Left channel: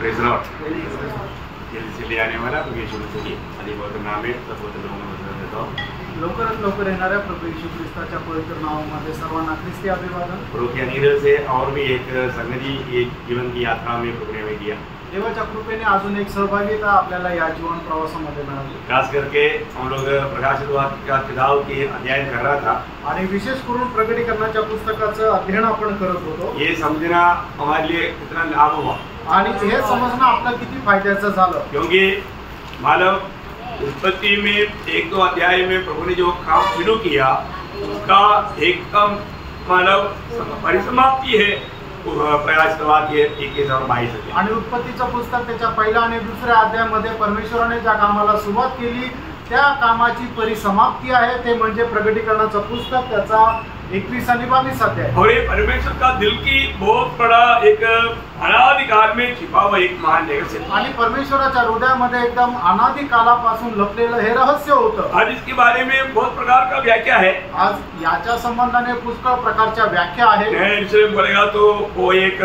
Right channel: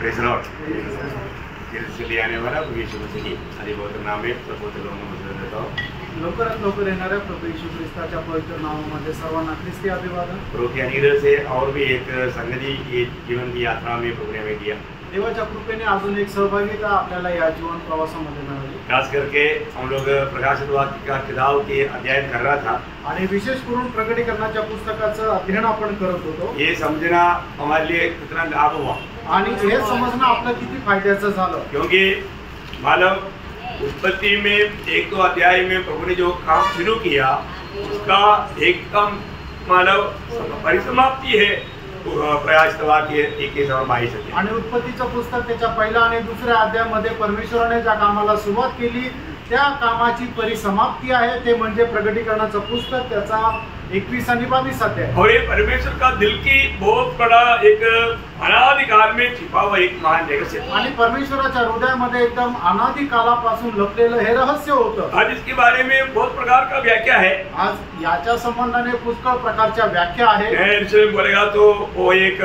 Praise Lord. जल्दी आने वाला प्रभु यीशु मसीह की आदि पवित्र नाम में पवित्र लोगों को मदद देता हूँ। लवकरात लवकर येणाऱ्या प्रभू येशू ख्रिस्ताच्या पवित्र नावामध्ये सर्वांना ख्रिस्ती अभिवादन। प्रभु के अनुग्रह से और भी एक संगति ये जीवन की यात्रा में प्रभु ने हमें दिया। देवाच्या कृपेने अजून एक सहभागिता आपल्याला या जीवन प्रवासामध्ये मिळाली। खास करके हम लोग प्रकाशित वाक्य का किताब के अध्ययन कर रहा था आणि विशेष करून प्रकटीकरणाच्या पुस्तकाचं अध्ययन आपण करत होतो। ये समझना हमारे लिए कितना लाभ हुआ आणि हे समजणं आपलं किती फायद्याचं झालं, क्योंकि मानव उत्पत्ति में एक दो अध्याय में प्रभु ने जो काम शुरू किया उसका एकदम मानव परिसमाप्ति है प्रयास वाक्य 21 और 22 आणि उत्पत्तीचं पुस्तक त्याच्या पहिल्या आणि दुसऱ्या अध्यायामध्ये परमेश्वराने ज्या कामाला सुरुवात केली त्या कामाची परिसमाप्ती आहे, ते म्हणजे प्रकटीकरणाचं पुस्तक त्याचा 21 आणि 22 अध्याय। और ये परमेश्वर का दिल की बहुत बड़ा एक अनादिकाल में छिपा हुआ एक महान रहस्य आणि परमेश्वराच्या हृदयामध्ये एकदम अनादि कालापासून लपलेलं हे रहस्य होतं। आज इसके बारे में बहुत प्रकार का व्याख्या है। आज याच्या संबंधाने पुष्कळ प्रकारच्या व्याख्या आहेत। मैं इसे बोलेगा तो वो एक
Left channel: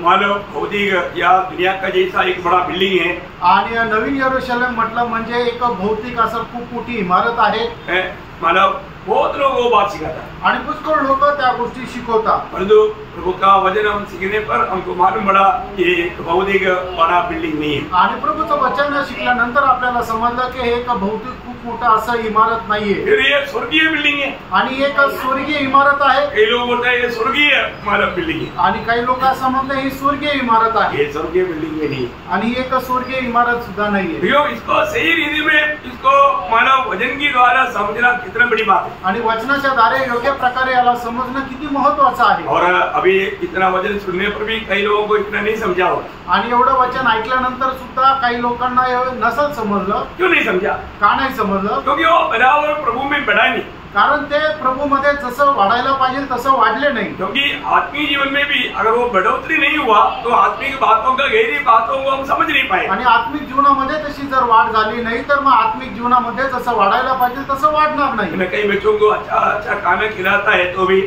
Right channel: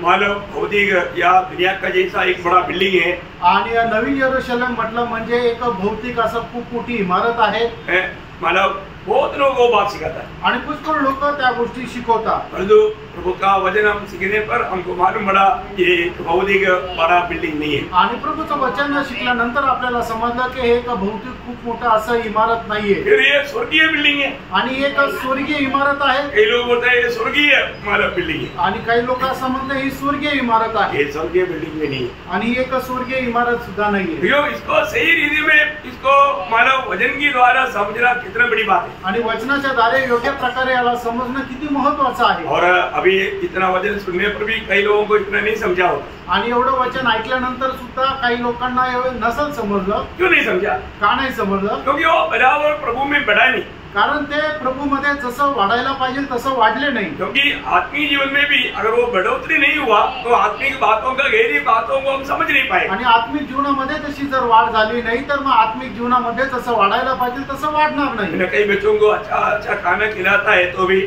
मानव भौतिक या दुनिया का जैसा एक बड़ा बिल्डिंग है आणि नवीन यरूशलेम म्हटलं म्हणजे एक भौतिक असं खूप मोठी इमारत आहे। मानव बहुत लोग वो बात सिखाता है आणि पुष्कळ लोक त्या गोष्टी शिकवतात, परंतु प्रभु का वचन हम सीखने पर हमको मालूम पड़ा ये भौतिक बड़ा बिल्डिंग नहीं है। आणि प्रभूचं वचन शिकल्यानंतर आपल्याला समजलं की हे एक भौतिक खूप मोठा असं इमारत नाहीये, फिर ये स्वर्गीय बिल्डिंग है आणि एक स्वर्गीय इमारत आहे। कई लोग बोलते हैं ये स्वर्गीय मानव बिल्डिंग है आणि काही लोक असं म्हणतात ही स्वर्गीय इमारत आहे, ये स्वर्गीय बिल्डिंग में नहीं आणि एक स्वर्गीय इमारत सुद्धा नाहीये। भैया इसको सही रीति में इसको मानव वचन की द्वारा समझना कितना बड़ी बात है आणि वचनाच्या द्वारे योग्य प्रकारे याला समजणं किती महत्त्वाचं आहे। और अभी इतना वचन सुनने पर भी कई लोगों को इतना नहीं समझा हो। आणि एवढं वचन ऐकल्यानंतर सुद्धा काही लोकांना हे नसल समजलं। क्यों नहीं समझा? का नाही समजलं? क्योंकि वो बराबर प्रभु में बढ़ा नहीं, कारण ते प्रभू मध्ये जसं वाढायला पाहिजे तसं वाढले नाही। क्योंकि आत्मिक जीवन में भी अगर वो बढ़ोतरी नहीं हुआ तो आत्मिक बातों का गहरी बातों को हम समझ नहीं पाए। आणि आत्मिक जीवनामध्ये तशी जर वाढ झाली नाही तर मग आत्मिक जीवनामध्ये जसं वाढायला पाहिजे तसं वाढणार नाही। कई बच्चों को अच्छा अच्छा खाना खिलाता है तो भी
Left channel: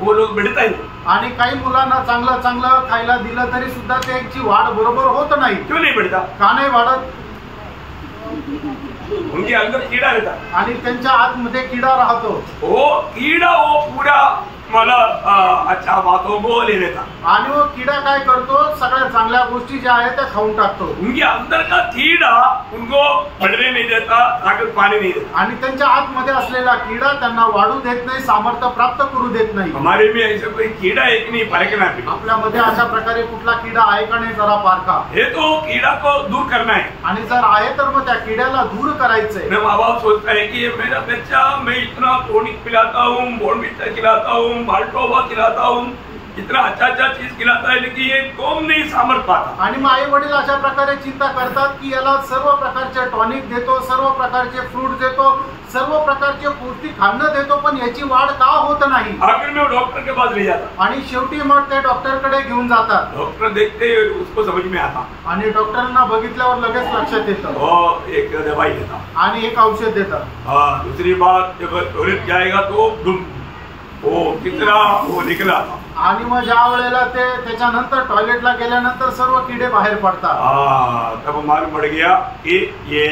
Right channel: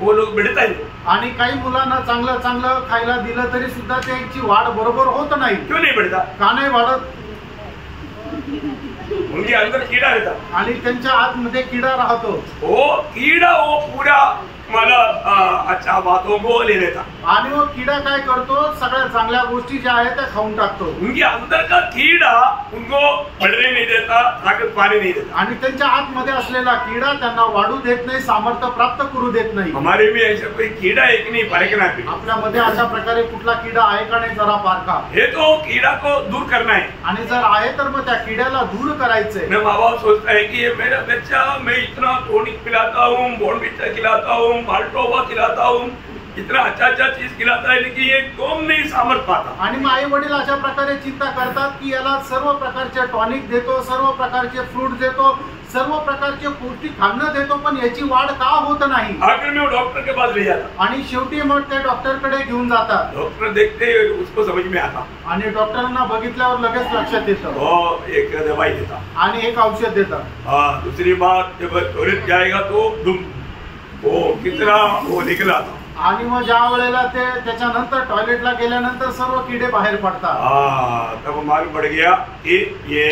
वो लोग बढ़ता ही नहीं, आणि काही मुलांना चांगलं चांगलं खायला दिलं तरी सुद्धा त्यांची वाढ बरोबर होत नाही। क्यों नहीं बढ़ता? का नाही वाढत? उनके अंदर कीड़ा रहता आणि त्यांच्या आतमध्ये किडा राहतो। वो कीड़ा वो पूरा मला अच्छा बातों को ले लेता, आणि वो किडा काय करतो, सगळ्या चांगल्या गोष्टी ज्या आहेत त्या खाऊन टाकतो। उनके अंदर का कीड़ा उनको बढ़ने नहीं देता, ताकत पाने नहीं देता। आणि त्यांच्या आतमध्ये असलेला किडा त्यांना वाढू देत नाही, सामर्थ्य प्राप्त करू देत नाही। हमारे में ऐसा कोई कीड़ा एक नहीं परखना है। आपल्यामध्ये अशा प्रकारे कुठला किडा आहे का नाही जरा पारखा। हे तो कीड़ा को दूर करना है, आणि जर आहे तर मग त्या किड्याला दूर करायचंय। मैं माँ बाप सोचता है कि ये मेरा बच्चा, मैं इतना टॉनिक पिलाता हूँ, बॉर्नविटा खिलाता हूँ, माल्टोवा खिलाता हूँ, इतना अच्छा अच्छा चीज खिलाता है, लेकिन ये कौन नहीं सामर्थ पाता। आणि आई वडील अशा प्रकारे चिंता करतात की याला सर्व प्रकारचे टॉनिक देतो, सर्व प्रकारचे फ्रूट देतो, सर्व प्रकारचे पौष्टिक अन्न देतो, पण याची वाढ का होत नाही। आखिर में वो डॉक्टर के पास ले जाता आणि शेवटी मग ते डॉक्टरकडे घेऊन जातात। डॉक्टर देखते ही उसको समझ में आता आणि डॉक्टरांना बघितल्यावर लगेच लक्षात येतं, वो एक दवाई देता आणि एक औषध देतात। दूसरी बात जब टॉयलेट जाएगा तो वो कितना वो निकला, आणि मग ज्या वेळेला ते त्याच्यानंतर टॉयलेटला गेल्यानंतर सर्व किडे बाहेर पडतात। तब मालूम पड़ गया कि ये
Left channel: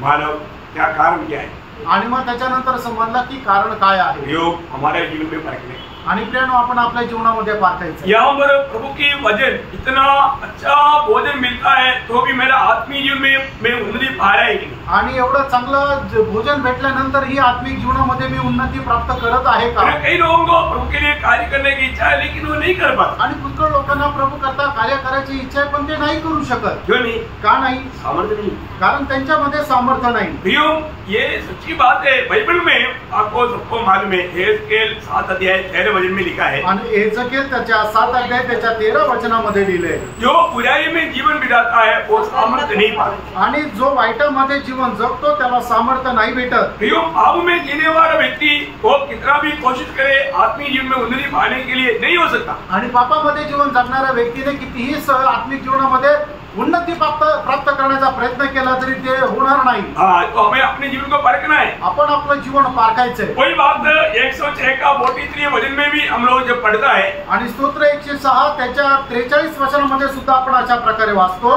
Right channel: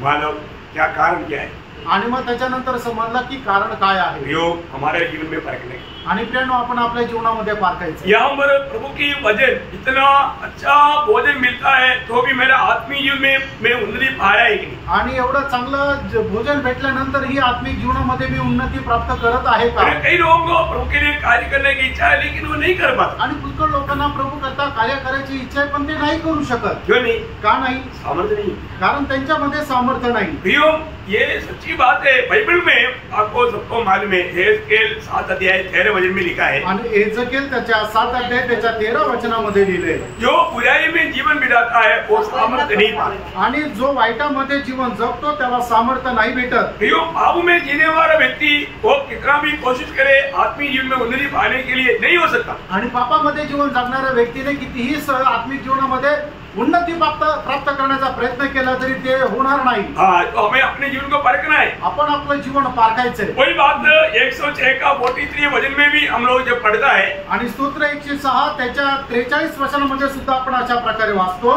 मानव क्या कारण क्या है। आणि मग त्याच्यानंतर समजलं की कारण काय आहे। योग हमारे जीवन में परखने आणि प्रियानो आपण आपल्या जीवनामध्ये पारखायचं। यहाँ पर प्रभु की वचन इतना अच्छा भोजन मिलता है तो भी मेरा आत्मिक जीवन में मैं उन्नति पा रहा है कि नहीं। आणि एवढं चांगलं भोजन भेटल्यानंतर ही आत्मिक जीवनामध्ये मी उन्नती प्राप्त करत आहे का। कई लोगों को प्रभु के लिए कार्य करने की इच्छा है लेकिन वो नहीं कर पाता। आणि पुष्कळ लोकांना प्रभू करता कार्य करायची इच्छा आहे पण ते नाही करू शकत। क्यों नहीं? का नाही? सामर्थ्य नहीं, कारण त्यांच्यामध्ये सामर्थ्य नाही। प्रियो ये सच्ची बात है, बाइबल में आपको सबको मालूम है, एहेजकेल 7 अध्याय 13 वचन में लिखा है। आणि एहेजकेल त्याच्या 7 अध्याय त्याच्या 13 वचनामध्ये लिहिले, जो बुराई में जीवन बिताता है वो सामर्थ्य नहीं पाता। आणि जो वाईटामध्ये जीवन जगतो त्याला सामर्थ्य नाही भेटत। प्रियो पाप में जीने वाला व्यक्ति वो कितना भी कोशिश करे आत्मिक जीवन में उन्नति पाने के लिए नहीं हो सकता। आणि पापामध्ये जीवन जगणाऱ्या व्यक्तीने कितीही आत्मिक जीवनामध्ये उन्नती प्राप्त करण्याचा प्रयत्न केला तरी ते होणार नाही. हाँ, तो हमें अपने जीवन को परखना है. आपण आपलं जीवन पारखायचंय. वही बात 106 का 43 वचन में भी हम लोग जब पढ़ता है, आणि स्तोत्र 106 त्याच्या 43 वचनामध्ये सुद्धा आपण अशा प्रकारे वाचतो.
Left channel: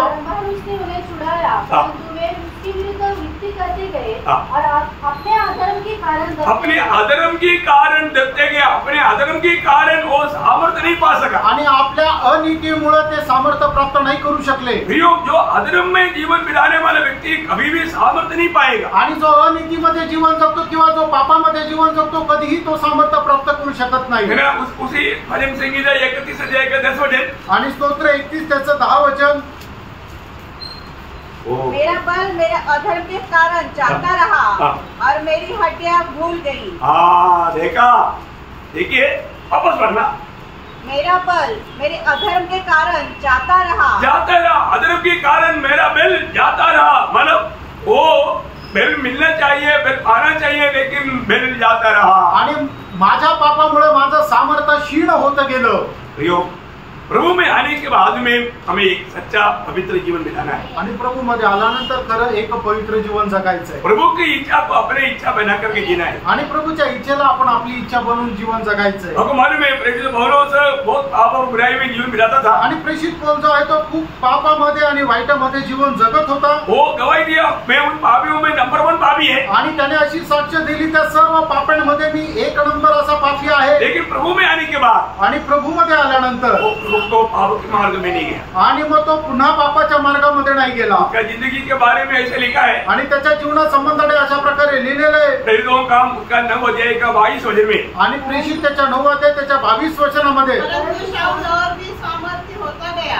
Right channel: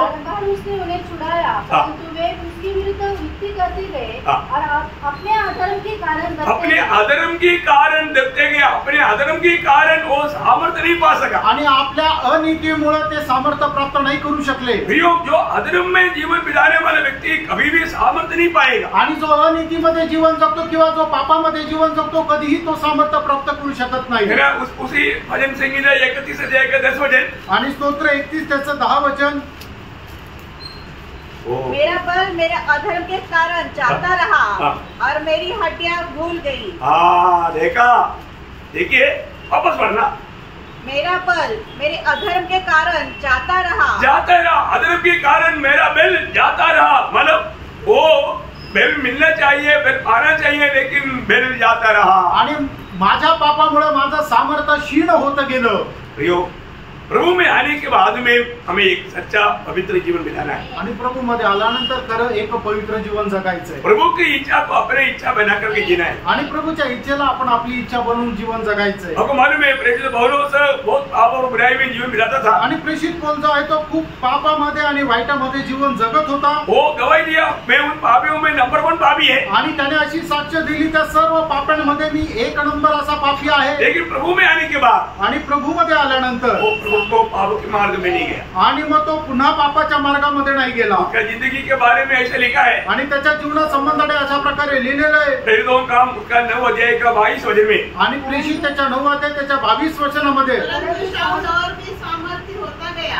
उसने उन्हें छुड़ाया, परंतु वे उसके विरुद्ध युक्ति करते गए और अपने अधर्म के कारण दबते गए. अपने अधर्म के कारण वो सामर्थ्य नहीं पा सका. आणि आपल्या अनीतीमुळे ते सामर्थ्य प्राप्त नाही करू शकले. जो अधर्म में जीवन बिताने वाला व्यक्ति कभी भी सामर्थ्य नहीं पाएगा. आणि जो अनीतीमध्ये जीवन जगतो किंवा जो पापामध्ये जीवन जगतो कधीही तो सामर्थ्य प्राप्त करू शकत नाही. उसी भजन संहिता 31 अध्याय का 10 वचन आणि स्तोत्र 31 त्याचं 10 वचन. मेरा बल मेरे अधर्म के कारण जाता रहा और मेरी हड्डियां भूल गई. हाँ, देखिए वापस पढ़ना. मेरा बल मेरे अधर्म के कारण जाता रहा. अधर्म के कारण मेरा बल जाता रहा. मतलब वो बल मिलना चाहिए, बल पाना चाहिए, लेकिन बल जाता रहा. आणि माझ्या पापामुळे माझं सामर्थ्य क्षीण होत गेलं. प्रभु में आने के बाद में हमें एक सच्चा पवित्र जीवन बिताना है. आणि प्रभु मध्ये आल्यानंतर खरं एक पवित्र जीवन जगायचं आहे. प्रभु की इच्छा को अपने इच्छा बना करके जीना है. आणि प्रभुच्या इच्छेला आपण आपली इच्छा बनवून जीवन जगायचं आहे. आपको मालूम है प्रेषित पौलुस बहुत पाप और बुराई में जीवन बिताता था. आणि प्रेषित पौल जो आहे तो खूप पापामध्ये आणि वाईटामध्ये जीवन जगत होता. वो गवाही दिया, मैं उन पापियों में नंबर 1 पापी है. आणि त्याने अशी साक्ष दिली त्या सर्व पापांमध्ये मी 1 नंबर असा पापी आहे. लेकिन प्रभु में आने के बाद आणि प्रभु मध्ये आल्यानंतर तो पाप के मार्ग में नहीं गया. आणि मग तो पुन्हा पापाच्या मार्गामध्ये नाही गेला. उसका जिंदगी के बारे में ऐसे लिखा है. आणि त्याच्या जीवनासंबंधाने अशा प्रकारे लिहिलेलं आहे. प्रेरितों का उसका 9 अध्याय का 22 वचन में. आणि प्रेषित त्याच्या 9 अध्याय त्याच्या 22 वचनामध्ये.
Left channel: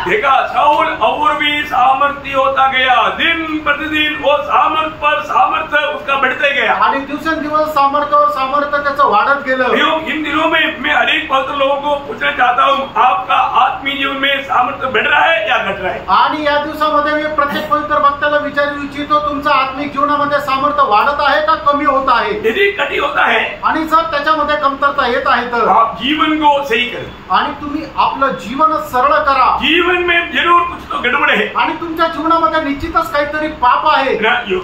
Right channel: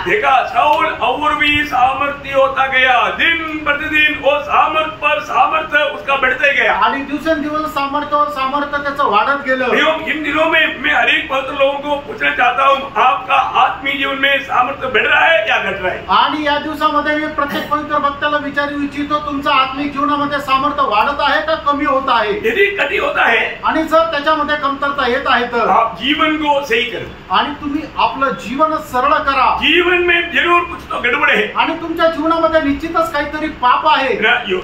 देखा, शाऊल और भी सामर्थ्य होता गया. दिन प्रतिदिन वो सामर्थ्य पर सामर्थ्य उसका बढ़ते गया. आणि दिवसेंदिवस सामर्थ्य त्याचं वाढत गेलं. इन दिनों में मैं अनेक पवित्र लोगों को पूछना चाहता हूँ, आपका आत्मीय जीवन में सामर्थ्य बढ़ रहा है या घट रहा है? आणि या दिवसामध्ये मी प्रत्येक पवित्र भक्ताला विचारू इच्छितो, तुमचा आत्मिक जीवनामध्ये सामर्थ्य वाढत आहे का कमी होत आहे? यदि कमी होता है आणि जर त्याच्यामध्ये कमतरता येत आहे तर आप जीवन को सही करें. आणि तुम्ही आपलं जीवन सरळ करा. जीवन में जरूर कुछ तो गड़बड़ है. आणि तुमच्या जीवनामध्ये निश्चितच काहीतरी पाप आहे.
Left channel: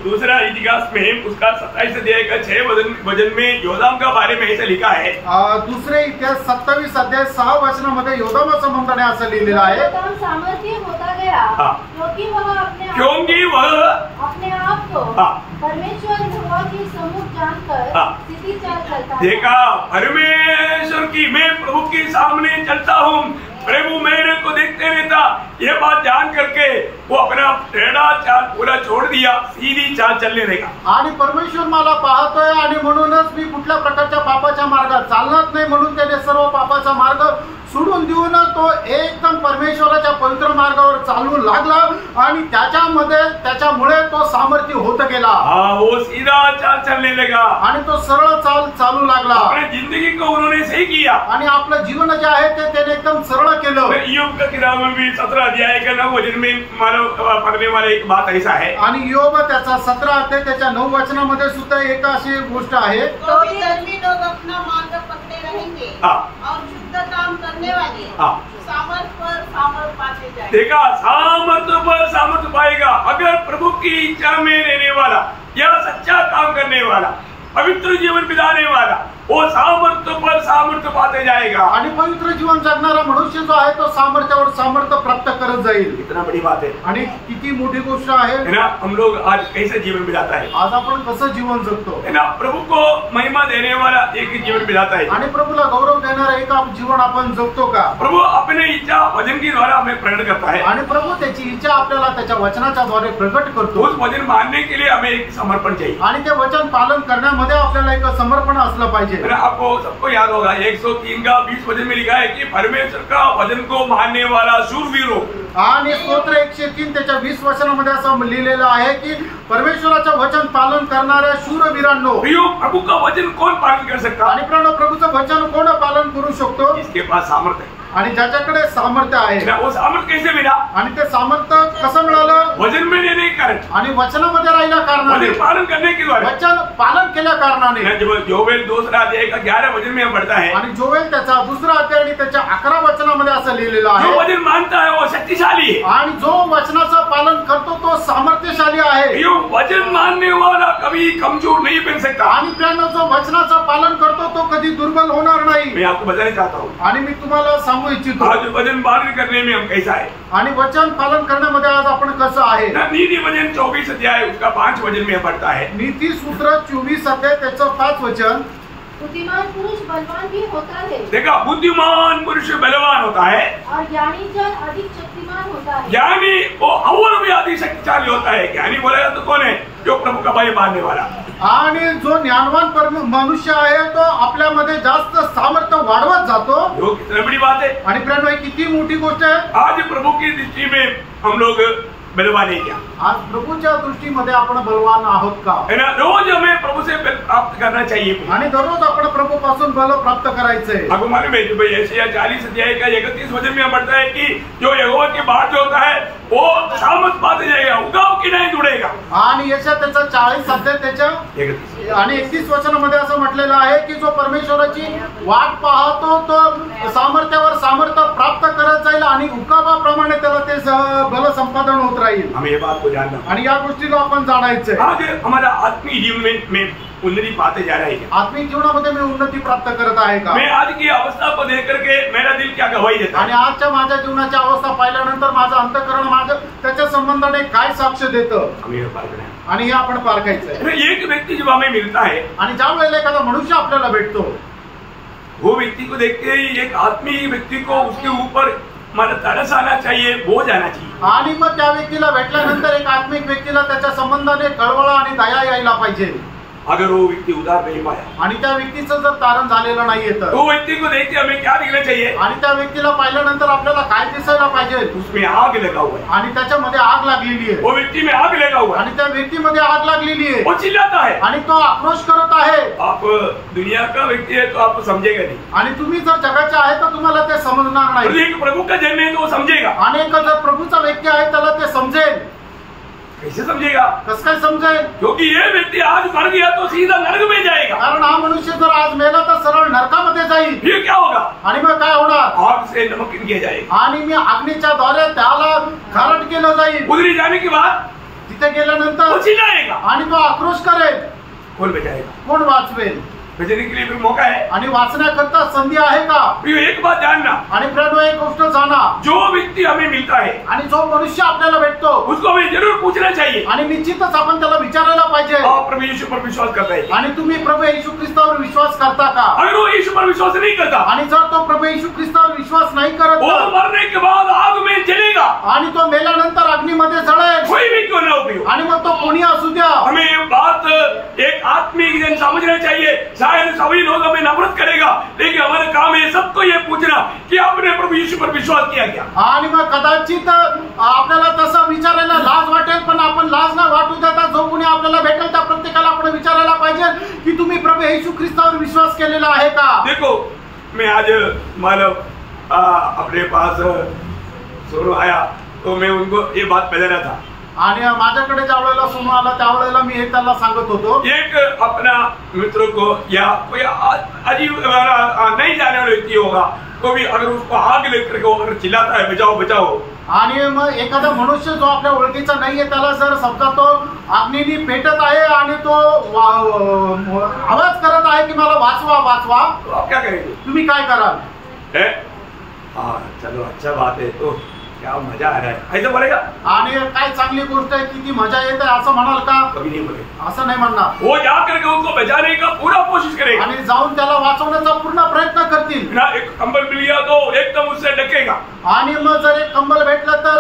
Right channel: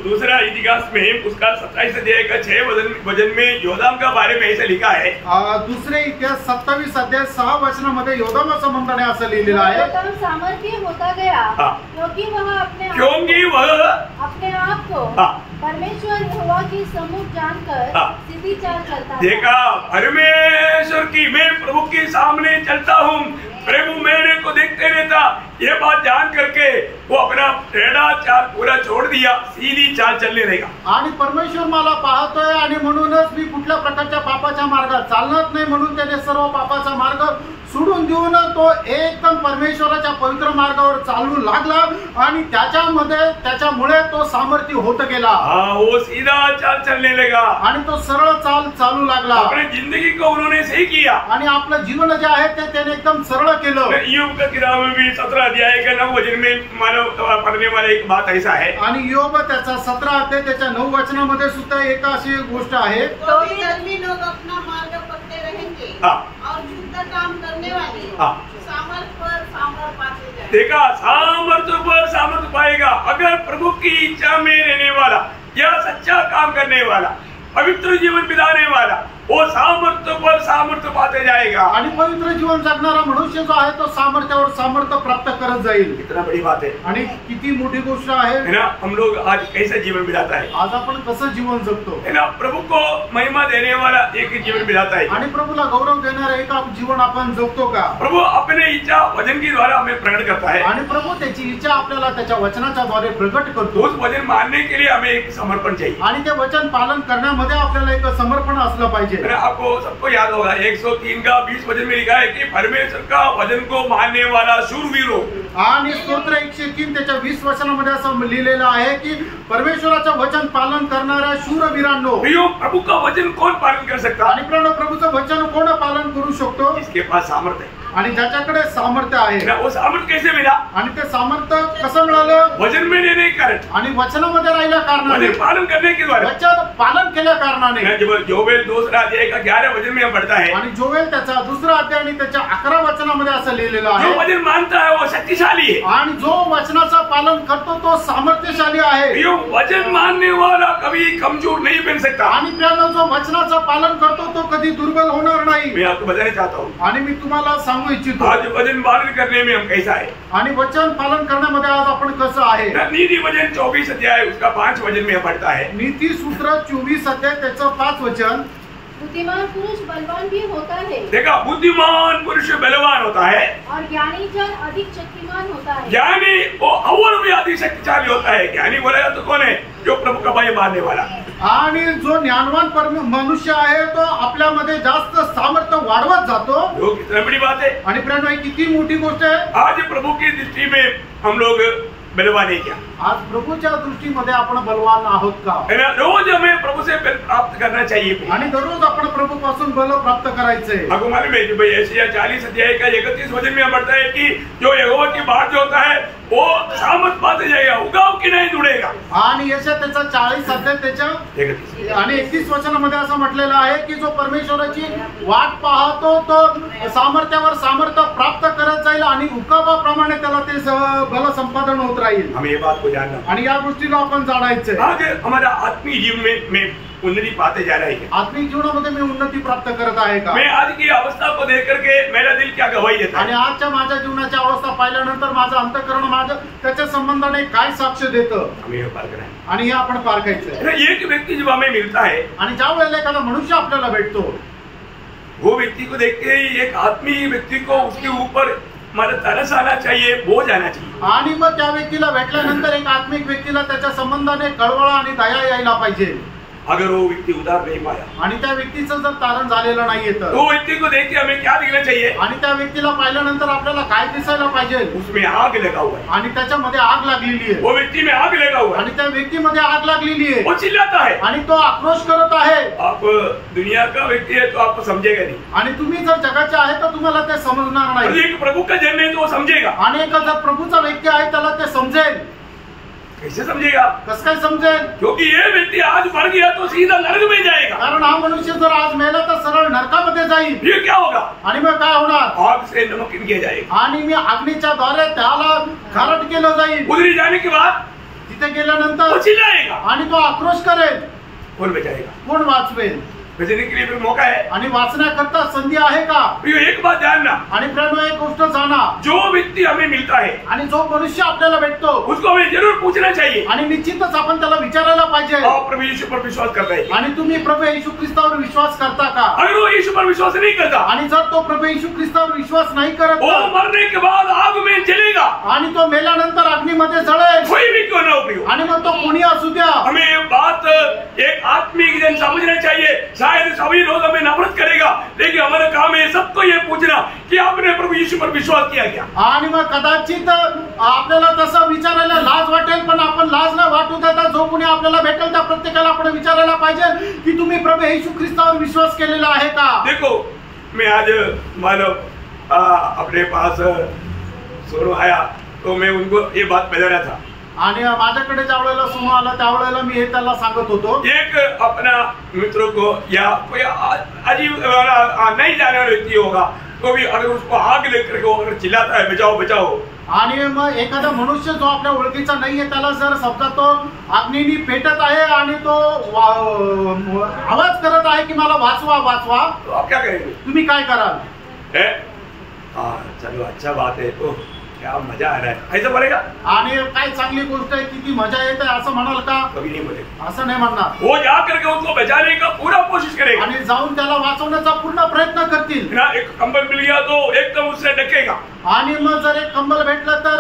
दूसरा इतिहास में उसका 27 अध्याय का 6 वचन में योदाम का बारे में ऐसा लिखा है. दुसरे इतिहास 27 अध्याय 6 वचनामध्ये योदाम संबंधाने असं लिहिलेलं आहे. सामर्थ्य होता गया क्योंकि वह अपने आप को परमेश्वर यहोवा की सम्मुख जानकर सीधी चाल चलता. देखा, परमेश्वर की, मैं प्रभु के सामने चलता हूँ, प्रभु मेरे को देखते रहता. ये बात जान करके वो अपना टेढ़ा चाल पूरा छोड़ दिया, सीधी चाल चलने लगा. आणि परमेश्वर मला पाहतोय आणि म्हणूनच मी कुठल्या प्रकारच्या पापाच्या मार्गात चालणार नाही म्हणून त्याने सर्व पापाचा मार्ग सोडून देऊन तो एकदम परमेश्वराच्या पवित्र मार्गावर चालू लागला आणि त्याच्यामुळे तो सामर्थ्य होत गेला. वो सीधा चाल चलने लगा आणि तो सरळ चाल चालू लागला. अपनी जिंदगी को उन्होंने सही किया आणि आपलं जीवन जे आहे ते त्याने एकदम सरळ केलं. योग का किताब में भी 17 अध्याय का 9 वचन में मानव पढ़ने वाला एक बात ऐसा है. आणि योग त्याचा 17 अध्याय त्याच्या 9 वचनामध्ये सुद्धा एक अशी गोष्ट आहे. तो धर्मी लोग अपना मार्ग पकड़े रहेंगे और शुद्ध काम करने वाले सामर्थ पर सामर्थ पाते जाएंगे. देखा, सामर्थ्य पर सामर्थ्य पाएगा. अगर प्रभु की इच्छा में रहने वाला या सच्चा काम करने वाला, पवित्र जीवन बिताने वाला, वो सामर्थ्य पर सामर्थ्य पाते जाएगा. आणि पवित्र जीवन जगणारा मनुष्य जो आहे तो सामर्थ्यावर सामर्थ्य प्राप्त करत जाईल. इतना बड़ी बात है. आणि किती मोठी गोष्ट आहे ना. हम लोग आज कैसे जीवन बिताता है? आज आपण कसं जीवन जगतो है ना. प्रभु को महिमा देने वाला एक जीवन बिताता है. आणि प्रभुला गौरव देणारा एक जीवन आपण जगतो का? प्रभु अपने इच्छा वचन के द्वारा हमें प्रकट करता है. आणि प्रभु त्याची इच्छा आपल्याला त्याच्या वचनाच्या द्वारे प्रकट करतो. उस वचन मानने के लिए हमें एक समर्पण चाहिए. आणि ते वचन पालन करण्यामध्ये आपल्याला एक समर्पण असलं पाहिजे. आपको सबको याद होगा 103 का 20 वचन में लिखा है कि परमेश्वर का वचन को मानने वाला शूरवीर हो. आणि स्तोत्र 103 त्याच्या 20 वचनामध्ये असं लिहिलेलं आहे की परमेश्वराचं वचन पालन करणाऱ्या शूरवीरांनो. प्रभु का वचन कौन पालन कर सकता? आणि प्रभुचं वचन कोण पालन करू शकतो? जिसके पास सामर्थ्य है. आणि ज्याच्याकडे सामर्थ्य आहे वो सामर्थ्य कैसे मिला? आणि ते सामर्थ्य कसं मिळालं? वचन में लेने के कारण, आणि वचनामध्ये राहिल्या कारणाने, वचन पालन करने के द्वारा। वचन पालन केल्या कारणाने। जब योवेल 2:11 वचन में पढ़ता है, आणि जोवेल त्याचा 2 अध्याय आणि त्याच्या 11 वचनामध्ये असं लिहिलेलं आहे, जो वचन मानता है वो शक्तिशाली है, आणि जो वचनाचं पालन करतो तो सामर्थ्यशाली आहे। ये वचन मानने वाला कभी कमजोर नहीं बन सकता। आणि प्रियानो, जो वचनाचं पालन करतो तो कधी दुर्बल होणार नाही। मैं आपको बताना चाहता हूँ, आणि मी तुम्हाला सांगू इच्छितो, आज वचन पालन करने में हम कैसा है, आणि वचन पालन करण्यामध्ये आज आपण कसं आहे। नीति वचन 24 अध्याय उसका 5 वचन में पढ़ता है, नीति सूत्र 24 अध्याय त्याचं 5 वचन, बुद्धिमान पुरुष बलवान भी होता है। देखा, बुद्धिमान पुरुष बलवान होता है, और ज्ञानी जन अधिक शक्तिमान होता है। ज्ञानी वो और भी अधिक शक्तिशाली होता है। ज्ञानी बोलेगा तो कौन है? जो प्रभु का भय मानने वाला। आणि जो ज्ञानवान मनुष्य आहे तो आपल्यामध्ये जास्त सामर्थ्य वाढवत जातो। जो कितनी बड़ी बात है। आणि प्रियानो, ही किती मोठी गोष्ट आहे। आज प्रभु की दृष्टि में हम लोग बलवान है क्या? आज प्रभूच्या दृष्टीमध्ये आपण बलवान आहोत का? है ना? रोज हमें प्रभु से बल प्राप्त करना चाहिए, आणि दररोज आपण प्रभू पासून बल प्राप्त करायचंय। आपको मालूम है भाई, यशायाह 40 अध्याय का 31 वचन में पढ़ता है कि जो यहोवा की बात जो होता है वो सामर्थ पाते जाएगा, उगाव की नहीं जुड़ेगा। आणि यशा त्याचा 40 अध्याय त्याच्या 31 आणि 31 वचनामध्ये असं म्हटलेलं आहे की जो परमेश्वराची वाट पाहतो तो सामर्थ्यावर सामर्थ्य प्राप्त करत जाईल आणि उकाबाप्रमाणे त्याला ते बल संपादन होत राहील। हमें ये बात को जानना, आणि या गोष्टीला आपण जाणायचंय। आज हमारा आत्मिक जीवन में उन्नति पाते जा रहे हैं। आत्मिक जीवनामध्ये मी उन्नती प्राप्त करत आहे का? मैं आज की अवस्था को देख करके मेरा दिल क्या गवाही देता आणि है? आजच्या माझ्या जीवनाची अवस्था पाहिल्यानंतर माझं अंतःकरण माझं त्याच्या संबंधाने काय साक्ष देतं, हमें ये पार करना है। आणि हे आपण पारखायचंय। एक व्यक्ति जब हमें मिलता है, आणि ज्या वेळेला एखादा मनुष्य आपल्याला भेटतो, वो व्यक्ति को देख के ही एक आत्मीय व्यक्ति को उसके ऊपर मतलब तरस आना चाहिए, बोझ आना चाहिए। आणि मग त्या व्यक्तीला भेटल्यानंतर एक आत्मिक व्यक्तीला त्याच्या संबंधाने कळवळा आणि दया यायला पाहिजे। अगर वो व्यक्ति उधार नहीं पाया, आणि त्या व्यक्तीचं जर तारण झालेलं नाहीये तर वो व्यक्ति को देख के हमें क्या दिखना चाहिए? आणि त्या व्यक्तीला पाहिल्यानंतर आपल्याला काय दिसायला पाहिजे? उसमें आग लगा हुआ है, आणि त्याच्यामध्ये आग लागलेली आहे। वो व्यक्ति में आग लगा हुआ है, आणि त्या व्यक्तीमध्ये आग लागलेली आहे। वो चिल्लाता है, आणि तो आक्रोश करत आहे। आप दुनिया का व्यक्ति है तो आपको समझेगा नहीं, आणि तुम्ही जर जगाचे आहे तर तुम्हाला ते समजणार और नाही। एक प्रभु का जन्म है तो वो समझेगा। आणि एक जर प्रभूचा व्यक्ती आहे त्याला ते समजेल। कैसे समझेगा? कसं काय समजेल? क्योंकि ये व्यक्ति आज मर गया तो सीधा नरक में जाएगा। कारण हा मनुष्य जर आज मेला तर सरळ नरकामध्ये जाईल। फिर क्या होगा? आणि मग काय होणार? आग से नमकीन किया जाएगा। आणि मी अग्नीच्या द्वारे त्याला खारट केलं जाईल। उधरी जाने के बाद तिथे गेल्यानंतर वो चिल्लाएगा, आणि तो आक्रोश करेल। कौन बचाएगा? कोण वाचवेल? बचने के लिए फिर मौका है। आणि वाचण्याकरता संधी आहे का? प्रियो, एक बात जानना, आणि प्रियो, एक गोष्ट जाणा, जो व्यक्ति हमें मिलता है आणि जो मनुष्य आपल्याला भेटतो उसको हमें जरूर पूछना चाहिए, आणि निश्चितच आपण त्याला विचारायला पाहिजे, आप प्रभु यीशु पर विश्वास करता है? आणि तुम्ही प्रभू येशू ख्रिस्तावर विश्वास करता का? अगर वो यीशु पर विश्वास नहीं करता, आणि जर तो प्रभू येशू ख्रिस्तावर विश्वास नाही करत वो तर, मरने के बाद आग में जलेगा, आणि तो मेल्यानंतर अग्नीमध्ये जळेल। कोई भी क्यों ना हो प्रियो, आणि मग तो कोणी असू द्या। हमें ये बात एक आत्मिक जन समझना चाहिए। शायद सभी लोग हमें नफरत करेगा, लेकिन हमारा काम है सबको ये पूछना कि आपने प्रभु यीशु पर विश्वास किया क्या? आणि मग कदाचित आपल्याला तसं विचारायला लाज वाटेल, पण आपण लाज न वाटू देता जो कोणी आपल्याला भेटेल त्या प्रत्येकाला आपण विचारायला पाहिजे की तुम्ही प्रभू येशू ख्रिस्तावर विश्वास केलेला आहे का? देखो, मैं आज मतलब अपने पास सोनू आया तो मैं उनको ये बात बता रहा था, आणि माझ्याकडे ज्या वेळेला सोनू आला त्यावेळेला मी हे त्याला सांगत होतो। एक अपना मित्र को या कोई अजीब नहीं जाने वाला व्यक्ति होगा तो भी अगर उसको आग लेकर के अगर चिल्लाता है बचाओ बचाओ, आणि मग एखादा मनुष्य जो आपल्या ओळखीचा नाहीये त्याला जर समजा तो अग्नीने पेटत आहे आणि तो आवाज करत आहे की मला वाचवा वाचवा, तो आप क्या करेंगे? तुम्ही काय कराल? चलो अच्छा बात है, तो क्या मजा आ रहा है ऐसा बोलेगा? आणि काय चांगली गोष्ट आहे, किती मजा येते असं म्हणाल का? कभी नहीं बोलेगा। असं नाही म्हणणार। वो जाकर के उनको बचाने का पूरा कोशिश करेगा, आणि जाऊन त्याला वाचवण्याचा पूर्ण प्रयत्न करतील ना। एक कंबल मिल गया तो एकदम उससे ढकेगा, आणि मग जर एक कंबल भेटलं तर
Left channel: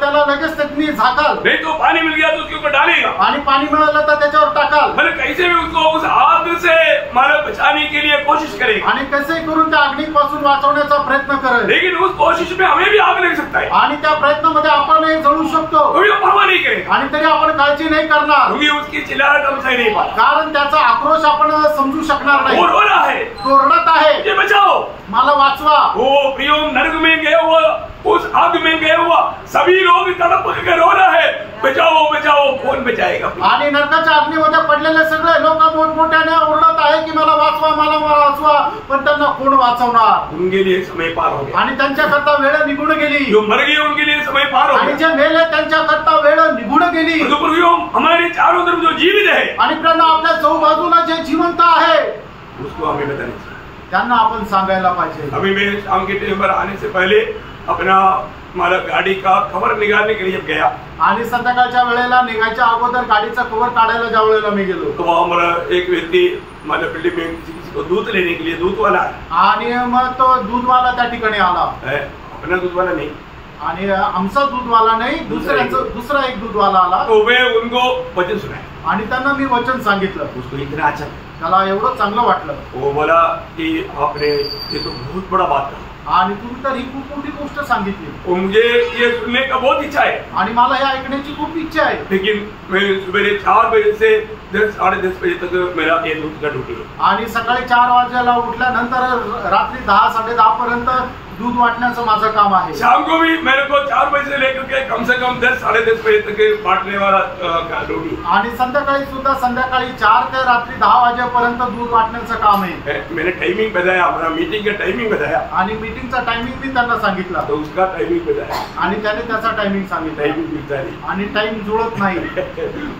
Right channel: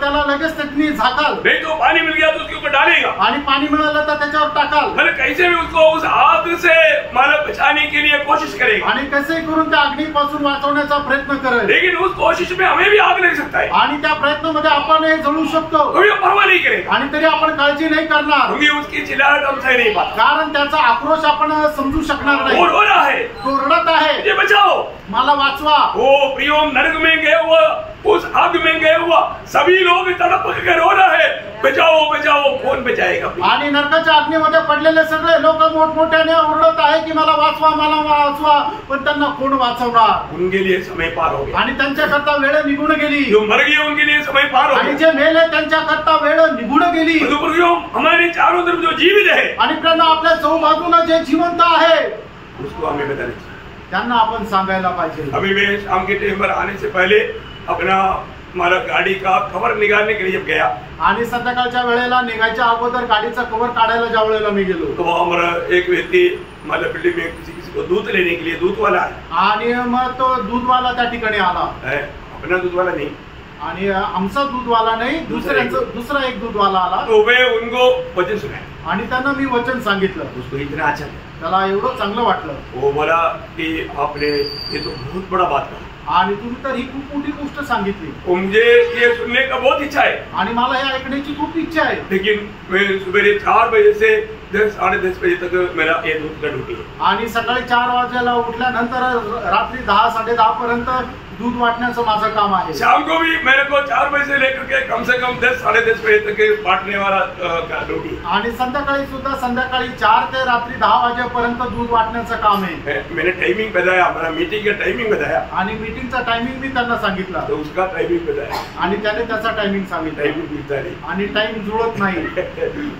त्याला लगेच त्यांनी झाकाल, नहीं तो पानी मिल गया तो उसके ऊपर डालेगा, आणि पाणी मिळालं तर त्याच्यावर टाकाल, मतलब कैसे भी उसको उस आग से मानव बचाने के लिए कोशिश करेगा, आणि कसे करून त्या अग्नीपासून वाचवण्याचा प्रयत्न करेल। लेकिन उस कोशिश में हमें भी आग लग सकती है। सकता है आणि त्या प्रयत्नामध्ये आपणही जळू शकतो कोई परवाह नहीं करेगा आणि तरी आपण काळजी नाही करणार क्योंकि उसकी चिल्लाहट हम सह नहीं पाता कारण त्याचा आक्रोश आपण समजू शकणार वो नाही रो रहा है तो रडत आहे मुझे बचाओ मला वाचवा वो प्रियो नरक में गया हुआ उस आग में गया हुआ सभी लोग तड़प कर रो रहे हैं बचाओ बचाओ कौन बचाएगा आणि नरकाच्या अग्नीमध्ये पडलेले सगळे लोक मोठमोठ्याने ओरडत आहे की मला वाचवा पण त्यांना कोण वाचवणार उनके लिए समय पार हो गया आणि त्यांच्याकरता वेळ निघून गेली जो मर गए उनके लिए समय पार हो आणि गया जे मेले त्यांच्याकरता वेळ निघून गेली तो प्रियो हमारे चारों तरफ जो जीवित है आणि प्रेरणा आपल्या चौबाजूला जे जिवंत आहे उसको हमें बताना चाहिए त्यांना आपण सांगायला पाहिजे अभी मैं शाम के टाइम पर आने से पहले अपना हमारा गाड़ी का कवर निकालने के लिए जब गया आणि संध्याकाळच्या वेळेला निघायच्या अगोदर गाडीचा कव्हर काढायला ज्या वेळेला मी गेलो तो वहाँ हमारा एक व्यक्ति हमारे बिल्डिंग में किसी को दूध लेने के लिए दूध वाला है आणि मग तो दूधवाला त्या ठिकाणी आला अपना दूध वाला नहीं आणि आमचा दूधवाला नाही दुसरा एक दूधवाला आला तो वे उनको वचन सुनाए आणि त्यांना मी वचन सांगितलं उसको इतना अच्छा लगा त्याला एवढं चांगलं वाटलं वो बोला कि आपने ये तो बहुत बड़ा बात कहा आणि तुम्ही तर ही खूप मोठी गोष्ट सांगितली और मुझे ये सुनने का बहुत इच्छा है आणि मला हे ऐकण्याची खूप इच्छा आहे लेकिन मैं सुबह 4 बजे से 10-10:30 बजे तक मेरा ये दूध का ड्यूटी है आणि सकाळी 4 वाजेला उठल्यानंतर रात्री 10-10:30 पर्यंत दूध वाटण्याचं माझं काम आहे शाम को भी मेरे को 4 बजे से लेकर के कम से कम 10-10:30 बजे तक बांटने वाला ड्यूटी आणि संध्याकाळी सुद्धा संध्याकाळी 4 ते रात्री 10 वाजेपर्यंत दूध वाटण्याचं काम आहे मैंने टाइमिंग बताया हमारा मीटिंग का टाइमिंग बताया आणि मीटिंगचा टायमिंग मी त्यांना सांगितला तो उसका टाइमिंग बताया आणि त्याने त्याचा टायमिंग सांगितला टाइमिंग मिलता नहीं आणि टाइम जुळत नाही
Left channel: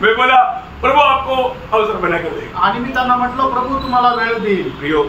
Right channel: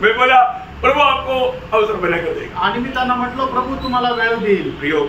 मैं बोला प्रभु आपको अवसर बना कर देगा आणि मी त्यांना म्हटलं प्रभू तुम्हाला वेळ देईल प्रियो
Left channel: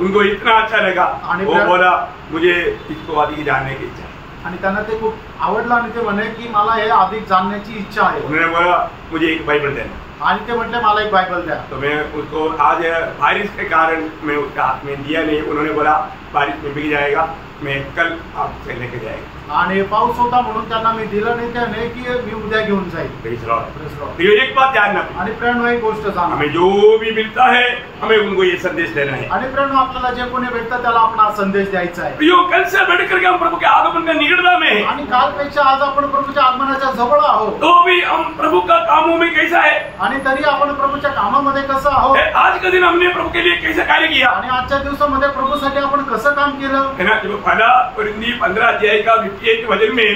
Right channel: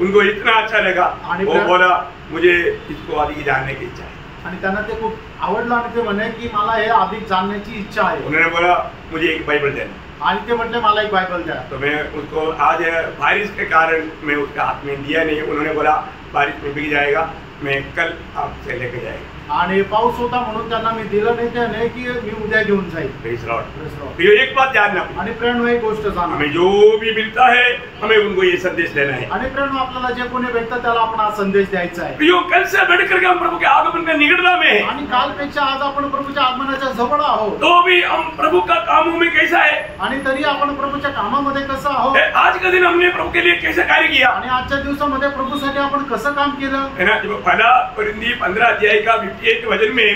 उनको इतना अच्छा लगा वो बोला मुझे इसको अधिक जानने की इच्छा है आणि त्यांना ते खूप आवडलं आणि ते म्हणे की मला हे अधिक जाणण्याची इच्छा आहे उन्होंने बोला मुझे एक बाइबल देना आणि ते म्हटले मला एक बायबल द्या तो मैं उसको आज बारिश के कारण मैं उसका हाथ में दिया नहीं उन्होंने बोला बारिश में बिक जाएगा मैं कल आपसे लेके जाएगा आणि पाऊस होता म्हणून त्यांना मी दिलं नाही त्याने की मी उद्या घेऊन जाईल प्रेज लॉर्ड ये एक बात जानना आणि प्रेरणा एक गोष्ट जाणा हमें जो भी मिलता है हमें उनको ये संदेश देना है आणि प्रेरणा आपल्याला जे कोणी भेटतं त्याला आपण हा संदेश द्यायचा आहे प्रियो कल से बढ़ करके हम प्रभु के आगमन का निकटता में है आणि कालपेक्षा आज आपण प्रभूच्या आगमनाच्या जवळ आहोत तो भी हम प्रभु का कामों में कैसा है आणि तरी आपण प्रभूच्या कामामध्ये कसं आहोत आज का दिन हमने प्रभु के लिए कैसा कार्य किया आणि आजच्या दिवसामध्ये प्रभूसाठी आपण कसं काम केलं है ना जब पहला कोरिन्थी 15 अध्याय का 58 वचन में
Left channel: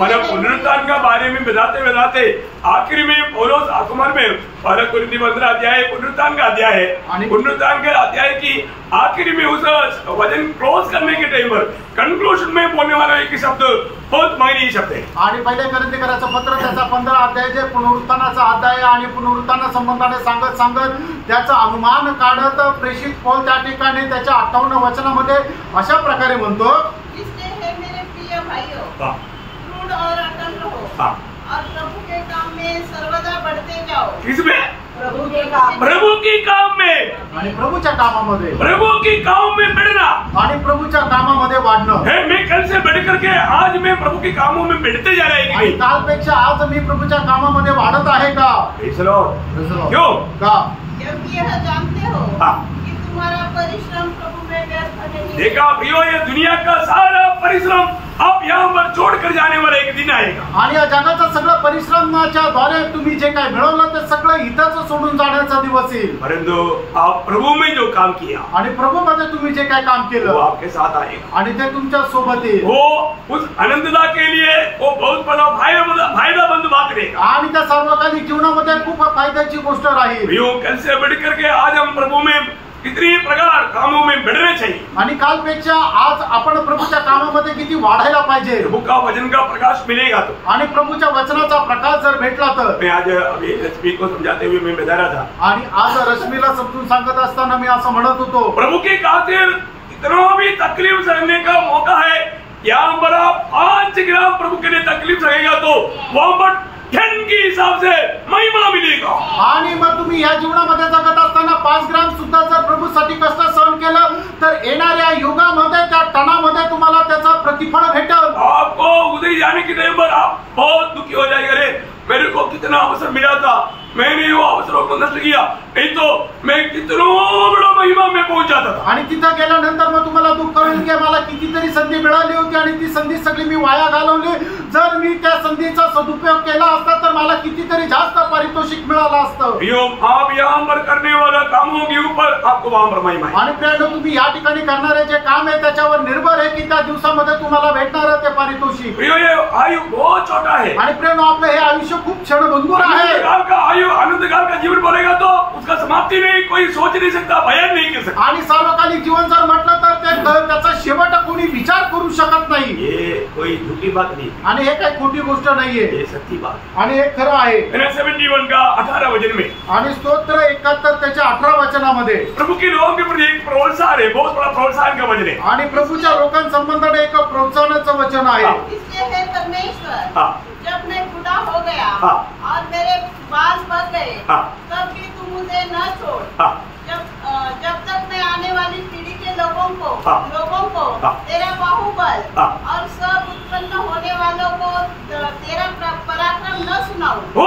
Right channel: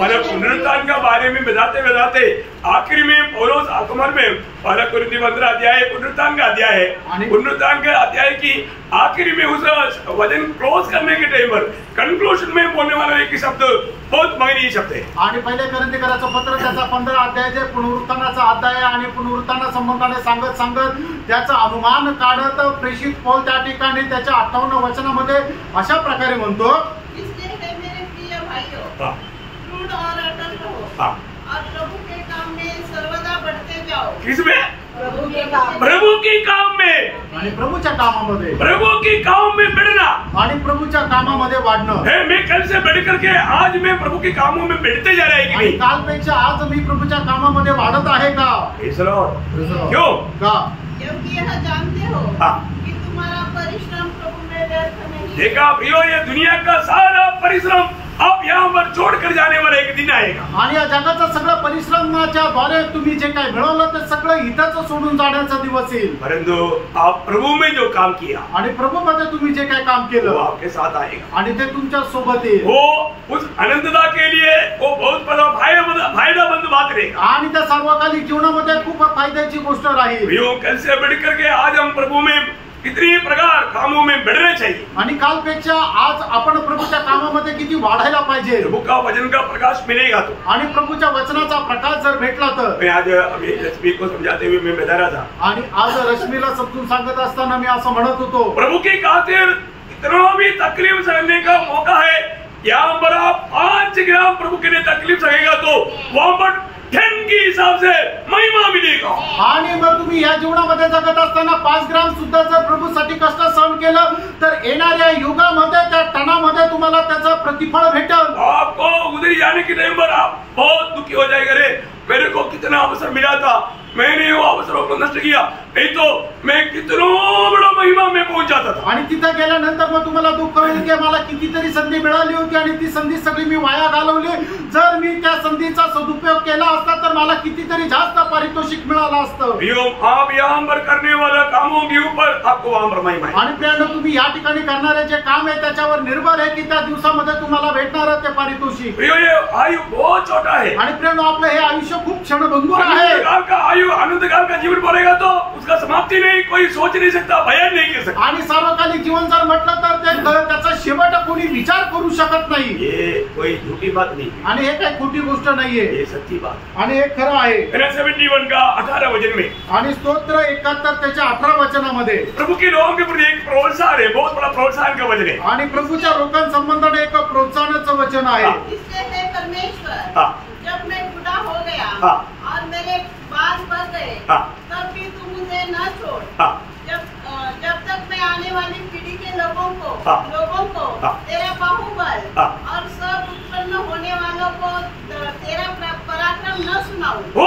मतलब पुनरुत्थान का बारे में बताते बताते आखिरी में पौलुस आगमन में पहला कोरिन्थी 15 अध्याय पुनरुत्थान का अध्याय है पुनरुत्थान के अध्याय की आखिरी में उस वचन क्लोज करने के टाइम पर कंक्लूजन में बोलने वाला एक शब्द बहुत मायने शब्द है आणि पहिले कोरिन्थीकराचं पत्र त्याचा 15 अध्याय जे पुनरुत्थानाचा अध्याय आणि पुनरुत्थाना संबंधाने सांगत त्याचा अनुमान काढत प्रेषित पौल त्या ठिकाणी त्याच्या 58 वचनामध्ये अशा प्रकारे म्हणतो इसलिए है मेरे प्रिय भाइयों दृढ़ और अटल रहो और प्रभु के काम में सर्वदा बढ़ते जाओ किसमें प्रभु के काम में आणि प्रभूच्या कामामध्ये प्रभु के काम में बढ़ना आणि प्रभूच्या कामामध्ये वाढणं है मैं कल से बढ़ करके आज मैं प्रभु के कामों में बढ़ते जा रहा है आणि कालपेक्षा आज मी प्रभुच्या कामामध्ये वाढत आहे का क्यों का क्योंकि यह जानते हो कि तुम्हारा परिश्रम प्रभु में व्यर्थ नहीं देखा प्रियो ये दुनिया का सारा परिश्रम आप यहाँ पर छोड़कर जाने वाला एक दिन आएगा आणि या जगाचं सगळं परिश्रमाच्या द्वारे तुम्ही जे काय मिळवलं ते सगळं इथंच सोडून जाण्याचा दिवस येईल परंतु आप प्रभु में जो काम किया आणि प्रभू मध्ये तुम्ही जे काय काम वो केलं आपके साथ आएगा आणि ते तुमच्या सोबत येईल वो उस अनंतता के लिए वो बहुत बड़ा फायदेमंद बात रहेगा आणि त्या सार्वकालिक जीवनामध्ये खूप फायद्याची गोष्ट राहील प्रियो कल से बढ़ करके आज हम प्रभु में कितनी प्रकार कामों में बढ़ना चाहिए आणि कालपेक्षा आज आपण प्रभूच्या कामामध्ये किती वाढायला पाहिजे प्रभु का वचन का प्रकाश मिलेगा तो आणि प्रभूच्या वचनाचा प्रकाश जर भेटला तर मैं आज अभी रश्मि को समझाते हुए मैं बता रहा था आणि आज रश्मीला समजून सांगत असताना मी असं म्हणत होतो प्रभु के खातिर इतना भी तकलीफ सहने का मौका है यहाँ पर आप 5 ग्राम प्रभु के लिए तकलीफ सहेगा तो वहां पर 10 के हिसाब से महिमा मिलेगा आणि मग तुम्ही या जीवनामध्ये जगत असताना 5 ग्राम सुद्धा जर प्रभूसाठी कष्ट सहन केलं तर येणाऱ्या युगामध्ये त्या टणामध्ये तुम्हाला त्याचं प्रतिफळ भेटेल आपको उधर जाने के टाइम पर आप बहुत दुखी हो जाएगा रे मेरे को कितना अवसर मिला था मैंने वो अवसरों को नष्ट किया नहीं तो मैं कितना बड़ा महिमा में पहुंच जाता था। आणि तिथं गेल्यानंतर मग तुम्हाला दुःख होईल की मला कितीतरी संधी मिळाली होती आणि ती संधी सगळी मी वाया घालवली। जर मी त्या संधीचा सदुपयोग केला असता तर मला कितीतरी जास्त पारितोषिक मिळालं असतं। आप यहाँ पर करने वाला कामों के ऊपर आपको वहां पर महिमा है। आणि प्रियांनो, तुम्ही या ठिकाणी करणारे जे काम आहे त्याच्यावर निर्भर आहे की त्या दिवसामध्ये तुम्हाला भेटणार ते पारितोषिक। ये आयु बहुत छोटा है आणि प्रियांनो, आपलं हे आयुष्य खूप क्षणभंगुर आहे। आनंदकाल का आयु, आनंदकाल का जीवन बोलेगा तो उसका समाप्ति नहीं, कोई सोच नहीं सकता, बयान नहीं कर सकता। आणि सार्वकालिक जीवन जर म्हटलं तर त्याचा शेवट कोणी विचार करू शकत नाही। ये कोई झूठी बात नहीं आणि हे काही खोटी गोष्ट नाहीये, ये सच्ची बात आणि हे खरं आहे। 71 का 18 वचन में आणि स्तोत्र 71 त्याच्या 18 वचनामध्ये प्रभु के लोगों के प्रति एक प्रोत्साहन है, बहुत बड़ा प्रोत्साहन का वचन है। आणि प्रभूच्या लोकांसंबंधाने एक प्रोत्साहनाचं वचन आहे। इसलिए है परमेश्वर, जब मैं बूढ़ा हो गया और मेरे बाल बढ़ गए, तब भी तू मुझे न छोड़। जब तक मैं आने वाली पीढ़ी के लोगों को तेरा बाहुबल और सब उत्पन्न होने वालों को तेरा पराक्रम न सुनाऊं। ओ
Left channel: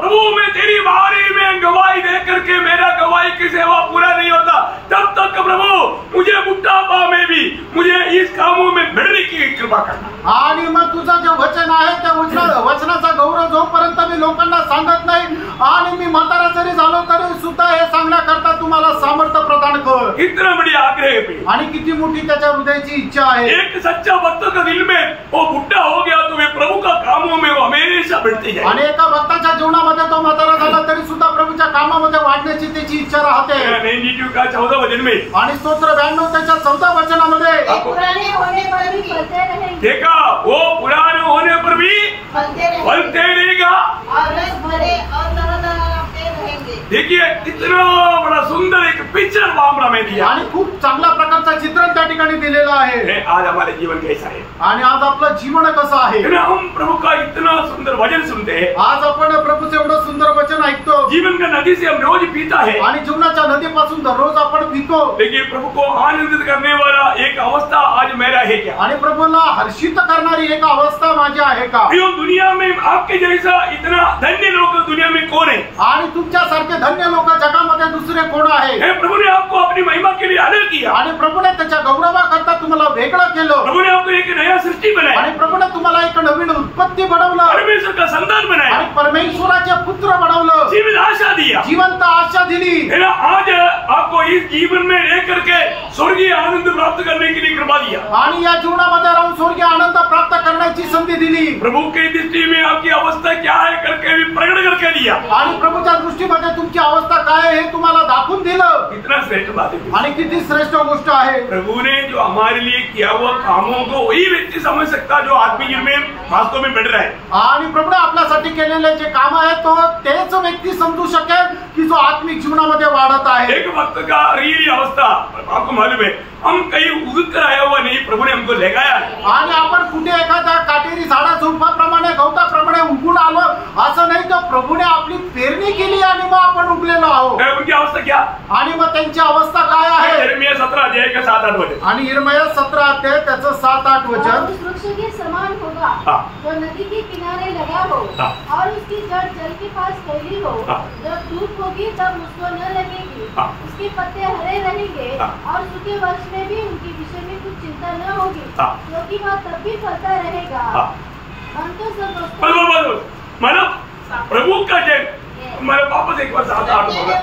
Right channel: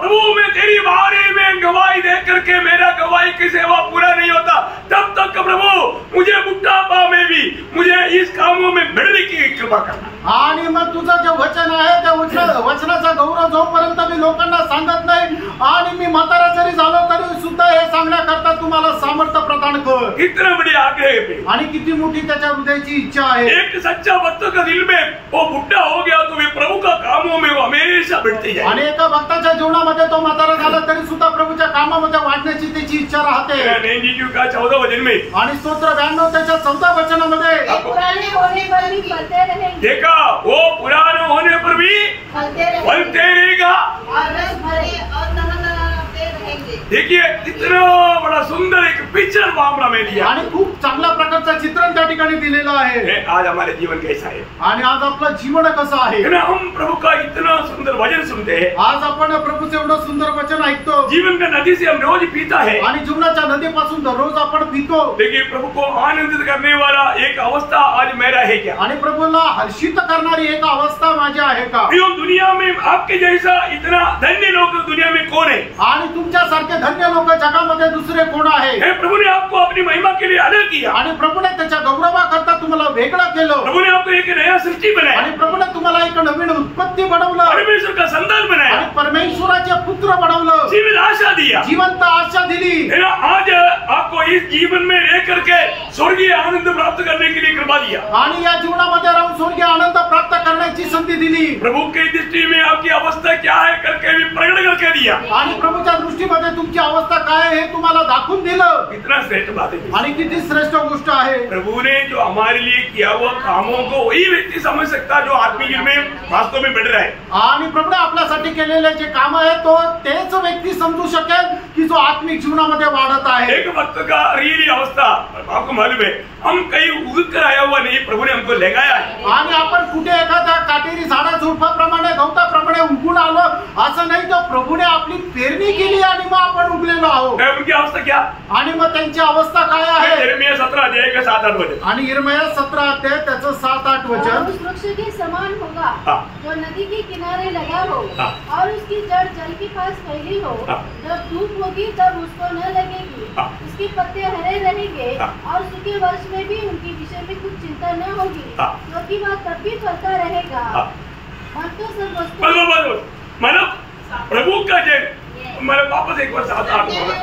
प्रभु, मैं तेरी बारे में गवाही दे करके मेरा गवाही की सेवा पूरा नहीं होता, तब तक प्रभु मुझे बुढ़ापा में भी मुझे इस कामों में बढ़ने की कृपा करना। आणि मग तुझं जे वचन आहे त्या वचनाचा गौरव जोपर्यंत मी लोकांना सांगत नाही आणि मी म्हातारा जरी झालो तरी सुद्धा हे सांगण्याकरता तुम्हाला सामर्थ्य प्रदान कर। इतना बड़ी आग्रह पे आणि किती मोठी त्याच्या हृदयाची इच्छा आहे। एक सच्चा भक्त का दिल में वो बुढ़ा हो गया तो वे प्रभु का कामों में वो हमेशा बढ़ते जाए। आणि एका भक्ताच्या जीवनामध्ये तो म्हातारा झाला तरी सुद्धा प्रभूच्या कामामध्ये वाढण्याची त्याची इच्छा राहते। 92 का 14 वचन में आणि स्तोत्र 92 त्याच्या 14 वचनामध्ये पुराने होने पर भी फलते रहेंगे। देखा, वो पुराने होने पर भी फलते रहेगा और रस भरे और लहलहाते रहेंगे। देखिए कितना बड़ा सुंदर एक पिक्चर वहां में दिया आणि खूप चांगल्या प्रकारचं चित्रण त्या ठिकाणी दिलेलं आहे। आज हमारे जीवन कैसा है, आणि आज आपलं जीवन कसं आहे। हम प्रभु का इतना सुंदर वचन सुनते हैं, आज आपण प्रभूचं एवढं सुंदर वचन ऐकतो, जीवन का नदी से हम रोज पीता है आणि जीवनाच्या नदीपासून दररोज आपण पितो। देखिए, प्रभु को आनंदित करने वाला एक अवस्था आज मेरा है क्या? आणि प्रभूला हर्षित करणारी एक अवस्था माझी आहे का? दुनिया में आपके जैसा इतना धन्य लोग दुनिया में कौन है? आणि तुमच्यासारखे धन्य लोक जगामध्ये दुसरे कोण आहे? प्रभु ने आपको अपनी महिमा के लिए अलग किया, आणि प्रभूने त्याच्या गौरवाकरता तुम्हाला वेगळं केलं। प्रभु ने आपको एक नया सृष्टि बनाया, आणि प्रभूने तुम्हाला एक नवीन उत्पत्ती बनवलं, परमेश्वर का संतान बनाया, आणि परमेश्वराचे पुत्र बनवलं, जीवित आशा दिया, जिवंत आशा दिली। आज आपको इस जीवन में रह करके स्वर्गीय आनंद प्राप्त करने के लिए कृपा दिया, आणि या जीवनामध्ये राहून स्वर्गीय आनंद प्राप्त करण्याची संधी दिली। प्रभु की दृष्टि में आपकी अवस्था क्या है करके भी प्रकट करके दिया, आणि प्रभूच्या दृष्टीमध्ये तुमची अवस्था काय आहे हे तुम्हाला दाखवून दिलं। कितना श्रेष्ठ बात है, आणि किती श्रेष्ठ गोष्ट आहे। प्रभु ने जो हमारे लिए किया हुआ कामों को वही व्यक्ति समझ सकता जो आत्मिक जीवन में वास्तव में बढ़ रहा है। आणि प्रभूने आपल्यासाठी केलेले जे काम आहे तो तेच व्यक्ती समजू शकेल की जो आत्मिक जीवनामध्ये वाढत आहे। एक वक्त का रियली अवस्था आपको मालूम है, हम कहीं उग कर आया हुआ नहीं, प्रभु ने हमको लगाया है। आणि आपण कुठे एखाद्या काटेरी झाडा झुडपाप्रमाणे गवताप्रमाणे उगून आलो असं नाही, तर प्रभूने आपली पेरणी केली आणि मग आपण उगलेलो आहोत। उनकी अवस्था क्या? आणि मग त्यांची अवस्था काय आहे? यिर्मयाह 17 अध्याय का 7-8 वचन। आणि यिर्मयाह 17 अध्याय त्याचं 7-8 वचन। उस वृक्ष के समान होगा जो नदी के किनारे लगा हो और उसकी जड़ जल के पास फैली हो। जब धूप होगी तब उसको न लगेगी, उसके पत्ते हरे रहेंगे और सूखे वर्ष में भी उनके विषय में कुछ चिंता न होगी, क्योंकि वह तब भी फलता रहेगा। हम तो सब मतलब प्रभु का जय मेरे वापस एक बार 7-8 होगा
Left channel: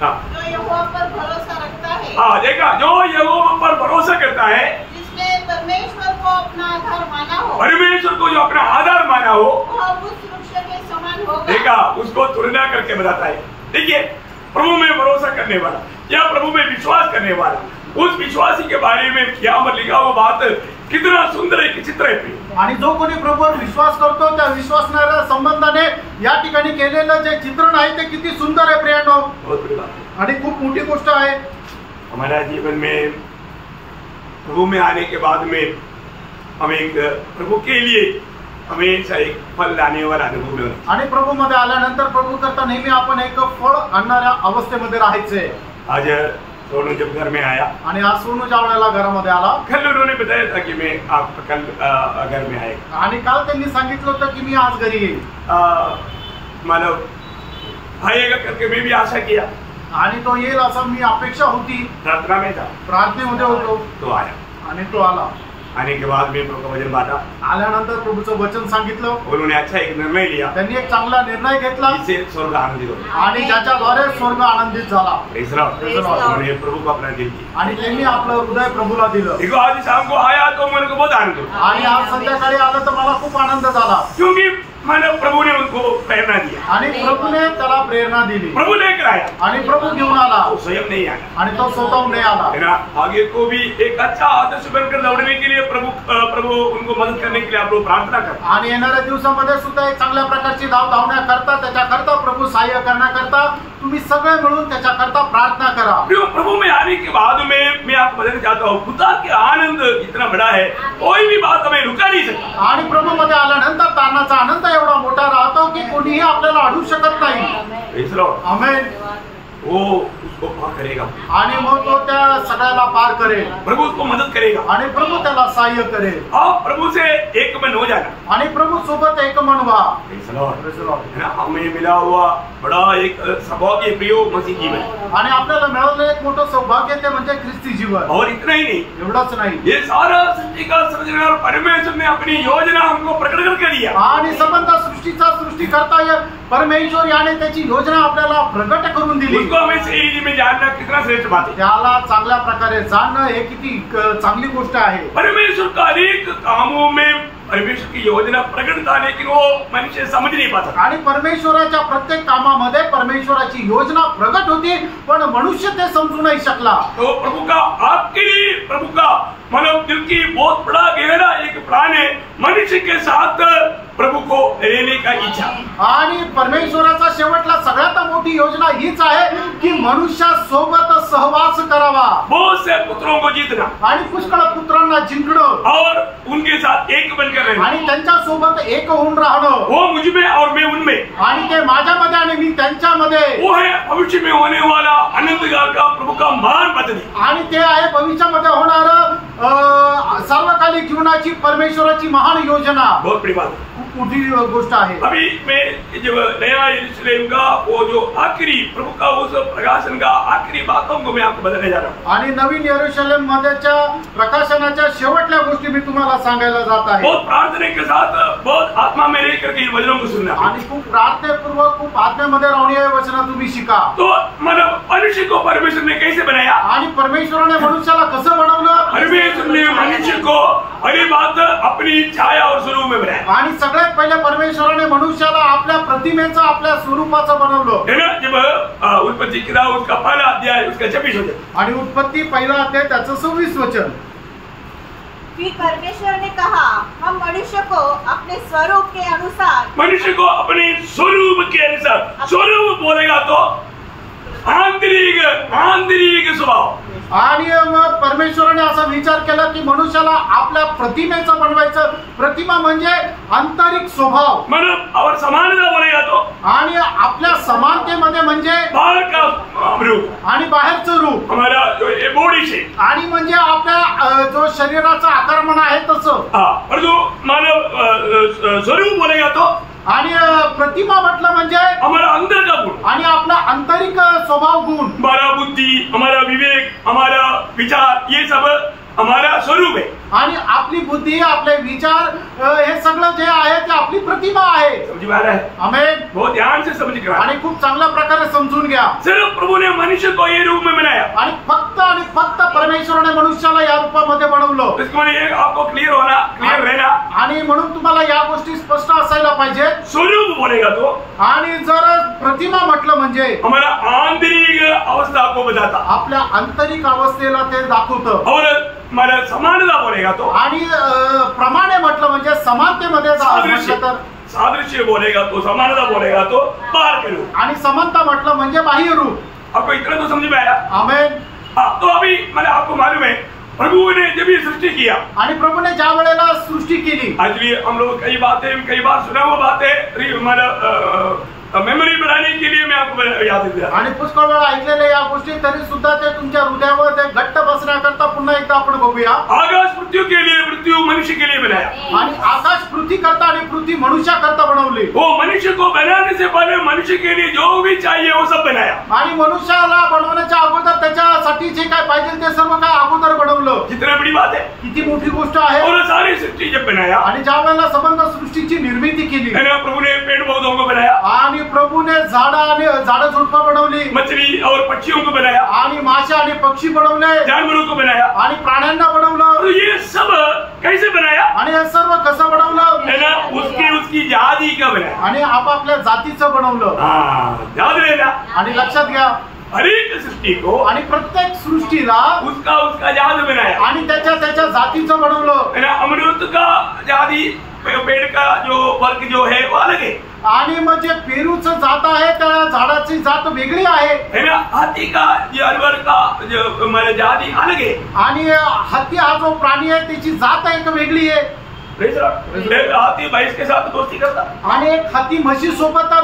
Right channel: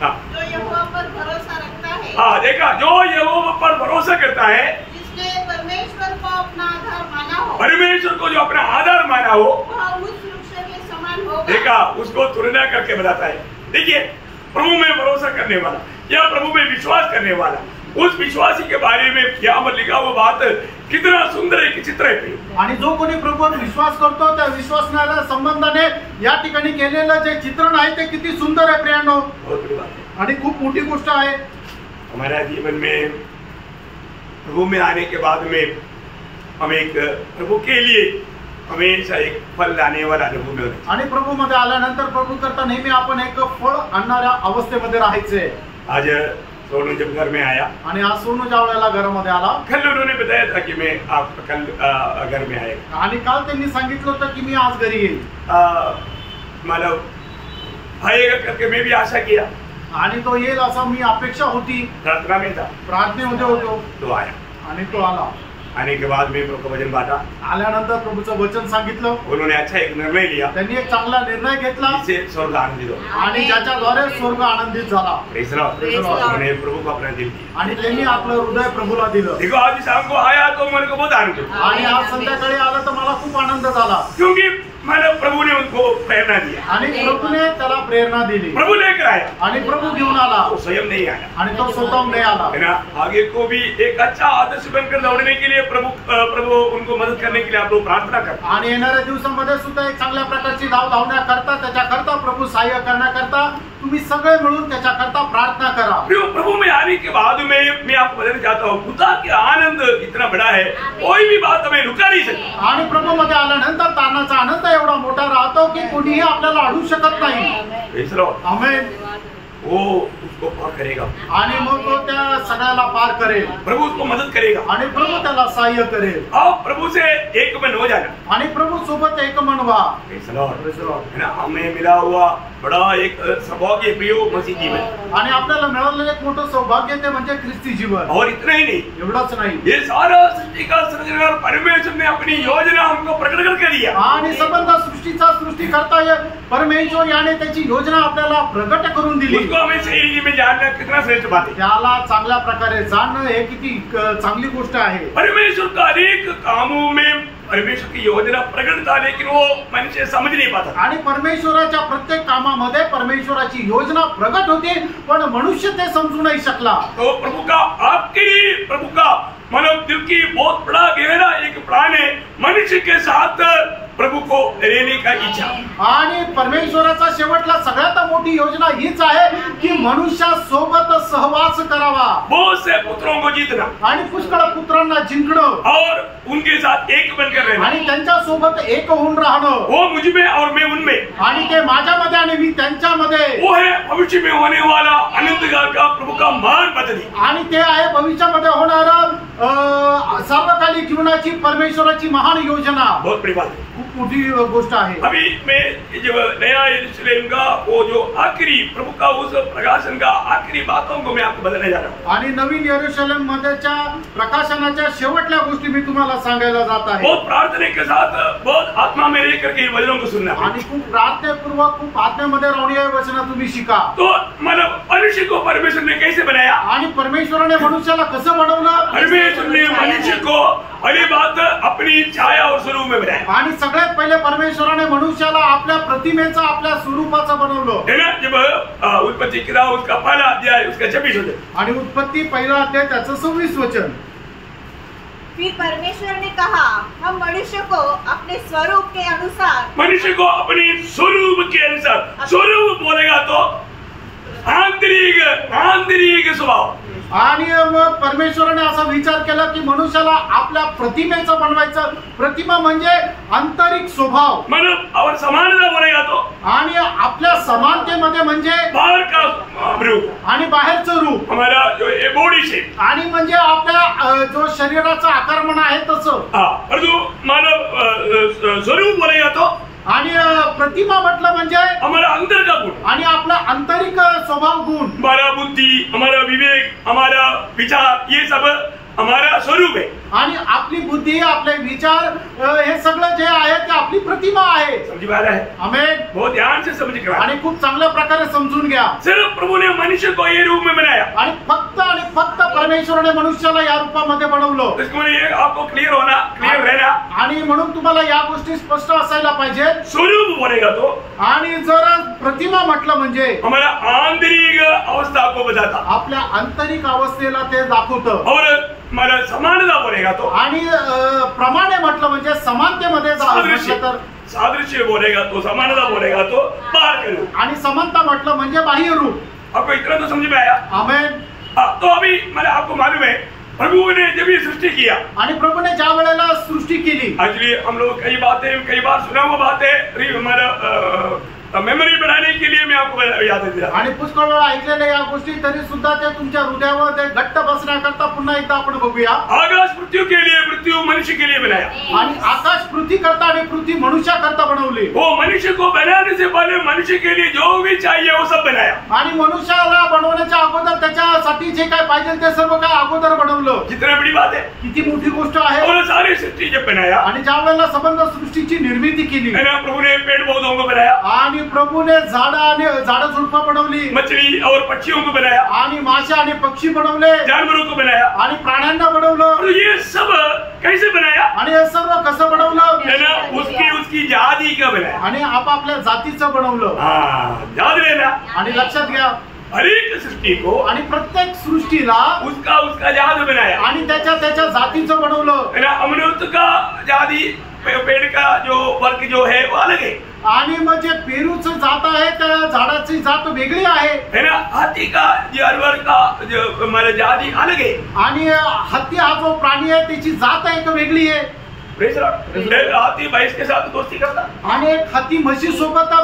जो यहोवा पर भरोसा रखता है। हाँ, देखा, जो यहोवा पर भरोसा करता है, जिसने परमेश्वर को अपना आधार माना हो, परमेश्वर को जो अपना आधार माना हो, वह उस वृक्ष के समान होगा। देखा, उसको तुलना करके बताता है। देखिए, प्रभु में भरोसा करने वाला या प्रभु में विश्वास करने वाला, उस विश्वासी के बारे में यहाँ पर लिखा हुआ बात कितना सुंदर एक चित्र आहे। आणि जो कोणी प्रभूवर विश्वास करतो त्या विश्वासणाऱ्या संबंधाने या ठिकाणी केलेलं जे चित्रण आहे ते किती सुंदर आहे प्रियांनो। बहुत बड़ी बात है आणि खूप मोठी गोष्ट आहे। हमारा जीवन में प्रभु में आने के बाद में हम एक प्रभु के लिए हमेशा एक फल लाने वाला अनुभव में होते। आणि प्रभू मध्ये आल्यानंतर प्रभू करता नेहमी आपण एक फळ आणणाऱ्या अवस्थेमध्ये राहायचे। आज सोनू जब घर में आया, आणि आज सोनू ज्यावेळेला घरामध्ये आला, कल उन्होंने बताया था कि मैं आप कल घर में आए, आणि काल त्यांनी सांगितलं होतं की मी आज घरी येईल। मतलब आएगा करके मैं भी आशा किया। आणि तो येईल असं मी अपेक्षा होती, प्रार्थना में था, प्रार्थनेमध्ये होतो तो आया। आणि तो आला। आने के बाद में प्रभु का वचन बांटा, आल्यानंतर प्रभूचं वचन सांगितलं, उन्होंने अच्छा एक निर्णय लिया त्यांनी एक चांगला निर्णय घेतला जिससे स्वर्ग आनंदित हो। आणि ज्याच्याद्वारे स्वर्ग आनंदित झाला। Praise the Lord. Praise the Lord. उन्होंने प्रभु को अपना दिल दिया। आणि त्यांनी आपलं हृदय प्रभूला दिलं। देखो आज शाम को आया तो मेरे को बहुत आनंद हुआ, आणि आज संध्याकाळी आलं तर मला खूप आनंद झाला, क्योंकि मानो प्रभु ने उनको प्रेरणा दिया, आणि प्रभूने त्याला प्रेरणा दिली, प्रभु लेकर आया, आणि प्रभू घेऊन आला, वो स्वयं नहीं आया, आणि तो स्वतःहून नाही आला। है ना। आगे को भी एक अच्छा आदर्श बनकर दौड़ने के लिए प्रभु उनको मदद करने के लिए आप लोग प्रार्थना करते। आणि येणाऱ्या दिवसामध्ये सुद्धा एक चांगल्या प्रकारची धाव धावण्याकरता, त्याच्याकरता प्रभू सहाय्य करण्याकरता तुम्ही सगळे मिळून त्याच्याकरता प्रार्थना करा। प्रभु में आने के बाद में मैं आपको बताना चाहता हूँ, खुदा के आनंद इतना बड़ा है, कोई भी बात हमें रुका नहीं सकता। आणि प्रभू मध्ये आल्यानंतर तारणाचा आनंद एवढा मोठा राहतो की कोणीही आपल्याला अडवू शकत नाही। Praise the Lord. आमेन। वो उसको पार करेगा, आणि मग तो त्या सगळ्याला पार करेल, प्रभु उसको मदद करेगा, आणि प्रभू त्याला सहाय्य करेल, और प्रभु से एक मन हो जाना, आणि प्रभू सोबत एक मन व्हा। Praise the Lord. Praise the Lord. है ना। हमें मिला हुआ बड़ा एक सौभाग्य प्रिय मसीह जीवन, आणि आपल्याला मिळालेलं एक मोठं सौभाग्य ते म्हणजे ख्रिस्ती जीवन। और इतना ही नहीं, एवढंच नाही, ये सारा सृष्टि का सृजनहार परमेश्वर ने अपनी योजना हमको प्रकट करके दिया, आणि संबंध सृष्टीचा सृष्टिकर्ता परमेश्वर याने त्याची योजना आपल्याला प्रगट करून दिली। उसको हमें सही रीति में जानना कितना श्रेष्ठ बात है। त्याला चांगल्या प्रकारे जाणणं हे किती चांगली गोष्ट आहे। परमेश्वर का अनेक कामों में परमेश्वर की योजना प्रकट था, लेकिन वो मनुष्य समझ नहीं पाता, आणि परमेश्वराच्या प्रत्येक कामामध्ये परमेश्वराची योजना प्रगट होती, पण मनुष्य ते समजू नाही शकला। तो प्रभु का आपके लिए, प्रभु का मानव दिल की बहुत बड़ा गहरा एक प्लान है, मनुष्य के साथ प्रभु को रहने का इच्छा। आणि परमेश्वराचा शेवटला सगळ्यात मोठी योजना हीच आहे की मनुष्यासोबत सहवास करावा, बहुत से पुत्रों को जीतना, आणि पुष्कळ पुत्रांना जिंकणं, और उनके साथ एक बनकर रहना, आणि त्यांच्या सोबत एक होऊन राहणं, वो मुझ में और मैं उनमें, आणि ते माझ्यामध्ये आणि मी त्यांच्यामध्ये, वो है भविष्य में होने वाला अनंत काल का प्रभु का महान पद्धति, आणि ते आहे भविष्यामध्ये होणार सर्वकालिक जीवनाची परमेश्वराची महान योजना। बहुत बड़ी बात, खूप मोठी गोष्ट आहे। अभी मैं जब नया यरूशलेम का वो जो आखिरी प्रभु का उस प्रकाशन का आखिरी बातों को मैं आपको बताने जा रहा हूँ, आणि नवीन यरूशलेम मध्येच्या प्रकाशनाच्या शेवटल्या गोष्टी मी तुम्हाला सांगायला जात आहे। बहुत प्रार्थना के साथ, बहुत आत्मा में रह करके इन वचनों को सुनना, आणि खूप प्रार्थनापूर्वक, खूप आत्म्यामध्ये राहून हे वचन तुम्ही शिका। तो मानव मनुष्य को परमेश्वर ने कैसे बनाया, आणि परमेश्वराने मनुष्याला कसं बनवलं, परमेश्वर ने मनुष्य को पहली बात अपनी छाया और स्वरूप में बनाया, आणि सगळ्यात पहिले परमेश्वराने मनुष्याला आपल्या प्रतिमेचं, आपल्या स्वरूपाचं बनवलं, है ना। जब उत्पत्ति किताब उसका पहला अध्याय उसका 26 वचन, आणि उत्पत्ती पहिला अध्याय त्याचं 26 वचन। फिर परमेश्वर ने कहा, हम मनुष्य को अपने स्वरूप के अनुसार, मनुष्य को अपने स्वरूप के अनुसार, स्वरूप बोलेगा तो आंतरिक स्वभाव, आणि मग परमेश्वराने असा विचार केला की मनुष्याला आपल्या प्रतिमेचं बनवायचं। प्रतिमा म्हणजे आंतरिक स्वभाव, मतलब और समानता बोलेगा तो, आणि आपल्या समानतेमध्ये म्हणजे बाहर का रूप, आणि बाहेरचं रूप, हमारा जो ये बॉडी से, आणि म्हणजे आपल्या जो शरीराचा आकारमान आहे तसं। और जो मानव स्वरूप बोलेगा तो, आणि प्रतिमा म्हटलं म्हणजे हमारा अंदर का गुण, आणि आपला आंतरिक स्वभाव गुण, हमारा बुद्धि, हमारा विवेक, हमारा विचार, ये सब हमारा स्वरूप है, आणि आपली बुद्धी, आपले विचार, हे सगळं जे आहे ते आपली प्रतिमा आहे। समझ में आ रहा है? आमेन। बहुत ध्यान से समझ कर, आणि खूप चांगल्या प्रकारे समजून घ्या। सिर्फ प्रभु ने मनुष्य को ये रूप में बनाया, आणि फक्त परमेश्वराने मनुष्याला या रूपामध्ये बनवलं। इसको ये आपको क्लियर रहना, आणि म्हणून तुम्हाला या गोष्टी स्पष्ट असायला पाहिजे। स्वरूप बोलेगा तो, आणि जर प्रतिमा म्हटलं म्हणजे हमारा आंतरिक अवस्था को बताता, आपल्या आंतरिक अवस्थेला ते दाखवतं। और हमारा समानता बोलेगा तो, आणि प्रमाणे म्हटलं म्हणजे समानतेमध्ये म्हटलं तर, सादृश्य बोलेगा तो, समानता बोलेगा तो बाहर के रूप, आणि समानता म्हटलं म्हणजे बाह्य रूप। आपको इतना तो समझ में आया? आमेन। तो अभी मैंने आपको मालूम है, प्रभु ने जब ये सृष्टि किया, आणि प्रभूने ज्या वेळेला सृष्टी केली, एक्चुअली हम लोग कई बार सुना हुआ बात है, हमारा मेमोरी बढ़ाने के लिए मैं आपको याद दिया आणि पुष्कळ वेळा ऐकलेल्या या गोष्टी तरी सुद्धा ते तुमच्या हृदयावर ते घट्ट बसण्याकरता पुन्हा एकदा आपण बघूया. आकाश पृथ्वी के लिए, पृथ्वी मनुष्य के लिए बनाया. आणि आकाश पृथ्वी करता आणि पृथ्वी मनुष्याकरता बनवली. वो मनुष्य को बनाने से पहले मनुष्य के लिए जो भी चाहिए वो सब बनाया. आणि मनुष्याला बनवण्याच्या अगोदर त्याच्यासाठी जे काय पाहिजे ते सर्व काय अगोदर बनवलं. कितना बड़ी बात है, किती मोठी गोष्ट आहे. और सारी सृष्टि जब बनाया आणि ज्या वेळेला संबंध सृष्टीची निर्मिती केली, प्रभु ने पेड़ पौधों को बनाया, आणि प्रभूने झाडं झुडपं बनवली, मछली और पक्षियों को बनाया, आणि माशा आणि पक्षी बनवले, जानवरों को बनाया, आणि प्राण्यांना बनवलं. तो ये सब कैसे बनाया? आणि हे सर्व कसं बनवलं? है ना, उसकी जाति का बनाया. आणि आपापल्या जातीचं बनवलं. याद रहना. आणि लक्षात घ्या, हर एक सृष्टि को, आणि प्रत्येक सृष्टीला उसका जात बनाया. आणि त्याच्या जातीचं बनवलं. है ना, अमरूद का जाति, पेड़ का जो वर्ग जो है वो अलग है. आणि मग जे पेरूचं जात आहे त्या झाडाची जात वेगळी आहे. है ना, हाथी का जानवर का जो मतलब जाति अलग है. आणि हत्ती हा जो प्राणी आहे त्याची जात एक वेगळी आहे. हाथी भैंस के साथ दोस्ती करता, आणि एक हत्ती म्हशी सोबत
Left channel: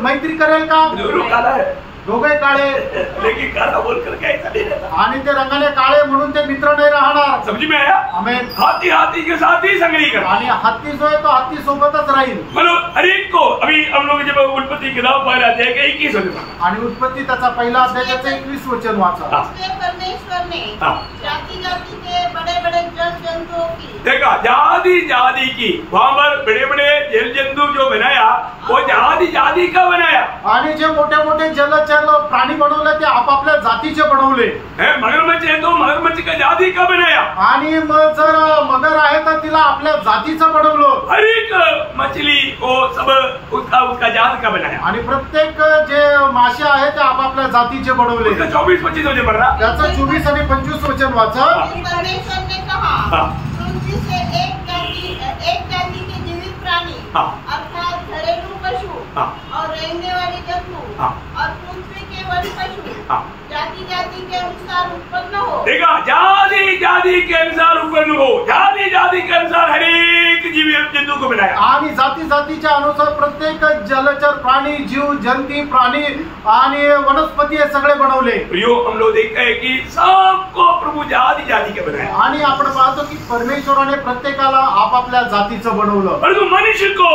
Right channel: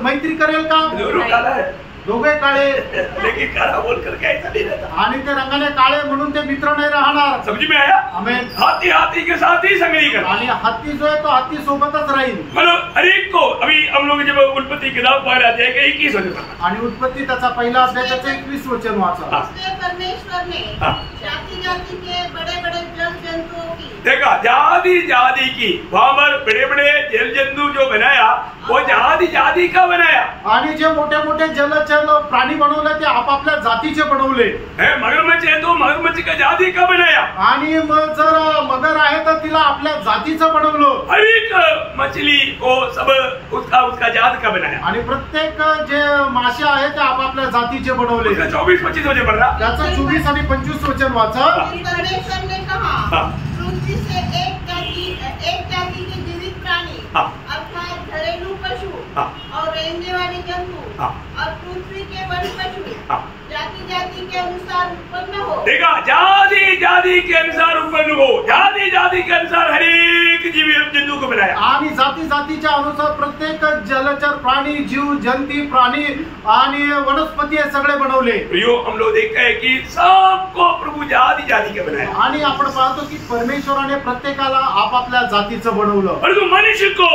मैत्री करेल का? जरूर काला है, दोघे काळे, लेकिन काला बोलकर कैसा नहीं रहता. आणि ते रंगाने काळे म्हणून ते मित्र नाही राहणार. समझ में आया? आमेन. हाथी के साथ ही संगती करता. आणि हत्ती जो आहे तो हत्ती सोबतच राहील. मतलब हर एक को, अभी हम लोग जब उत्पत्ति किताब पढ़ रहे थे 21 वचन, आणि उत्पत्ति त्याचा पहिला अध्याय त्याचं 21 वचन वाचा. इसलिए परमेश्वर ने जाति जाति के बड़े बड़े जल जंतुओं की, देखा, जाति जाति की, वहां पर बड़े बड़े जल जंतु जो बनाया वो जाति जाति का बनाया. आणि जे मोठे मोठे जलचर प्राणी बनवले ते आपापल्या जातीचे बनवले. मगरमच्छ है तो मगरमच्छ का जाति का बनाया. आणि मग जर मगर आहे तर तिला आपल्या जातीचं बनवलं. हर एक मछली को सब उसका जात का बनाया. आणि प्रत्येक जे मासे आहेत ते आपापल्या जातीचे बनवले. 24-25 वचन पढ़ रहा. त्याचं 24 आणि 25 वचन वाचा. परमेश्वर ने कहा, पृथ्वी से एक जाति के जीवित प्राणी अर्थात घरेलू पशु और रेंगने वाले जंतु और पृथ्वी के वन पशु जाति जाति के अनुसार उत्पन्न हो. देखा, जाति जाति के अनुसार उत्पन्न हो. जाति जाति के अनुसार हर एक जीव जंतु को बनाया. आणि जाती जातीच्या अनुसार प्रत्येक जलचर प्राणी, जीव जंती प्राणी आणि वनस्पती हे सगळे बनवले. प्रियो, हम लोग देखते हैं कि सबको प्रभु जाति जाति के बनाया. आणि आपण पाहतो की परमेश्वराने प्रत्येकाला आपापल्या जातीचं बनवलं. परंतु मनुष्य को,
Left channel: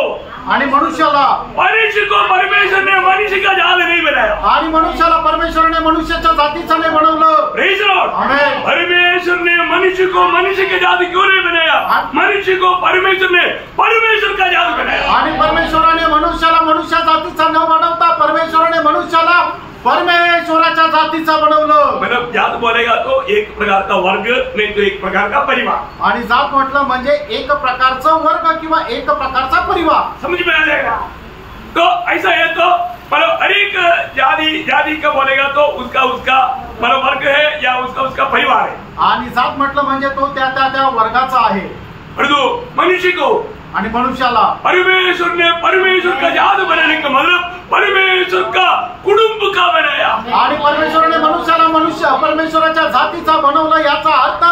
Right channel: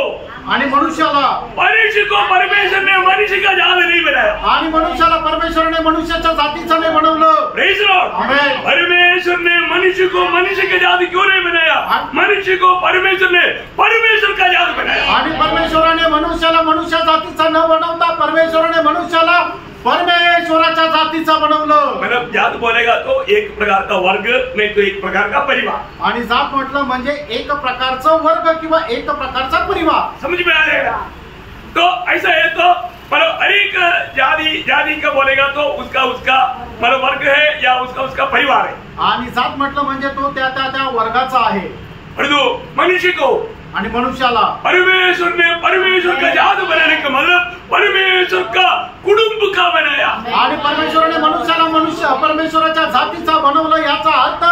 आणि मनुष्याला परमेश्वर ने मनुष्य का जात नहीं बनाया. आणि मनुष्याला परमेश्वराने मनुष्याच्या जातीचं नाही बनवलं. Praise lord. आमेन. परमेश्वर ने मनुष्य को मनुष्य के जाति क्यों नहीं बनाया? मनुष्य को परमेश्वर ने परमेश्वर का जात बनाया. आणि परमेश्वराने मनुष्याला मनुष्य जातीचा न बनवता परमेश्वराने मनुष्याला परमेश्वराच्या जातीचा बनवलं. मतलब जात बोलेगा तो एक प्रकार का वर्ग, नहीं तो एक प्रकार का परिवार. आणि जात म्हटलं म्हणजे एक प्रकारचं वर्ग किंवा एक प्रकारचा परिवार. समझ में आ जाएगा. तो ऐसा है, तो मतलब हर एक जाति का बोलेगा तो उसका मतलब वर्ग है या उसका परिवार है. आणि जात म्हटलं म्हणजे तो त्या वर्गाचा आहे. परंतु मनुष्य को आणि मनुष्याला परमेश्वर का जात बनाने का मतलब परमेश्वर का कुटुंब का बनाया. आणि परमेश्वराने मनुष्याला परमेश्वराच्या जातीचा बनवलं. याचा अर्थ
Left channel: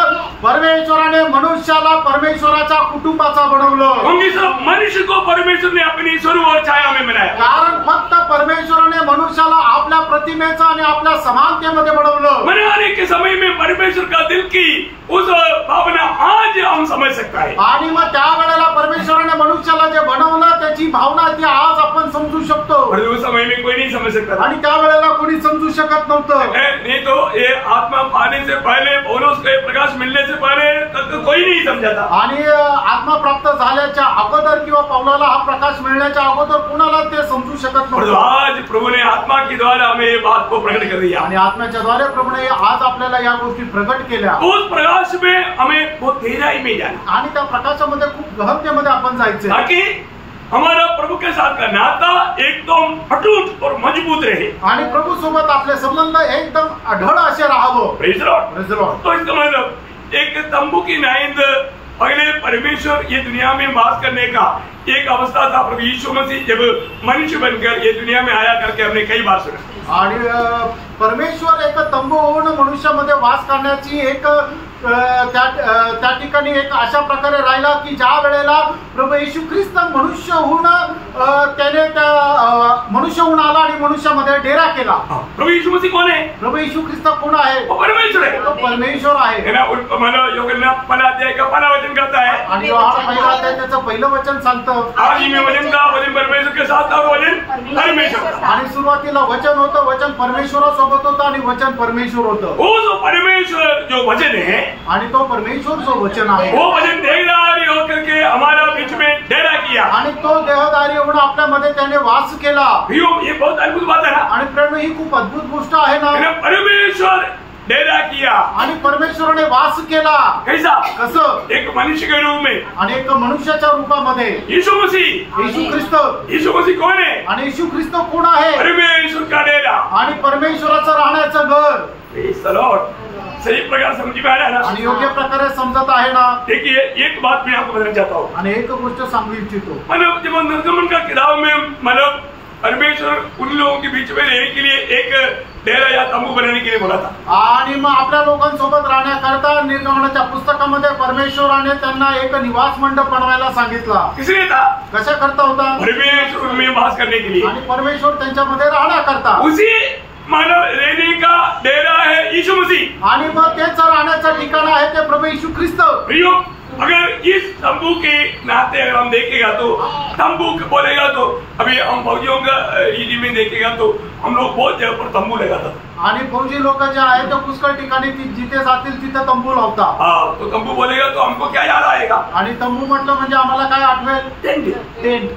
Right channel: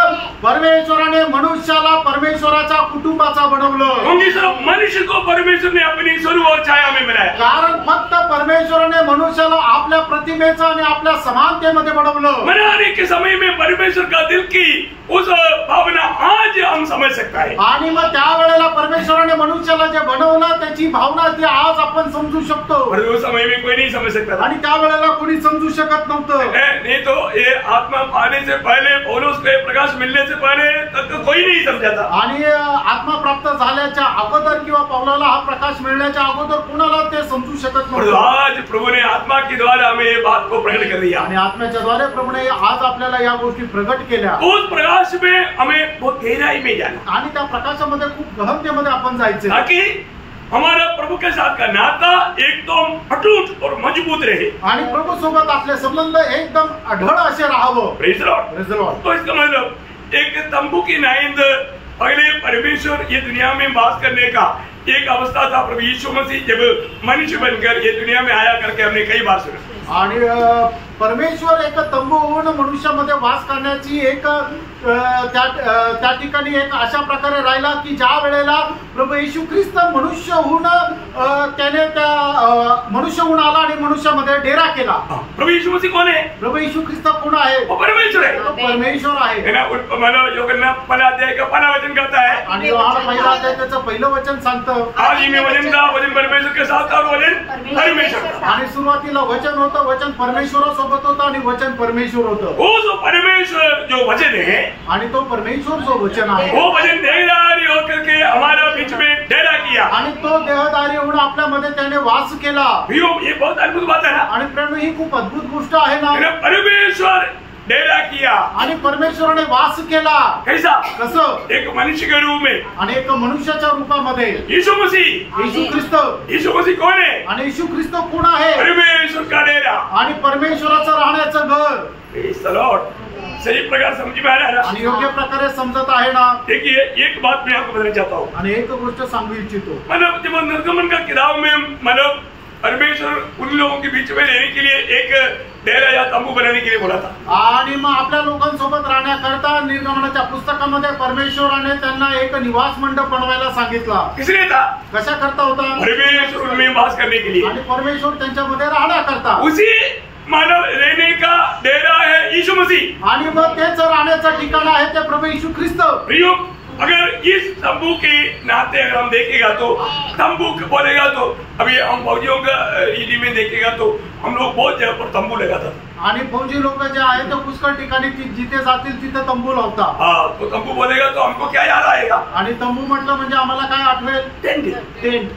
परमेश्वराने मनुष्याला परमेश्वराच्या कुटुंबाचा बनवलं. क्योंकि सिर्फ मनुष्य को परमेश्वर ने अपनी स्वरूप और छाया में बनाया. कारण फक्त परमेश्वराने मनुष्याला आपल्या प्रतिमेचं आणि आपल्या समानतेमध्ये बनवलं. बनाने के समय में परमेश्वर का दिल की उस भावना आज हम समझ सकता है. आणि मग त्यावेळेला परमेश्वराने मनुष्याला जे बनवलं त्याची भावना ती आज आपण समजू शकतो. उस समय में कोई नहीं समझ सकता. आणि त्यावेळेला कोणी समजू शकत नव्हतं. नहीं तो ये आत्मा पाने से पहले, पौलुस के प्रकाश मिलने से पहले तक कोई नहीं समझा था. आणि आत्मा प्राप्त झाल्याच्या अगोदर किंवा पौलाला हा प्रकाश मिळण्याच्या अगोदर कुणाला ते समजू शकत नव्हतं. आज प्रभु ने आत्मा के द्वारा हमें ये बात को प्रकट कर दिया. आणि आत्म्याच्या द्वारे प्रभूने आज आपल्याला या गोष्टी प्रकट केल्या. उस प्रकाश में हमें बहुत गहराई में जाना. आणि त्या प्रकाशामध्ये खूप गहनतेमध्ये आपण जायचं ताकि हमारा प्रभु के साथ का नाता एकदम अटूट और मजबूत रहे. आणि प्रभू सोबत आपले संबंध एकदम अढळ असे राहावं. Praise Lord. Praise Lord. तो इसका मतलब एक तंबू की नाइंद पहले परमेश्वर ये दुनिया में वास करने का एक अवस्था था. प्रभु यीशु मसीह जब मनुष्य बनकर ये दुनिया में आया करके हमने कई बार सुना. आणि परमेश्वर एक तंबू होऊन मनुष्यामध्ये वास करण्याची एक त्या ठिकाणी एक अशा प्रकारे राहिला की ज्या वेळेला प्रभू येशू ख्रिस्त मनुष्य होऊन त्याने त्या मनुष्य होऊन आला आणि मनुष्यामध्ये डेरा केला. प्रभु यीशु मसीह कौन है? प्रभु येशू ख्रिस्त कोण आहे? वो परमेश्वर है. तो परमेश्वर आहे. है ना. मतलब यूहन्ना पहला अध्याय का पहला वचन कहता है, आणि योहान पहिला अध्याय त्याचं पहिलं वचन सांगतं, आदि में वचन था, वचन परमेश्वर के साथ था और वचन परमेश्वर था. आणि सुरुवातीला वचन होतं, वचन परमेश्वरासोबत होतं आणि वचन परमेश्वर होतं. वो जो परमेश्वर जो वचन है, आणि तो परमेश्वर जो वचन आहे, वो वचन देहधारी होकर के हमारा बीच में डेरा किया. आणि तो देहधारी होऊन आपल्यामध्ये त्याने वास केला. ये बहुत अद्भुत बात है ना. आणि प्रेम ही खूप अद्भुत गोष्ट आहे ना. परमेश्वर डेरा किया आणि परमेश्वराने वास केला. कैसा? कसं? एक मनुष्य के रूप में. आणि एक मनुष्याच्या रूपामध्ये. यीशु मसीह. येशू ख्रिस्त. यीशु मसीह कौन है? आणि येशू ख्रिस्त कोण आहे? परमेश्वर का डेरा. आणि परमेश्वराचं राहण्याचं घर. Praise the Lord. सही प्रकार समझ में आ रहा है ना. आणि योग्य प्रकारे समजत आहे ना. देखिए एक बात मैं आपको बताना चाहता हूँ. आणि एक गोष्ट सांगू इच्छितो. मतलब जब निर्गमन का किताब में मतलब परमेश्वर उन लोगों के बीच में रहने के लिए एक डेरा या तंबू बनाने के लिए बोला था. आणि मग आपल्या लोकांसोबत राहण्याकरता निर्गमनाच्या पुस्तकामध्ये परमेश्वराने त्यांना एक निवास मंडप बनवायला सांगितला. किसने था? कशा करता होता? परमेश्वर उनमें वास करने के लिए. आणि परमेश्वर त्यांच्यामध्ये राहण्याकरता. उसी मानव रहने का डेरा है यीशु मसीह. आणि मग तेच राहण्याचं ठिकाण आहे ते प्रभू येशू ख्रिस्त. प्रियो, अगर इस तंबू के नाते अगर हम देखेगा तो तंबू बोलेगा तो अभी हम फौजियों का हिंदी में देखेगा तो हम लोग बहुत जगह पर तंबू लगाता था. आणि फौजी लोक जे आहेत ते पुष्कळ ठिकाणी जिथे जातील तिथे तंबू लावतात. तो तंबू बोलेगा तो हमको क्या याद आएगा? आणि तंबू म्हटलं म्हणजे आम्हाला काय आठवेल? टेंट.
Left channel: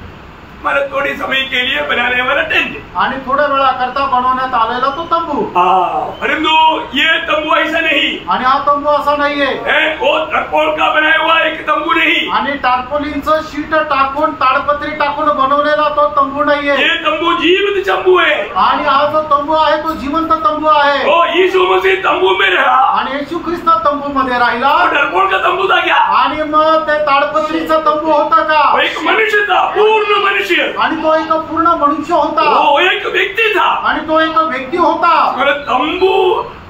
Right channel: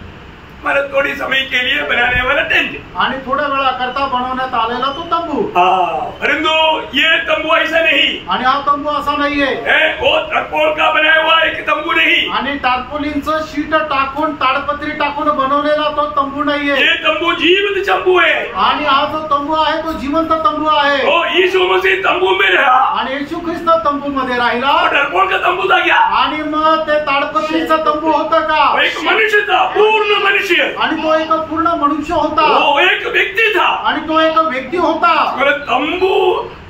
मतलब थोड़ी समय के लिए बनाने वाला टेंट. आणि थोड्या वेळा करता बनवण्यात आलेला तो तंबू. परंतु ये तंबू ऐसा नहीं. आणि हा तंबू असा नाहीये. वो टरपोल का बनाया हुआ एक तंबू नहीं. आणि टार्पोलिनचं शीट टाकून ताडपत्री टाकून बनवलेला तो तंबू नाहीये. ये तंबू जीवित तंबू है. आणि हा जो तंबू आहे तो जिवंत तंबू आहे. ओ यीशु मसीह तंबू में रहा. आणि येशू ख्रिस्त तंबू मध्ये राहिला. टरपोल का तंबू था क्या? आणि मग ते ताडपत्रीचा तंबू होता का? एक मनुष्य था, पूर्ण मनुष्य. आणि तो एक पूर्ण मनुष्य होता. वो एक व्यक्ति था. आणि तो एक व्यक्ती होता. तंबू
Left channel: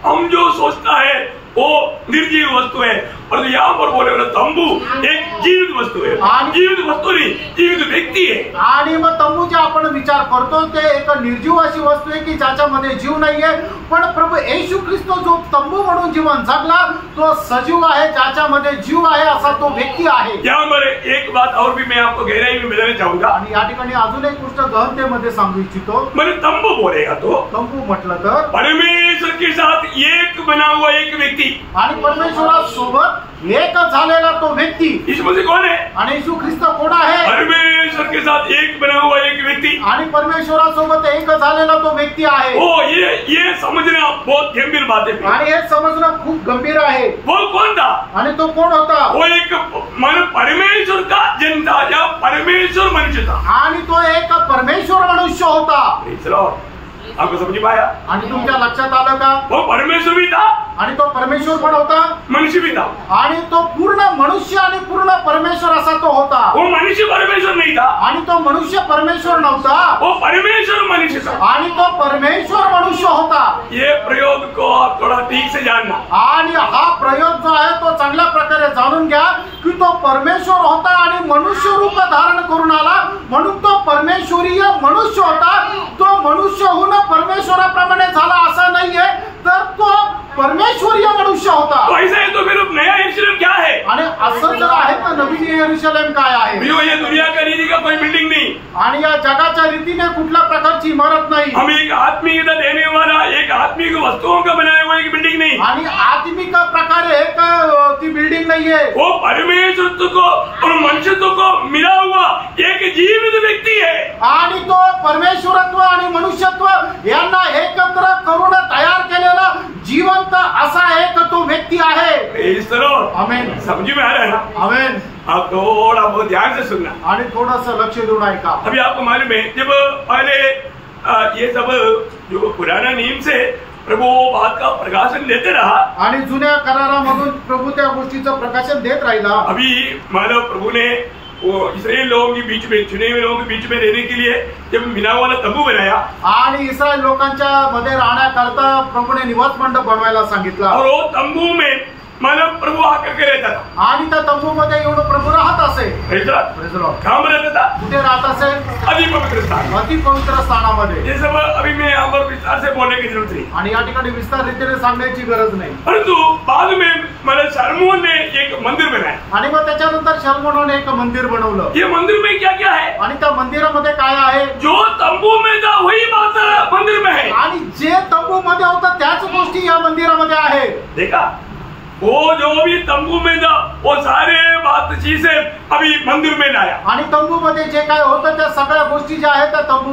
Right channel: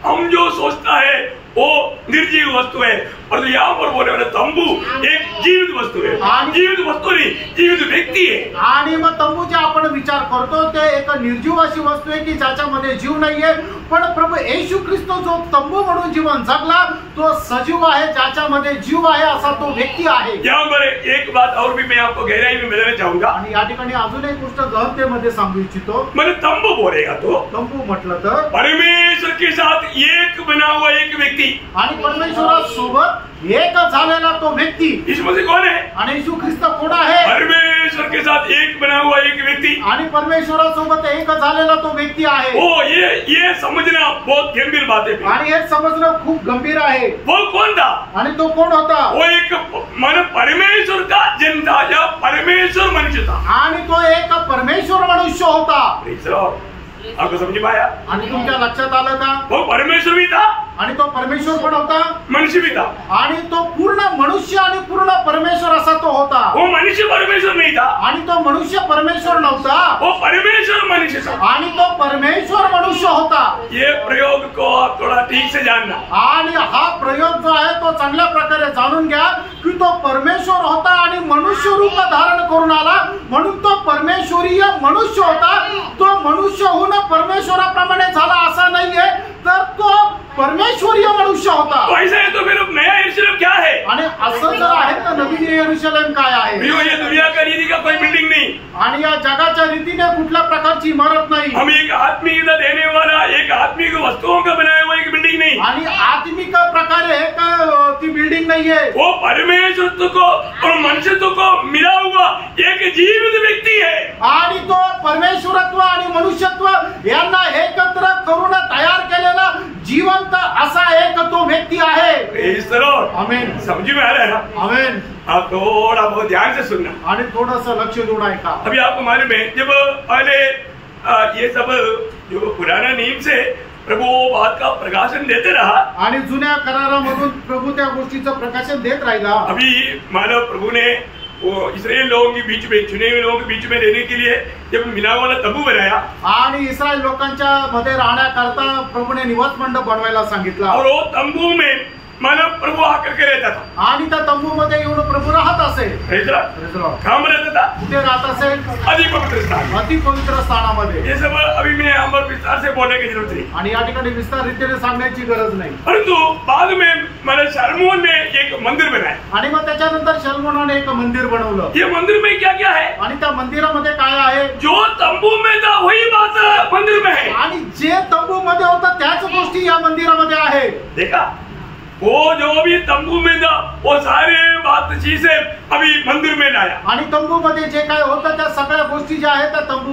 हम जो सोचता है वो निर्जीव वस्तु है, और यहाँ पर बोले वाला तंबू एक जीवित वस्तु है. जीवित वस्तु नहीं, जीवित व्यक्ती है. आणि मग तंबू जे आपण विचार करतो ते एक निर्जीव अशी वस्तू आहे की ज्याच्यामध्ये जीव नाहीये. पण प्रभू येशू ख्रिस्त जो तंबू म्हणून जीवन जगला तो सजीव आहे, ज्याच्यामध्ये जीव आहे असा तो व्यक्ती आहे. यहाँ पर एक बात और भी मैं आपको गहराई में बताना चाहूंगा. आणि या ठिकाणी अजून एक गोष्ट गहनतेमध्ये सांगू इच्छितो. मैंने तंबू बोलेगा तो तंबू म्हटलं तर परमेश्वर के साथ एक बना हुआ एक व्यक्ति. आणि परमेश्वरासोबत एक झालेला तो व्यक्ती. यीशु मसीह कौन है? आणि येशू ख्रिस्त कोण आहे? परमेश्वर के साथ एक बना हुआ एक व्यक्ति. आणि परमेश्वरासोबत एक झालेला तो व्यक्ती आहे. ओ ये समझना बहुत गंभीर बात है. आणि हे समजणं खूप गंभीर आहे. वो कौन था? आणि तो कोण होता? वो एक मन परमेश्वर का जन था या परमेश्वर मनुष्य था. आणि तो एक परमेश्वर मनुष्य होता. आपको समझ में आया? आणि तुमच्या लक्षात आलं का? वो परमेश्वर भी था आणि तो परमेश्वर पण होता, मनुष्य भी था. आणि तो पूर्ण मनुष्य आणि पूर्ण परमेश्वर असा तो होता. वो मनुष्य परमेश्वर नहीं था. आणि तो मनुष्य परमेश्वर नव्हता. वो परमेश्वर मनुष्य था. आणि तो परमेश्वर मनुष्य होता. ये प्रयोग को आप थोड़ा ठीक से जानना. आणि हा प्रयोग जो आहे तो चांगल्या प्रकारे जाणून घ्या की तो परमेश्वर होता आणि मनुष्य रूप धारण करून आला म्हणून तो परमेश्वरीय मनुष्य होता. तो मनुष्य होऊन परमेश्वराप्रमाणे झाला असं नाहीये, तर तो परमेश्वरीय मनुष्य होता. तो ऐसा है तो फिर नया यरूशलेम क्या है? आणि असं जर आहे तर नवीन यरूशलेम काय आहे? ये दुनिया का रीति का कोई बिल्डिंग नहीं. आणि या जगाच्या रीतीने कुठल्या प्रकारची इमारत नाही. हम एक आत्मिकता देने वाला एक आत्मिक वस्तुओं का बनाया हुआ एक बिल्डिंग नहीं. आणि आत्मिक प्रकारे एक ती बिल्डिंग नाहीये. वो परमेश्वर को और मनुष्यत्व को मिला हुआ एक जीवित व्यक्ति है. आणि तो परमेश्वरत्व आणि मनुष्यत्व यांना एकत्र करून तयार केलेला जिवंत असा एक तो व्यक्ति आहे. आमेन. समझ में आ रहा है ना? आमेन. आप थोड़ा बहुत ध्यान से सुनना. आणि थोडंसं लक्ष देऊन ऐका. अभी आपको मालूम है जब पहले ये सब जो पुराना नियम से प्रभु बात का प्रकाशन देते रहा. आणि जुन्या करारामधून प्रभू त्या गोष्टीचं प्रकाशन देत राहिला. अभी मानव प्रभु ने वो इस्राएल लोगों के बीच में चुने हुए लोगों के बीच में रहने के लिए जब मिला वाला तंबू बनाया. आणि इस्रायल लोकांच्या मध्ये राहण्याकरता प्रभूने निवास मंडप बनवायला सांगितला. और वो तंबू में मानव प्रभु आकर के रहता था आणि त्या तंबूमध्ये येऊन प्रभू राहत असे. Praise the Lord. Praise the Lord. कहाँ में रहता था? कुठे राहत असे? अति पवित्र स्थान. अति पवित्र स्थानामध्ये. ये सब अभी मैं यहाँ पर विस्तार से बोलने की जरूरत नहीं. आणि या ठिकाणी विस्तार रीतीने सांगण्याची गरज नाही. परंतु बाद में मैंने शलोमोन ने एक मंदिर बनाया. आणि मग त्याच्यानंतर शलोमोनाने एक मंदिर बनवलं. ये मंदिर में क्या क्या है? आणि त्या मंदिरामध्ये काय आहे? जो तंबू में था वही बात मंदिर में है. आणि जे तंबू मध्ये होतं त्याच गोष्टी या मंदिरामध्ये आहे. देखा, वो जो भी तंबू में था वो सारे बात चीजें अभी मंदिर में लाया. आणि तंबू मध्ये जे काय होतं त्या सगळ्या गोष्टी ज्या आहेत त्या तंबू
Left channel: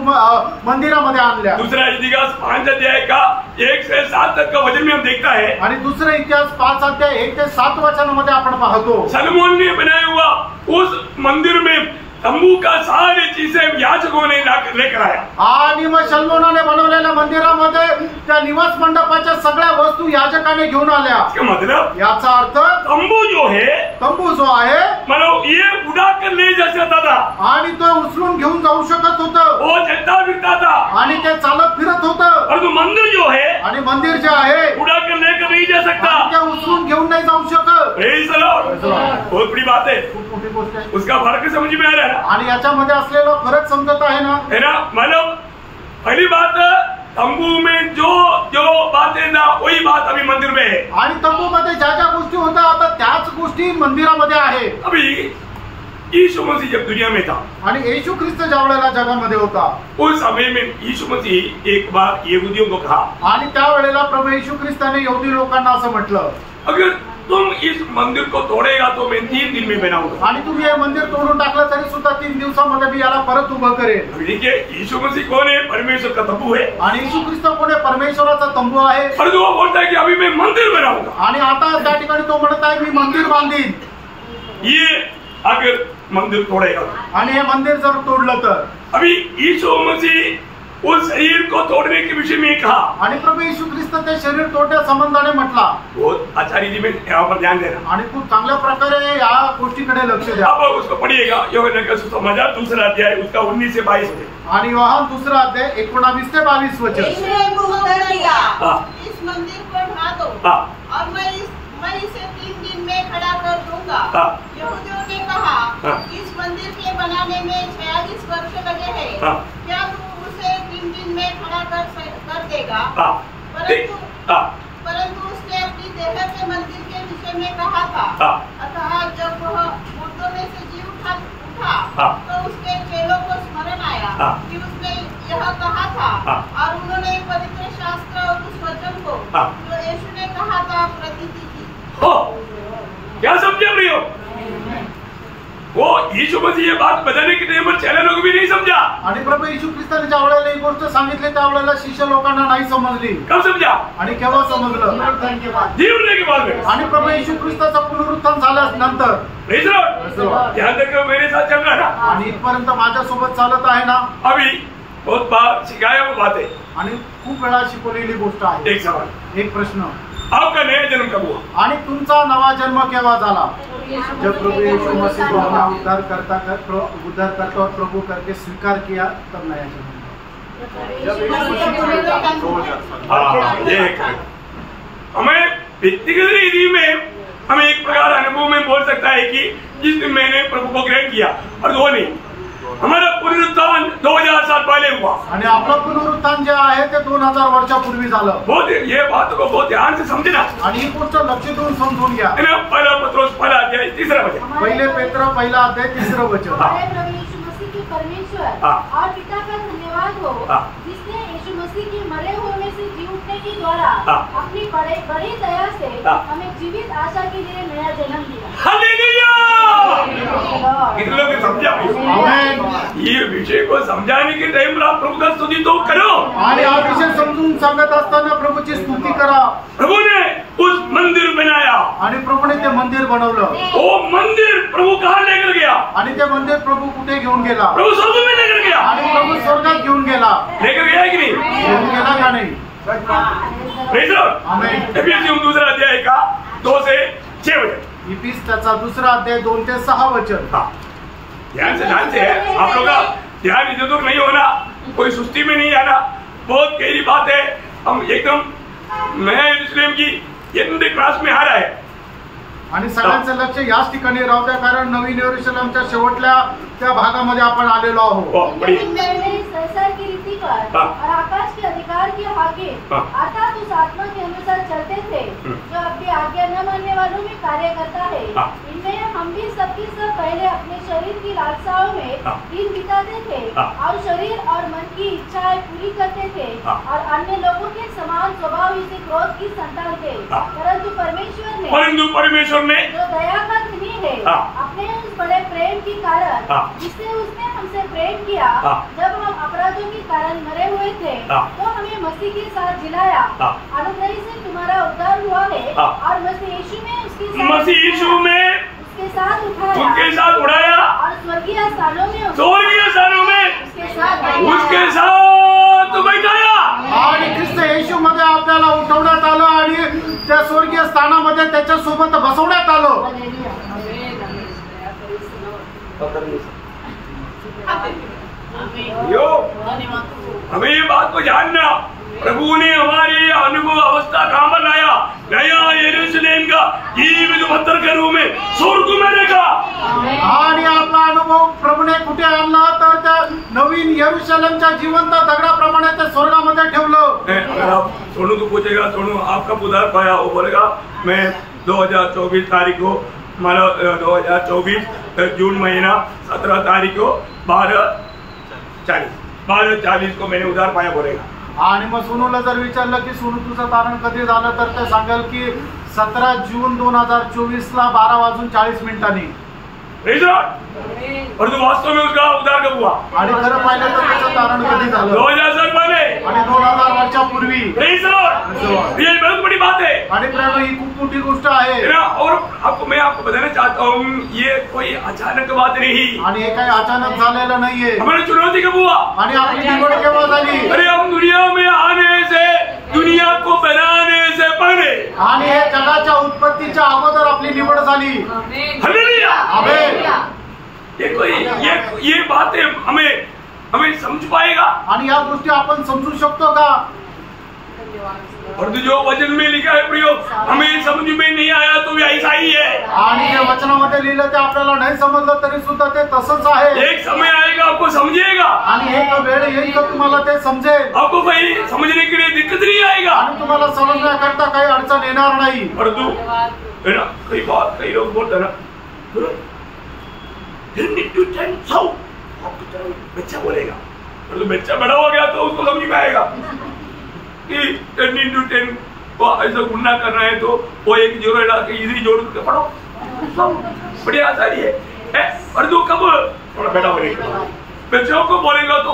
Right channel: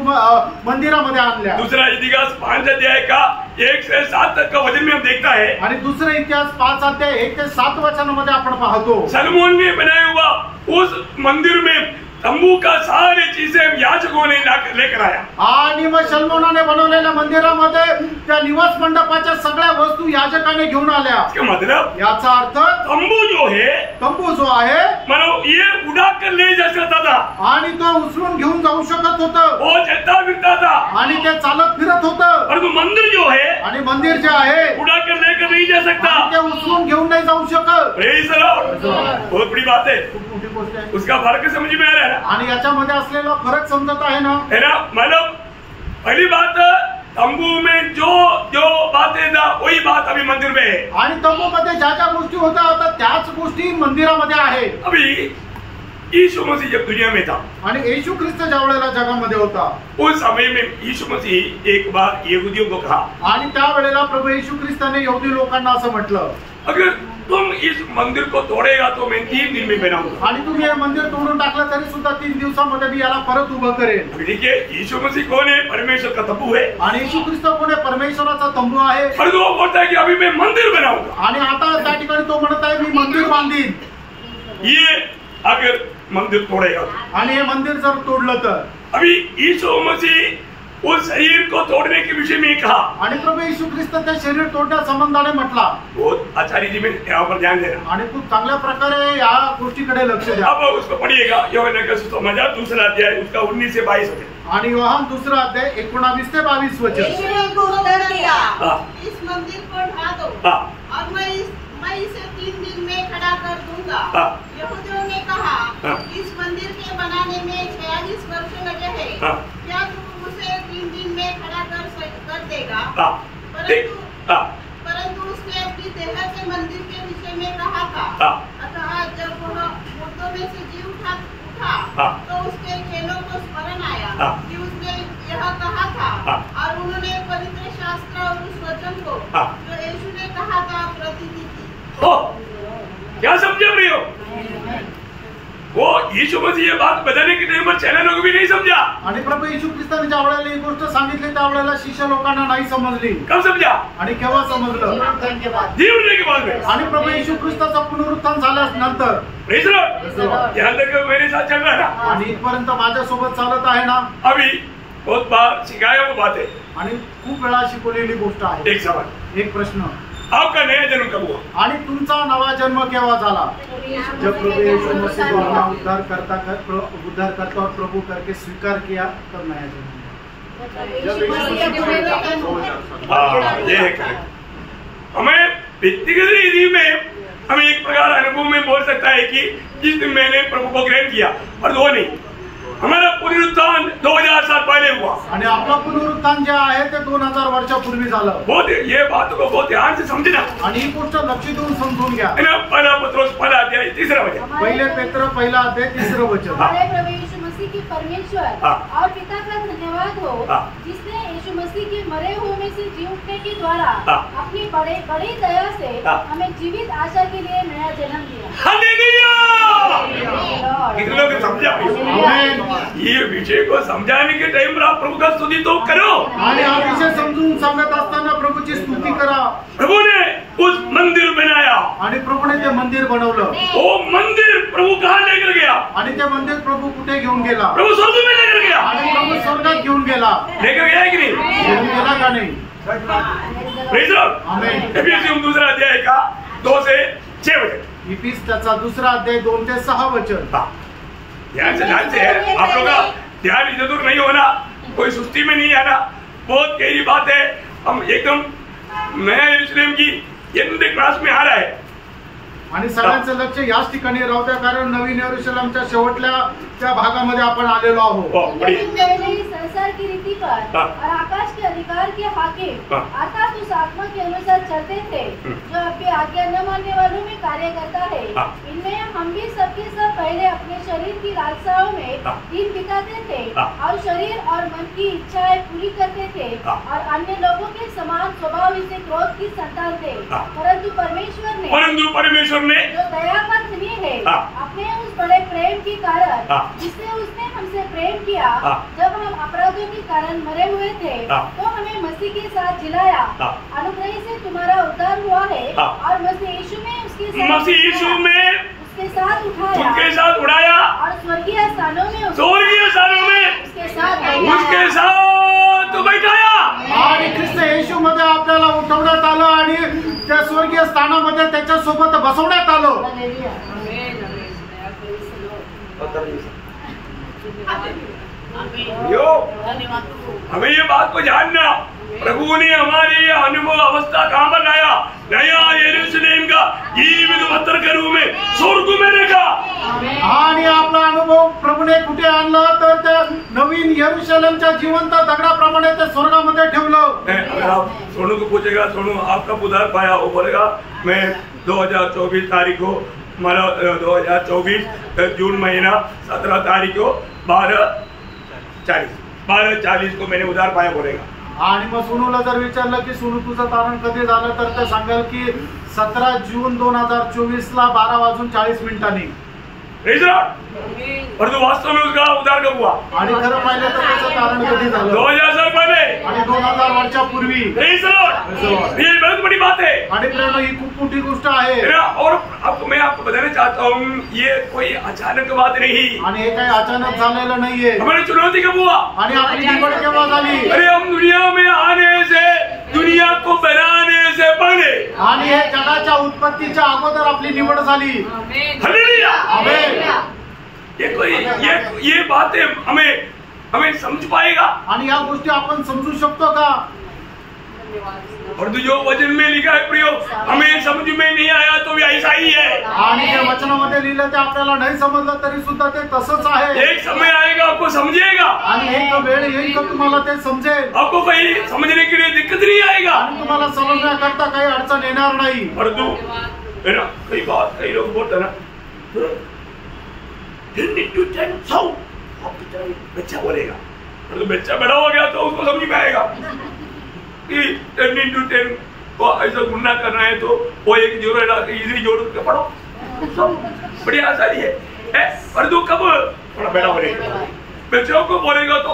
मंदिरामध्ये आणल्या. दूसरा इतिहास 5 अध्याय का 1 से 7 तक का वचन में हम देखता है. आणि दुसरा इतिहास 5 अध्याय 1 ते 7 वचनामध्ये आपण पाहतो. सलोमोन ने बनाया हुआ उस मंदिर में तंबू का सारी चीजें याजकों ने लेकर आया. आणि मग शलोमोनाने बनवलेल्या मंदिरामध्ये त्या निवास मंडपाच्या सगळ्या वस्तू याजकाने घेऊन आल्या. इसका मतलब याचा अर्थ तंबू जो है तंबू जो आहे मतलब ये उड़ा कर ले जा सकता था आणि तो उचलून घेऊन जाऊ शकत होतं. वो चलता फिरता था. आणि ते चालत फिरत होतं. परंतु मंदिर जो है आणि मंदिर जे आहे उड़ा कर लेकर नहीं जा सकता. आणि ते उचलून घेऊन नाही जाऊ शकत. Praise the Lord. Praise the Lord. बहुत बड़ी बात है. खूप मोठी गोष्ट आहे. उसका फर्क समझ में आ रहा है ना? आणि याच्यामध्ये असलेला फरक समजत आहे ना? है ना? मतलब पहली बात तंबू में जो जो बातें था वही बात अभी मंदिर में है. आणि तंबूमध्ये ज्या ज्या गोष्टी होत्या आता त्याच गोष्टी मंदिरामध्ये आहे. अभी यीशु मसीह जब दुनिया में था आणि येशू ख्रिस्त ज्या वेळेला जगामध्ये होता उस समय में यीशु मसीह एक बार यहूदियों को कहा, आणि त्यावेळेला प्रभू येशू ख्रिस्ताने यहुदी लोकांना असं म्हटलं, अगर तुम इस मंदिर को तोड़ेगा तो मैं 3 दिन में बनाऊंगा. आणि तुम्ही हे मंदिर तोडून टाकलं तरी सुद्धा 3 दिवसामध्ये मी याला परत उभं करेन. अभी देखिए यीशु मसीह कौन है? परमेश्वर का तंबू है. आणि येशू ख्रिस्त कोण आहे? परमेश्वराचा तंबू आहे. परंतु वो बोलता है कि अभी मैं मंदिर बनाऊंगा. आणि आता त्या ठिकाणी तो म्हणत आहे मी मंदिर बांधीन. ये अगर मंदिर तोड़ेगा आणि हे मंदिर जर तोडलं तर अभी यीशु मसीह उस शरीर को तोड़ने के विषय में कहा. आणि प्रभू येशू ख्रिस्त ते शरीर तोडण्या संबंधाने म्हटला. बहुत अच्छा रीति में यहाँ पर ध्यान देना. आणि खूप चांगल्या प्रकारे या गोष्टीकडे लक्ष द्या. अब उसको पढ़िएगा यूहन्ना का सुसमाचार 2 अध्याय उसका 19 से 22 वचन. आणि योहान 2 अध्याय 19 ते 22 वचन. यीशु ने उत्तर दिया, हाँ. इस मंदिर को ढा दो हाँ. और मैं इसे 3 दिन में खड़ा कर दूंगा. हाँ. यहूदियों ने कहा, हाँ. इस मंदिर के बनाने में 46 वर्ष लगे हैं. हाँ. क्या तू उसे 3 दिन में खड़ा कर देगा? हाँ. परंतु उसने अपनी देह के मंदिर के विषय में कहा था. हाँ. अतः जब वह मुर्दों में से जी उठा हाँ. तो उसके चेलों को स्मरण आया हाँ. कि उसने यह कहा था. हाँ. और उन्होंने पवित्र शास्त्र और उस वचन को हाँ. जो यीशु ने कहा था प्रतिदिन की. क्या समझे प्रियो? वो यीशु मसीह ये बात बताने के टाइम पर चेले लोग भी नहीं समझा. आणि प्रभू येशू ख्रिस्ताने ज्या वेळेला ही गोष्ट सांगितली त्यावेळेला शिष्य लोकांना नाही समजली. कब समझा? आणि केव्हा समजलं? जीवने के बाद में. आणि प्रभू येशू ख्रिस्ताचा पुनरुत्थान झाल्यानंतर. Praise the Lord. यहाँ तक मेरे साथ चल रहा था. आणि इथपर्यंत माझ्यासोबत चालत आहे ना. अभी बहुत बार सिखाया वो बात है. आणि खूप वेळा शिकवलेली गोष्ट आहे. एक सवाल, एक प्रश्न, आपका नया जन्म कब हुआ? आणि तुमचा नवा जन्म केव्हा झाला? जब प्रभु यीशु मसीह को अपना उद्धार करता और प्रभु करके स्वीकार किया तब नया जन्म हुआ. हाँ, ये है correct. हमें व्यक्तिगत रीति में हमें एक प्रकार अनुभव में बोल सकता है कि जिस दिन मैंने प्रभु को ग्रहण किया, और वो नहीं, हमारा पुनरुत्थान 2000 साल पहले हुआ. आणि आपलं पुनरुत्थान जे आहे ते 2000 वर्षापूर्वी झालं. बहुत ये बात को बहुत ध्यान से समझना. आणि ही गोष्ट लक्ष देऊन समजून घ्या. है ना? पहला पत्रोस 1 अध्याय 3 वचन. पहिले पेत्र 1 अध्याय 3 वचन. हमारे प्रभु यीशु मसीह की परमेश्वर हाँ. और पिता का धन्यवाद हो, हाँ. जिसने यीशु मसीह के मरे हुए से जी उठने के द्वारा हाँ. अपनी बड़ी दया से हाँ. हमें जीवित आशा के लिए नया जन्म दिया. हालेलुया! Lord. कितने लोग समझा? आमेन. ये विषय को समझाने के टाइम पर आप प्रभु का स्तुति तो करो. आणि हा विषय समजून सांगत असताना प्रभूची स्तुती करा. प्रभु ने उस मंदिर बनाया. आणि प्रभूने ते मंदिर बनवलं. वो मंदिर प्रभु कहाँ लेकर गया? आणि ते मंदिर प्रभु कुठे घेऊन गेला? प्रभु स्वर्ग में लेकर गया. आणि प्रभू स्वर्गात घेऊन गेला. लेकर गया कि नहीं? घेऊन गेला का नाही? Praise the Lord. आमेन. एफिसियों 2 अध्याय का 2 से 6 वचन. इफिस त्याचा 2 अध्याय 2 ते 6 वचन. हाँ, ध्यान से है. आप लोग का ध्यान इधर उधर नहीं होना, कोई सुस्ती में नहीं आना. बहुत गहरी बात है. हम एकदम नया यरूशलेम की एंड क्लास में आ रहा है. आणि सगळ्यांचं लक्ष याच ठिकाणी राहू द्या, कारण नवीन यरूशलेमच्या शेवटल्या त्या भागामध्ये आपण आलेलो आहोत। संसार की रीति पर और आकाश के अधिकार के हाकिम अर्थात उस आत्मा के अनुसार चलते थे जो आपकी आज्ञा न मानने वालों में कार्य करता है। इनमें हम भी सबके सब पहले अपने शरीर की लालसाओं में दिन बिताते थे और शरीर और मन की इच्छाएं पूरी करते थे और अन्य लोगों के समान स्वभाव से क्रोध की संतान थे। परंतु परमेश्वर ने जो दया का धनी है अपने उस बड़े प्रेम के कारण जिससे उसने हमसे प्रेम किया, जब हम अपराधों के कारण मरे हुए थे तो हमें मसीह के साथ जिलाया। अनुग्रह से तुम्हारा उद्धार हुआ है और मसीह यीशु में उसके साथ उठाया और स्वर्गीय स्थानों में उसके साथ बैठाया। आणि ख्रिस्त येशू मध्ये आपल्याला उठवण्यात आलं आणि त्या स्वर्गीय स्थानामध्ये त्याच्या सोबत बसवण्यात आलं। हमें ये बात को जानना, प्रभु ने हमारे अनुभव अवस्था कहाँ पर लाया? नया यरूशलेम का जीवित पत्थर के रूप में स्वर्ग में रखा। आणि आपला अनुभव प्रभूने कुठे आणला तर त्या नवीन यरूशलेमच्या जिवंत दगडाप्रमाणे ते स्वर्गामध्ये ठेवलं। अगर आप सोनू को पूछेगा, सोनू आपका उद्धार पाया, वो बोलेगा मैं 2024 तारीख को, हमारा 2024 जून महीना 17 तारीख को 12:40 को मैंने उद्धार पाया बोलेगा। आणि मग सोनूला जर विचारलं की सोनू तुझं तारण कधी झालं तर ते सांगेल की 17 जून 2024 ला 12:40 और तो वास्तव में उसका उद्धार कब हुआ? आणि खरं पाहिलं तर त्याचं तारण कधी झालं? 2000 साल पहले आणि 2000 वर्षापूर्वी। ये बहुत बड़ी बात है आणि प्रेरणा ही खूप मोठी गोष्ट आहे। और मैं आपको बताना चाहता हूँ, ये कोई अचानक बात नहीं, आणि हे काही अचानक झालेलं नाहीये। हमारी चुनौती कब हुआ? आणि आपली निवड केव्हा झाली? अरे हम दुनिया में आने से, दुनिया को बनाने से पहले, आणि हे जगाच्या उत्पत्तीच्या अगोदर आपली निवड झाली। हालेलुया, आमेन। ये बातें हमें समझ पाएगा? आणि या गोष्टी आपण समजू शकतो का? और जो वचन में लिखा है प्रियो, हमें समझ में नहीं आया तो भी ऐसा ही है। आणि जे वचनामध्ये लिहिलं ते आपल्याला नाही समजलं तरी सुद्धा ते तसंच आहे। एक समय आएगा आपको समझेगा, आणि एक वेळ येईल का तुम्हाला ते समजेल। आपको कहीं समझने के लिए दिक्कत नहीं आएगा, आणि तुम्हाला समजण्याकरता काही अडचण येणार नाही। परंतु कई लोग बोलते ना, बच्चा बोलेगा, परंतु बच्चा बड़ा हो गया तो उसको समझ में आएगा कि 10 को ऐसा गुना करना है तो वो एक जोड़ इधर जोड़ के पढ़ो, सब बड़ी आसानी है। पर तू कब थोड़ा बेटा बोलेगा, बच्चों को बोलेगा तो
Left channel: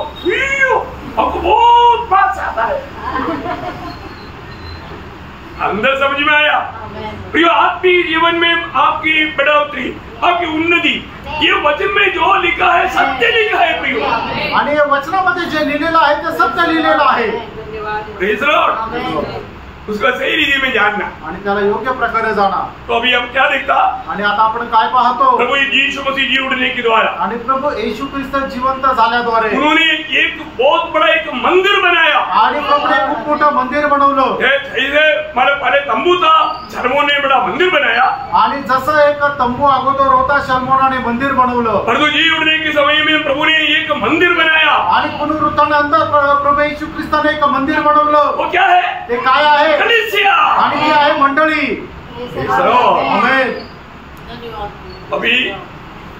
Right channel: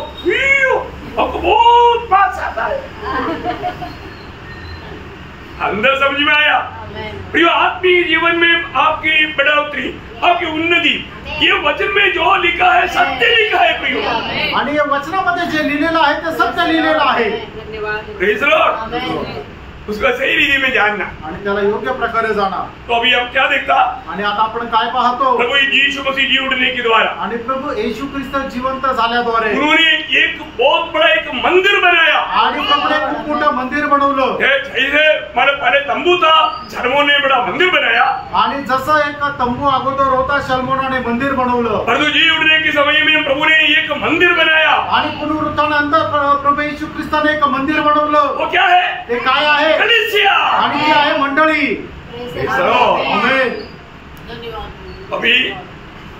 हमको बहुत पास आता है, अंदर समझ में आया। प्रिय आत्मीय जीवन में आपकी बढ़ोतरी, आपकी उन्नति, ये वचन में जो लिखा है सत्य लिखा है प्रिय, आणि या वचनामध्ये जे लिहिलेलं आहे ते सत्य लिहिलेलं आहे। प्रेज लॉर्ड, उसको सही रीति में जानना आणि त्याला योग्य प्रकारे जाणा। तो अभी हम क्या देखता? आणि आता आपण काय पाहतो? प्रभु यीशु मसीह जी उठने के द्वारा, आणि प्रभु येशू ख्रिस्त जिवंत झाल्याद्वारे उन्होंने एक बहुत बड़ा एक मंदिर बनाया। आणि प्रभूने खूप मोठं मंदिर बनवलं। हमारे पहले तंबू था, शलमोन ने बड़ा मंदिर बनाया। आणि जसं एक तंबू अगोदर होता, शलमोनाने मंदिर बनवलं। प्रभु जी उठने के समय में प्रभु ने एक मंदिर बनाया। आणि पुनरुत्थानानंतर प्रभु येशू ख्रिस्ताने एक मंदिर बनवलं। वो क्या है? ते काय आहे? कलीसिया, आणि ती आहे मंडळी। आमेन। अभी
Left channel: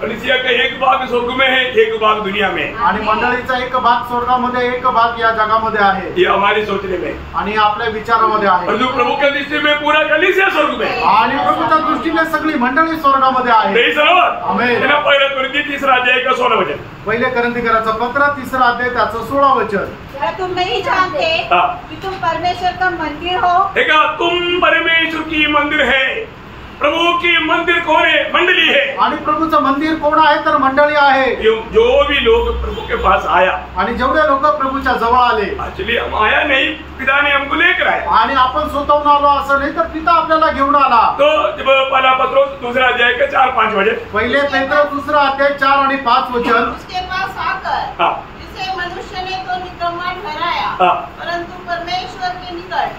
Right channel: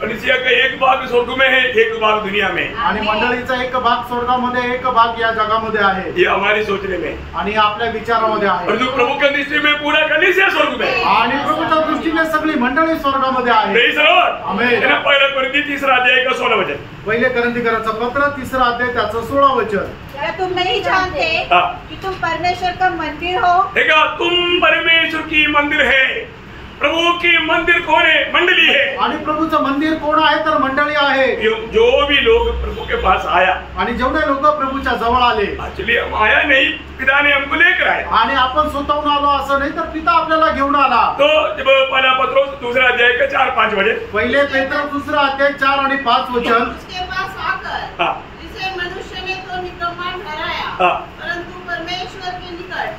कलीसिया का एक भाग स्वर्ग में है, एक भाग दुनिया में, आणि मंडळीचा एक भाग स्वर्गामध्ये, एक भाग या जगामध्ये आहे। ये हमारी सोचने में, आणि आपल्या विचारामध्ये आहे। परंतु प्रभु के दृष्टि में पूरा कलीसिया स्वर्ग में, आणि प्रभूच्या दृष्टीने सगळी मंडळी स्वर्गामध्ये आहे। प्रेज लॉर्ड, आमेन। पहले कोरिन्थी 3 अध्याय का 16 वचन, पहिले कोरिन्थीकरांचं पत्र 3 अध्याय त्याचं 16 वचन। क्या तुम नहीं जानते कि तुम परमेश्वर का मंदिर हो? देखा, तुम परमेश्वर की मंदिर है। प्रभु की मंदिर कौन है? मंडली है। आणि प्रभूचं मंदिर कोण आहे तर मंडळी आहे। जो भी लोग प्रभु के पास आया, आणि जेवढे लोक प्रभूच्या जवळ आले, एक्चुअली हम आया नहीं, पिता ने हमको लेकर आया, आणि आपण स्वतःहून आलो असं नाही तर पिता आपल्याला घेऊन आला। तो जब पहला पत्रोस 2 अध्याय का 4-5 वचन, पहिले पेत्र 2 अध्याय 4 आणि 5 वचन, उसके पास आकर जिसे मनुष्य ने तो निकम्मा ठहराया, परंतु परमेश्वर के निकट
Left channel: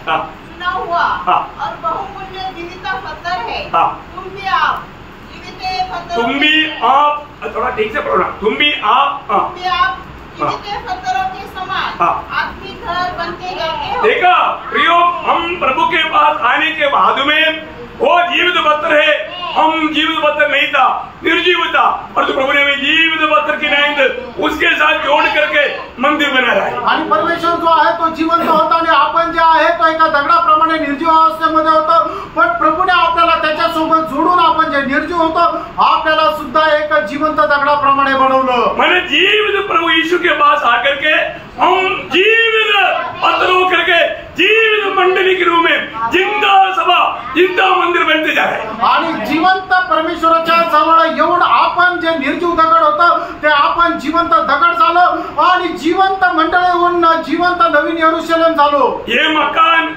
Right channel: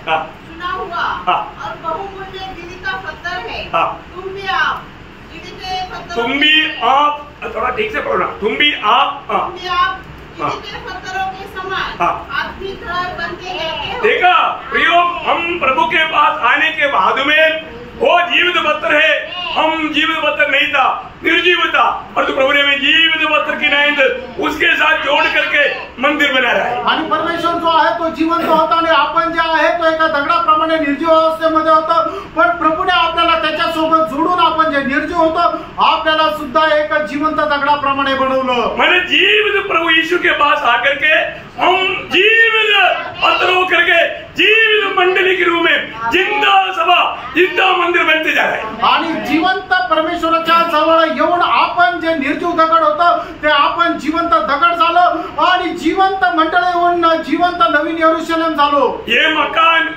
चुना हुआ और बहुमूल्य जीवित पत्थर है। तुम भी आप जीवित पत्थरों, तुम भी आप, थोड़ा ठीक से पढ़ना, तुम भी आप जीवित पत्थरों के समान आपकी घर बनते जाते हो। देखा प्रियो, हम प्रभु के पास आने के बाद में वो जीवित पत्थर है, हम जीवित पत्थर नहीं था, निर्जीव था, और तो प्रभु ने हमें जीवित पत्थर की नाइंद उसके साथ जोड़ करके मंदिर बना रहा है। आणि परमेश्वर जो आहे तो जिवंत होता आणि आपण जे आहे तो एका दगडाप्रमाणे निर्जीव अवस्थेमध्ये होतो, पण प्रभूने आपल्याला त्याच्यासोबत जोडून आपण जे निर्जीव होतो आपल्याला सुद्धा एक जिवंत दगडाप्रमाणे बनवलं। मैंने जीवित प्रभु यीशु के पास आकर के हम जीवित पत्थरों करके जीवित मंडली के रूप में जिंदा सभा, जिंदा मंदिर बनते जा रहे हैं। आणि जिवंत परमेश्वराच्या जवळ येऊन आपण जे निर्जीव दगड होतं ते आपण जिवंत दगड झालो आणि जिवंत मंडळी होऊन जिवंत नवीन यरूशलेम झालो। ये मकान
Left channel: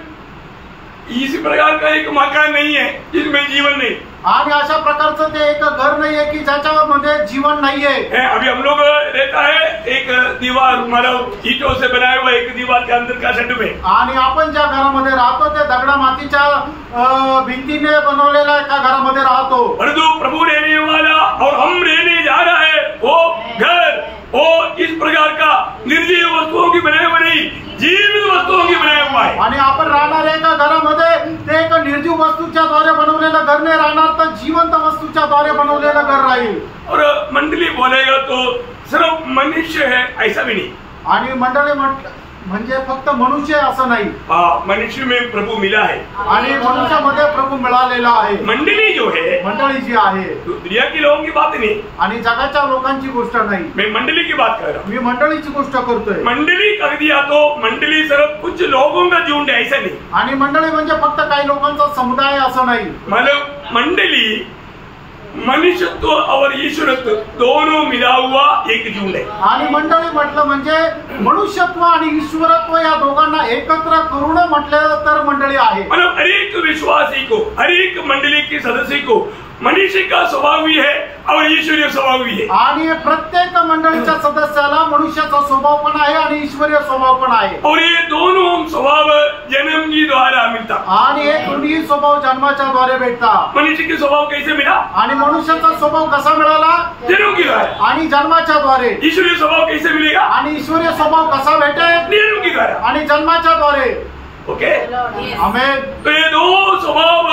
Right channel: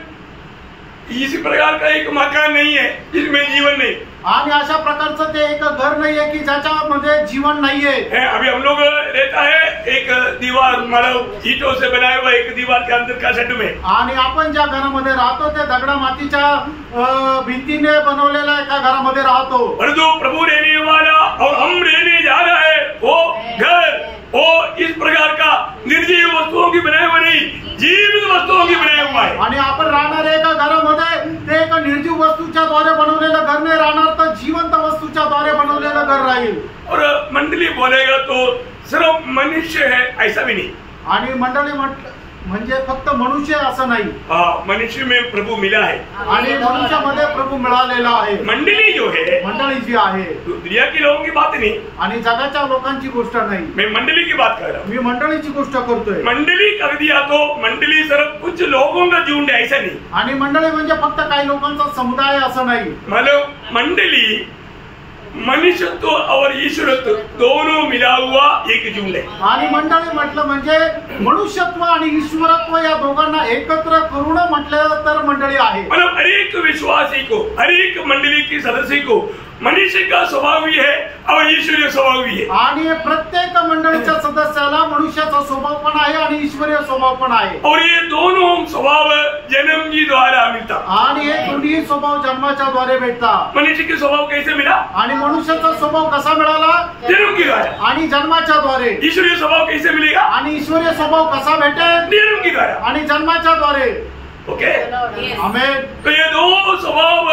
इसी प्रकार का एक मकान नहीं है जिसमें जीवन नहीं, आणि अशा प्रकारचं ते एक घर नाहीये की ज्याच्यामध्ये जीवन नाहीये। अभी हम लोग रहता है एक दीवार, मतलब ईंटों से बनाया हुआ एक दीवार के अंदर का सेट में, आणि आपण ज्या घरामध्ये राहतो ते दगडा मातीच्या भिंतीने बनवलेल्या एका घरामध्ये राहतो। परंतु प्रभु रहने वाला और हम रहने जा रहा है वो घर, वो इस प्रकार का निर्जीव वस्तुओं की बनाया हुआ नहीं, जीवित वस्तुओं की बनाया हुआ है। आणि आपण राहणार एका घरामध्ये ते एक निर्जीव वस्तूच्या द्वारे बनवलेलं घर नाही राहणार, तर जिवंत वस्तूच्या द्वारे बनवलेलं घर राहील। और मंडली बोलेगा तो सिर्फ मनुष्य है ऐसा भी नहीं, आणि मंडळी म्हणजे फक्त मनुष्य असं नाही, मनुष्य में प्रभु मिला है आणि मनुष्यामध्ये प्रभु मिळालेला आहे। मंडली जो है, मंडळी जी आहे, दुनिया के लोगों की बात नहीं, आणि जगाच्या लोकांची गोष्ट नाही, मैं मंडली की बात कर रहा हूँ। मी मंडळीची गोष्ट करतोय। मंडली कर दिया तो मंडली सिर्फ कुछ लोगों का झुंड है ऐसा नहीं, आणि मंडळी म्हणजे फक्त काही लोकांचा समुदाय असं नाही, मतलब मंडली मनुष्यत्व और ईश्वरत्व दोनों मिला हुआ एक झुंड है। आणि मंडळी म्हटलं म्हणजे मनुष्यत्व आणि ईश्वरत्व या दोघांना एकत्र करून म्हटलं तर मंडळी आहे। मतलब हर एक विश्वासी को, हर एक मंडली के सदस्य को मनुष्य का स्वभाव भी है और ईश्वरीय स्वभाव भी है। आणि प्रत्येक मंडळीच्या सदस्याला मनुष्याचा स्वभाव पण आहे आणि ईश्वरीय स्वभाव पण आहे, और ये दोनों स्वभाव जन्म के द्वारा मिलता। आणि हे दोन्ही स्वभाव जन्माच्या द्वारे भेटतात। मनुष्य के स्वभाव कैसे मिला? आणि मनुष्याचा स्वभाव कसा मिळाला? जन्म के द्वारा। आणि जन्माच्या द्वारे। ईश्वरीय स्वभाव कैसे मिलेगा? आणि ईश्वरीय स्वभाव कसा भेटेल? जन्म के द्वारा आणि जन्माच्या द्वारे। ओके, आमेन। तो ये दो स्वभाव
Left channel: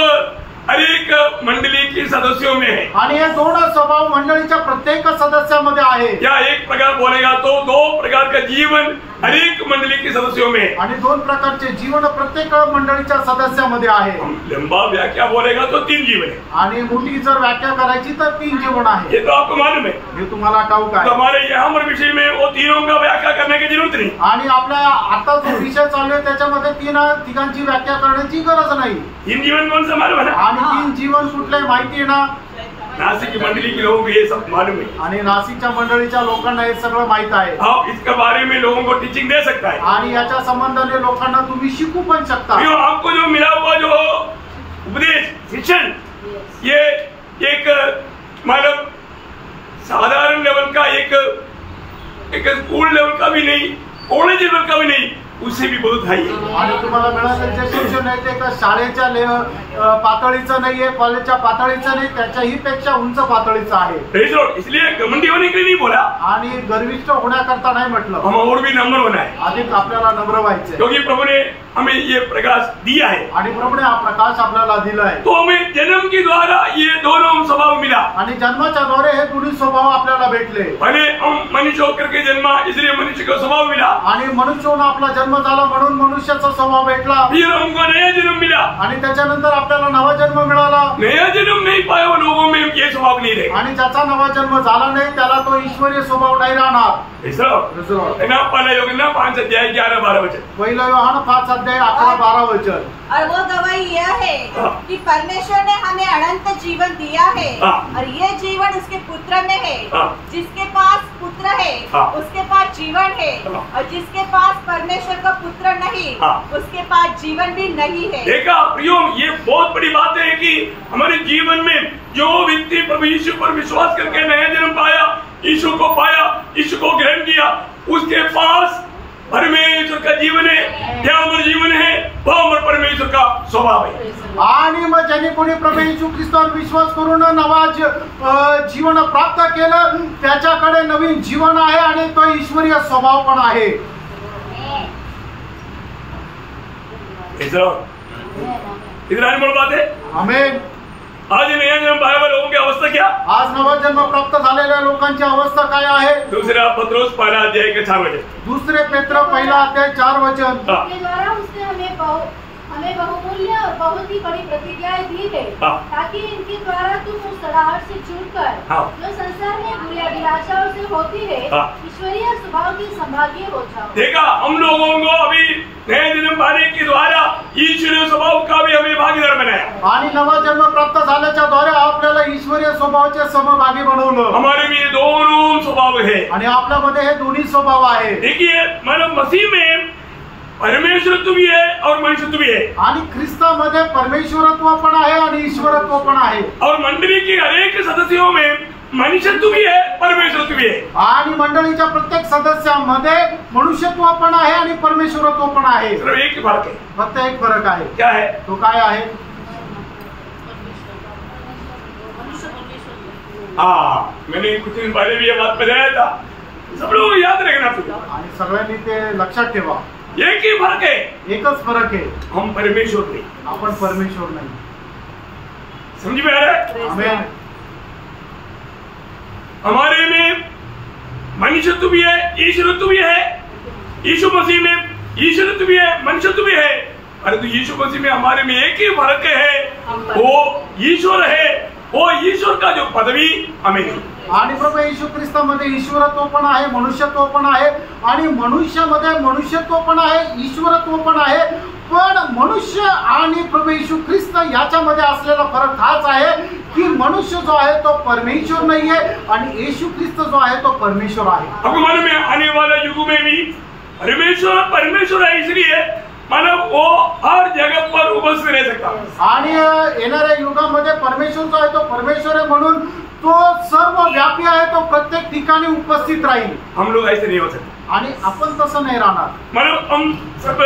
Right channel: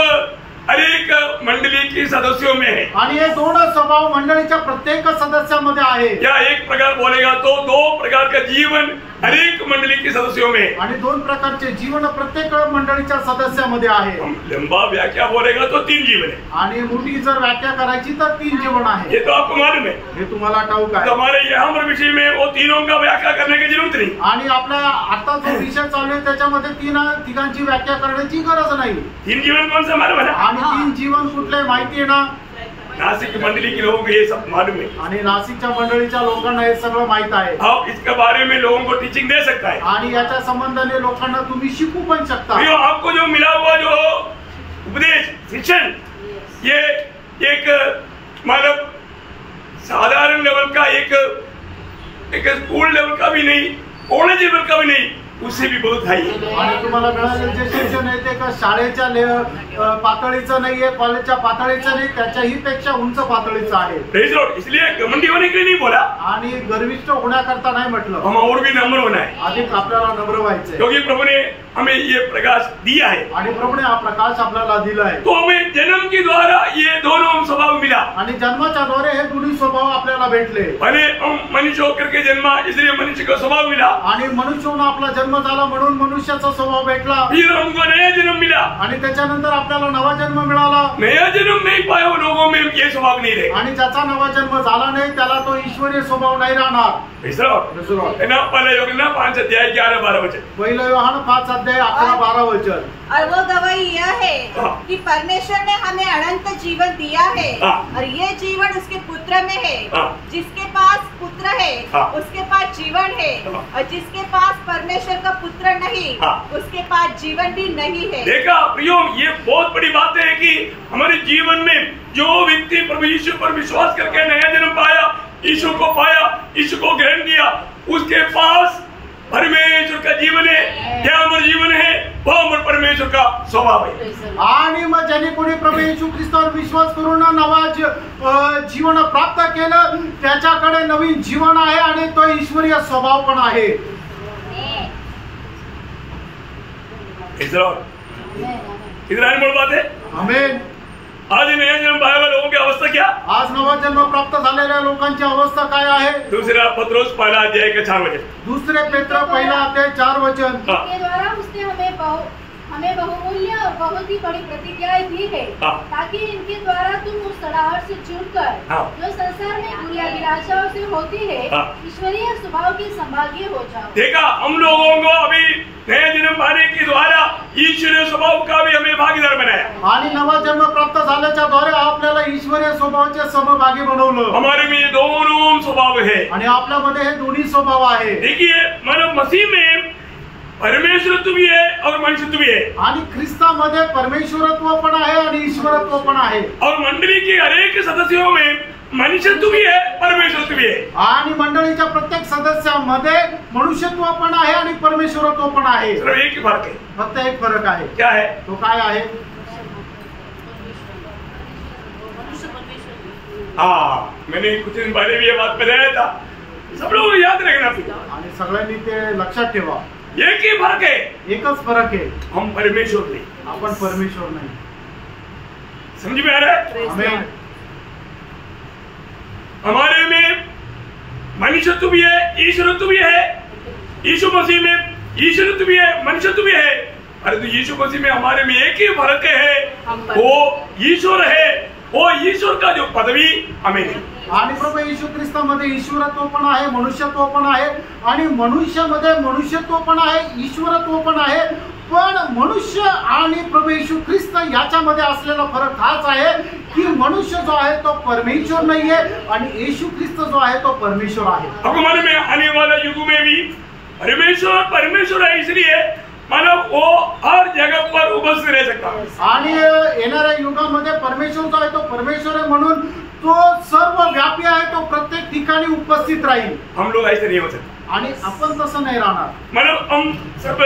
अनेक मंडली के सदस्यों में है, आणि हे दोन स्वभाव मंडळीच्या प्रत्येक सदस्यामध्ये आहे। या एक प्रकार बोलेगा तो दो प्रकार का जीवन अनेक मंडली के सदस्यों में, आणि दोन प्रकारचे जीवन प्रत्येक मंडळीच्या सदस्यामध्ये आहे। लंबा व्याख्या बोलेगा तो तीन जीवन है, आणि मोठी जर व्याख्या करायची तर तीन जीवन आहे। ये तो आपको मालूम है, हे तुम्हाला ठाऊक आहे। तो हमारे यहाँ पर विषय में वो तीनों का व्याख्या करने की जरूरत नहीं। आणि आपल्या आता जो विषय चालू आहे त्याच्यामध्ये तिघांची व्याख्या करण्याची गरज नाही। तीन जीवन कौन सा मालूम है ना? आणि तीन जीवन कुठले माहिती आहे ना? नासिक की मंडली के लोगों को ये सब मालूम है, आणि नाशिकच्या मंडळीच्या लोकांना हे सगळं माहित आहे। आप इसके बारे में लोगों को टीचिंग दे सकता है, आणि याच्या संबंधाने लोकांना तुम्ही शिकू पण शकता। आपको जो मिला हुआ जो उपदेश शिक्षण, ये एक मतलब साधारण लेवल का एक स्कूल लेवल का भी नहीं, कॉलेज लेवल का भी नहीं, उससे भी बहुत हाई है। आणि तुम्हाला मिळालेलं जे शिक्षण आहे ते शाळेच्या पातळीचं नाहीये, कॉलेजच्या पातळीचं नाही, त्याच्याही पेक्षा उंच पातळीचं आहे। इसलिए घमंडी होने के लिए नहीं बोला, आणि गर्विष्ठ होण्याकरता नाही म्हटलं, हम और भी नम्र होना है, अधिक आपल्याला नम्र व्हायचंय, क्योंकि प्रभु ने हमें ये प्रकाश दिया है, आणि प्रभूने हा प्रकाश आपल्याला दिला आहे। तो हमें जन्म के द्वारा ये दोनों स्वभाव मिला, आणि जन्माच्या द्वारे हे दोन्ही स्वभाव आपल्याला भेटले। पहले हम मनुष्य होकर के जन्मा, इसलिए मनुष्य का स्वभाव मिला, आणि मनुष्य होऊन आपला जन्म झाला म्हणून मनुष्याचा स्वभाव भेटला। फिर हमको नया जन्म मिला, आणि त्याच्यानंतर आपल्याला नवा जन्म मिळाला। नया जन्म नहीं पाया वो लोगों में ये स्वभाव नहीं रहेगा, आणि ज्याचा नवा जन्म झाला नाही त्याला तो ईश्वरीय स्वभाव नाही राहणार। पहला योगना 5 अध्याय 11-12 वचन, पहिला योहान 5 अध्याय 11-12 वचन। और वो गवाही यह है कि परमेश्वर ने हमें अनंत जीवन दिया है, और ये जीवन उसके पुत्र में है। जिसके पास पुत्र है उसके पास जीवन है, और जिसके पास परमेश्वर का पुत्र नहीं उसके पास जीवन भी नहीं है। देखा प्रियो, ये बहुत बड़ी बात है कि हमारे जीवन में जो व्यक्ति प्रभु यीशु पर विश्वास करके नया जन्म पाया, यीशु को पाया, यीशु को ग्रहण किया, उसके पास परमेश्वर का जीवन है, क्या अमर जीवन है, वो अमर परमेश्वर परमेश्वर का स्वभाव है। आणि मग ज्यांनी कोणी प्रभू येशू ख्रिस्तावर विश्वास करून नवा जीवन प्राप्त केलं त्याच्याकडे नवीन जीवन आहे आणि तो ईश्वरीय स्वभाव पण आहे। इधर आने बोल बात है। आमेन। आज नया जन्म पाने वाले लोगों की अवस्था क्या? आज नवा जन्म प्राप्त झालेल्या लोकांची अवस्था काय आहे? दूसरा पत्रोस पहला अध्याय के 4 वचन। दुसरे पेत्र पहिला अध्याय 4 वचन। के द्वारा उसने हमें बहुमूल्य और बहुत ही बड़ी प्रतिज्ञाएं दी है ताकि इनके द्वारा तुम उस सड़ाहट से छूटकर जो संसार में बुरी अभिलाषाओं से होती है ईश्वरीय स्वभाव के संभागी हो जाओ। देखा, हम लोगों को अभी नए जन्म पाने के द्वारा ईश्वरीय स्वभाव का भी हमें भागीदार बनाया आणि नवा जन्म प्राप्त झाल्याच्या द्वारे आपल्याला ईश्वरीय स्वभावाचे सहभागी बनवलं। हमारे में दोनों स्वभाव है आणि आपल्यामध्ये हे दोन्ही स्वभाव आहे। देखिए, मतलब मसीह में परमेश्वरत्व भी है और मनुष्यत्व भी है आणि ख्रिस्तामध्ये परमेश्वरत्व पण आहे आणि ईश्वरत्व पण आहे और मंडली के अनेक सदस्यों में मनुष्यत्व भी है परमेश्वरत्व भी है आणि मंडळीच्या प्रत्येक सदस्यामध्ये मनुष्यत्व पण आहे आणि परमेश्वरत्व पण आहे। सिर्फ एक ही फर्क है। फक्त एक फरक आहे। क्या है? तो काय आहे? हाँ, मैंने कुछ दिन पहले भी ये बात बताया था, सब लोग याद रखना फिर। आणि सगळ्यांनी ते लक्षात ठेवा, एक ही फर्क है, एकच फरक आहे, हम परमेश्वर नहीं, आपण परमेश्वर नाही। समझ में आ रहा है? आमेन। हमारे में मनुष्यत्व भी है, ईश्वरत्व भी है। यीशु मसीह में ईश्वरत्व भी है, मनुष्यत्व भी है, परंतु यीशु मसीह में हमारे में एक ही फर्क है, वो ईश्वर है, वो ईश्वर का जो पदवी हमें नहीं। आणि प्रभू येशू ख्रिस्तामध्ये ईश्वरत्व पण आहे, मनुष्यत्व पण आहे आणि मनुष्यामध्ये मनुष्यत्व पण आहे, ईश्वरत्व पण आहे। पण मनुष्य आणि प्रभू येशू ख्रिस्त याच्यामध्ये असलेला फरक हाच आहे की मनुष्य जो आहे तो परमेश्वर नाही आहे आणि येशू ख्रिस्त जो आहे तो परमेश्वर आहे। अब मन में आने वाला युग में भी परमेश्वर है, इसलिए मानव वो हर जगह पर उपस्थित रह सकता। आणि येणाऱ्या युगामध्ये परमेश्वर जो आहे तो परमेश्वर आहे म्हणून तो सर्व व्यापी आहे, तो प्रत्येक ठिकाणी उपस्थित राहील। हम लोग ऐसे नहीं हो सकते आणि आपण तसं नाही राहणार। मतलब हम सब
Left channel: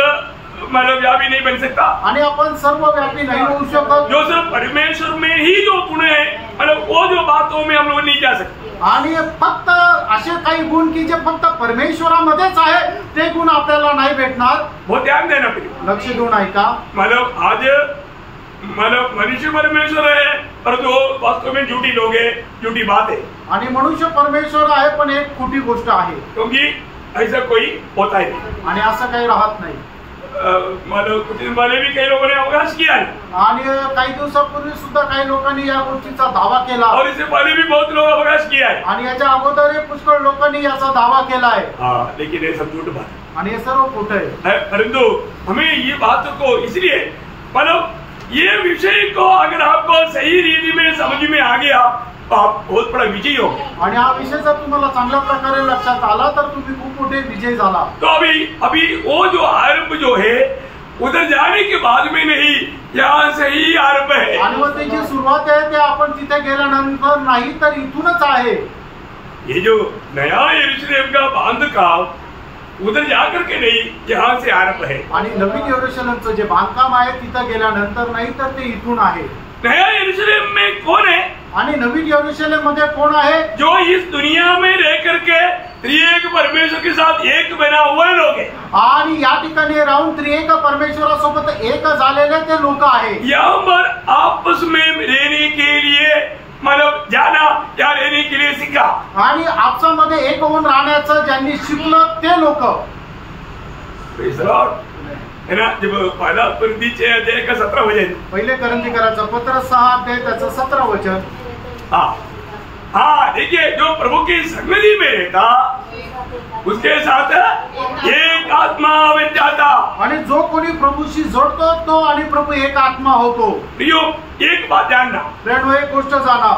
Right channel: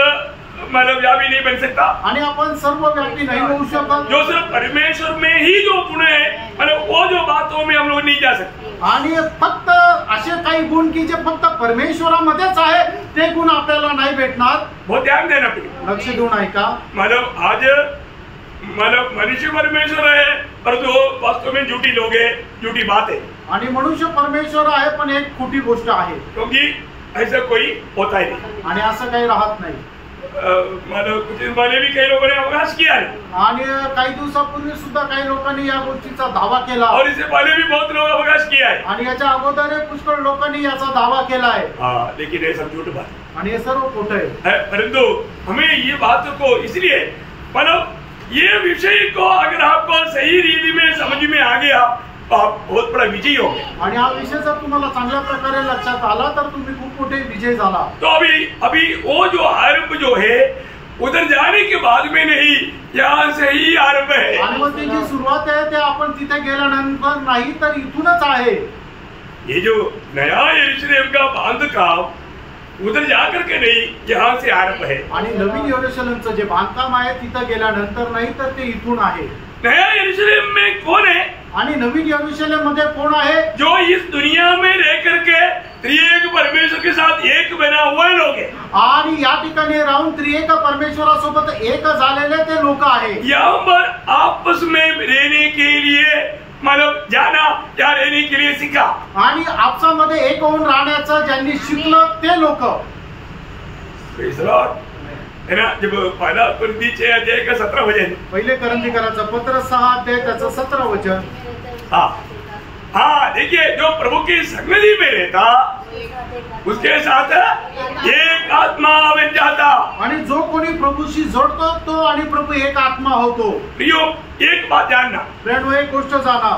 मतलब व्यापी नहीं बन सकता आणि आपण सर्व व्यापी नाही होऊ शकत। जो सिर्फ परमेश्वर में ही जो गुण है, मतलब वो जो बातों में हम लोग नहीं जा सकते। आणि फक्त असे काही गुण की जे फक्त परमेश्वरामध्येच आहे ते गुण आपल्याला नाही भेटणार। बहुत ध्यान देना पड़ेगा। लक्ष देऊन ऐका। मतलब आज मनुष्य परमेश्वर है, परंतु वास्तव में झूठी लोग है, झूठी बात है। आणि मनुष्य परमेश्वर आहे पण एक खोटी गोष्ट आहे, क्योंकि ऐसा कोई होता ही नहीं आणि असं काही राहत नाही। मतलब कुछ दिन पहले भी कई लोगों ने अवकाश किया है आणि काही दिवसापूर्वी सुद्धा काही लोकांनी या गोष्टीचा दावा केला और इससे पहले भी बहुत लोग अवकाश किया है आणि याच्या अगोदर पुष्कळ लोकांनी याचा दावा केला आहे। हाँ, लेकिन ये सब झूठ बात है आणि हे सर्व खोटं आहे। परंतु हमें ये बात को इसलिए मतलब ये विषय को अगर आपको सही रीति में समझ में आ गया तो आप बहुत बड़ा विजयी हो। आणि हा विषय जर तुम्हाला चांगल्या प्रकारे लक्षात आला तर तुम्ही खूप मोठे विजय झाला। तो अभी वो जो आरंभ जो है उधर जाने के बाद में नहीं, यहाँ से ही आरंभ है। आणि मग त्याची सुरुवात आहे ते आपण तिथे गेल्यानंतर नाही तर इथूनच आहे। ये जो नया यरूशलेम का बांधकाम उधर जाकर के नहीं, यहाँ से आरंभ है। आणि नवीन यरूशलेमचं जे बांधकाम आहे तिथं गेल्यानंतर नाही तर ते इथून आहे। नया यरूशलेम में कौन है? आणि नवीन यरूशलेम मध्ये कोण आहे? जो इस दुनिया में रह करके त्रिएक परमेश्वर के साथ एक बना हुए लोग हैं। आणि या ठिकाणी राहून त्रिएक परमेश्वरासोबत एक झालेले ते लोक आहे। यहाँ पर आपस में रहने के लिए मतलब जाना या रहने के लिए सीखा आणि आपसामध्ये एक होऊन राहण्याचं ज्यांनी शिकलं ते लोक। है ना, जब पहला परिचय अध्याय का 17 वचन, पहिले करंथीकराचं पत्र 6 अध्याय त्याचं 17 वचन। हाँ, देखिए, जो प्रभु की संगति में रहता उसके साथ एक आत्मा बन जाता। आणि जो कोणी प्रभूशी जोडतो तो आणि प्रभू एक आत्मा होतो। प्रियो, एक बात जानना, प्रेरणो एक गोष्ट जाना,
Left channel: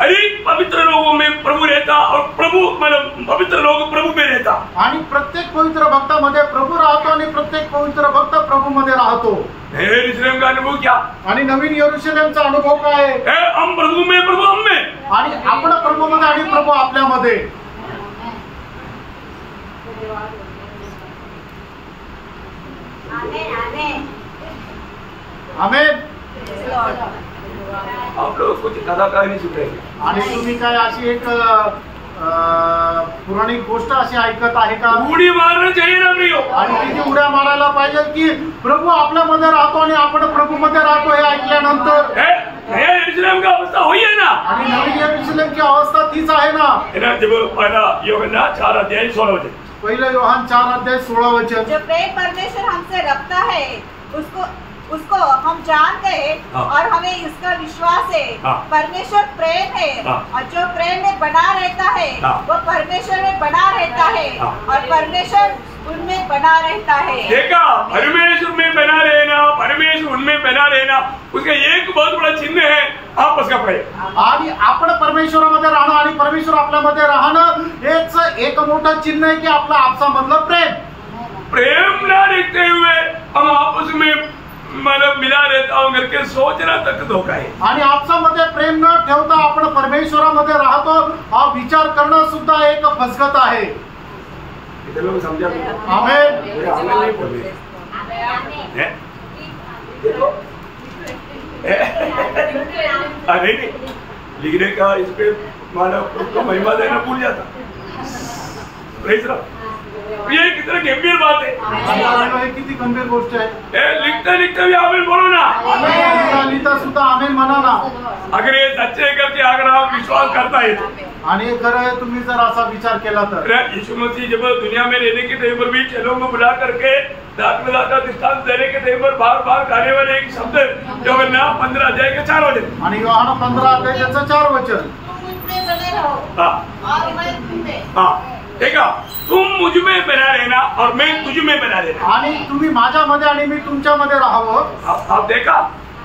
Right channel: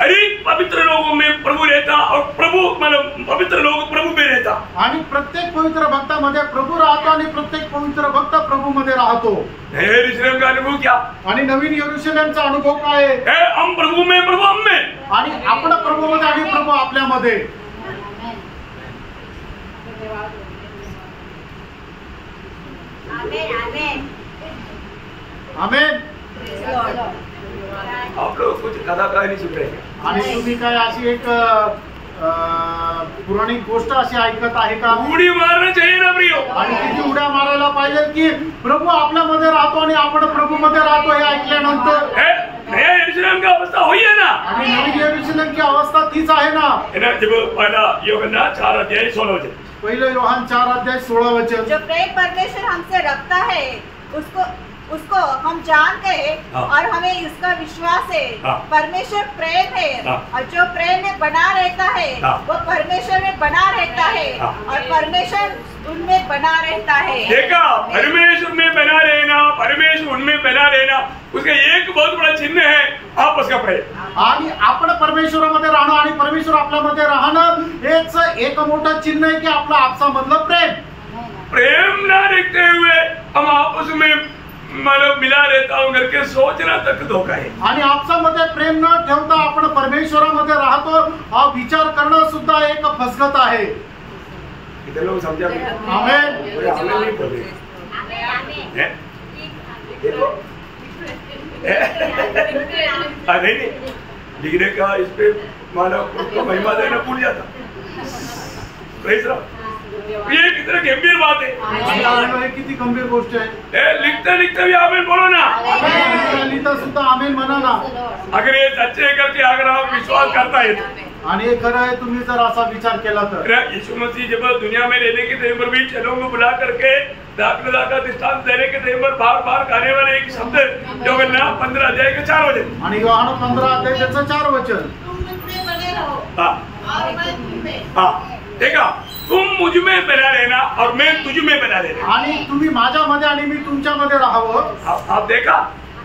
अनेक पवित्र लोगों में प्रभु रहता और प्रभु मतलब पवित्र लोग प्रभु में रहता। आणि प्रत्येक पवित्र भक्तामध्ये प्रभू राहतो आणि प्रत्येक पवित्र भक्त प्रभू मध्ये राहतो। नए यरूशलेम का अनुभव क्या? आणि नवीन यरूशलेमचा अनुभव काय आहे? हम प्रभु में, प्रभु हम में, आणि आपण प्रभू मध्ये आणि प्रभू आपल्यामध्ये। आमेन. आप लोग कुछ कथा कहानी सुन रहे हैं. आणि तुम्ही काय अशी एक पौराणिक गोष्ट अशी ऐकत आहे का? उडी मारणं चाहिए ना प्रियो. आणि किती उड्या मारायला पाहिजे की प्रभू आपल्यामध्ये राहतो आणि आपण प्रभू मध्ये राहतो हे ऐकल्यानंतर. नया यरूशलेम का अवस्था हुई है ना. आणि नवीन यरूशलेम की अवस्था तीच आहे ना. जब पहला यूहन्ना 4:16 पहिलं योहान 4:16 जो प्रेम परमेश्वर हमसे रखता है उसको हम जानते हैं और हमें इसका विश्वास है. परमेश्वर प्रेम है और जो प्रेम में बना रहता है वो परमेश्वर में बना रहता है और परमेश्वर उनमें बना रहता है. देखा, परमेश्वर में बना रहना, परमेश्वर उनमें बना रहना, उसका एक बहुत बड़ा चिन्ह है आपस का प्रेम. आणि आपण परमेश्वरामध्ये राहणं आणि परमेश्वर आपल्यामध्ये राहणं हेच एक मोठं चिन्ह आहे की आपला आपसामधलं प्रेम. प्रेम ना देखते हुए हम आपस में मतलब मिला रहता हूँ करके सोचना तक धोखा है. आणि आपसामध्ये प्रेम न ठेवता आपण परमेश्वरामध्ये राहतो हा विचार करणं सुद्धा एक फसगत आहे. इधर लोग समझा. आमेन. आमेन नहीं बोल रहे. देखो नहीं लिखने का इस पे मानव को महिमा देना भूल जाता. ये कितना गंभीर बात है. हे किती गंभीर गोष्ट आहे. लिखता लिखता भी आमेन बोलो ना. लिहिता सुद्धा आमेन म्हणा ना. अगर ये सच्चे करके अगर आप विश्वास करता है आणि हे खरं आहे तुम्ही जर असा विचार केला तर. यीशु मसीह जब दुनिया में रहने के टाइम पर भी चेलों को बुला करके दाखमदा का दृष्टांत देने के टाइम पर बार बार गाने वाले एक शब्द यूहन्ना 15 अध्याय के 4 वचन. आणि योहान 15 अध्याय त्याचं 4 वचन. मुझमें बने रहो और मैं तुम में. देखा, तुम मुझ में बना रहना और मैं तुझ में बना रहना. आणि तुम्ही माझ्यामध्ये आणि मी तुमच्यामध्ये राहावं. आप देखा,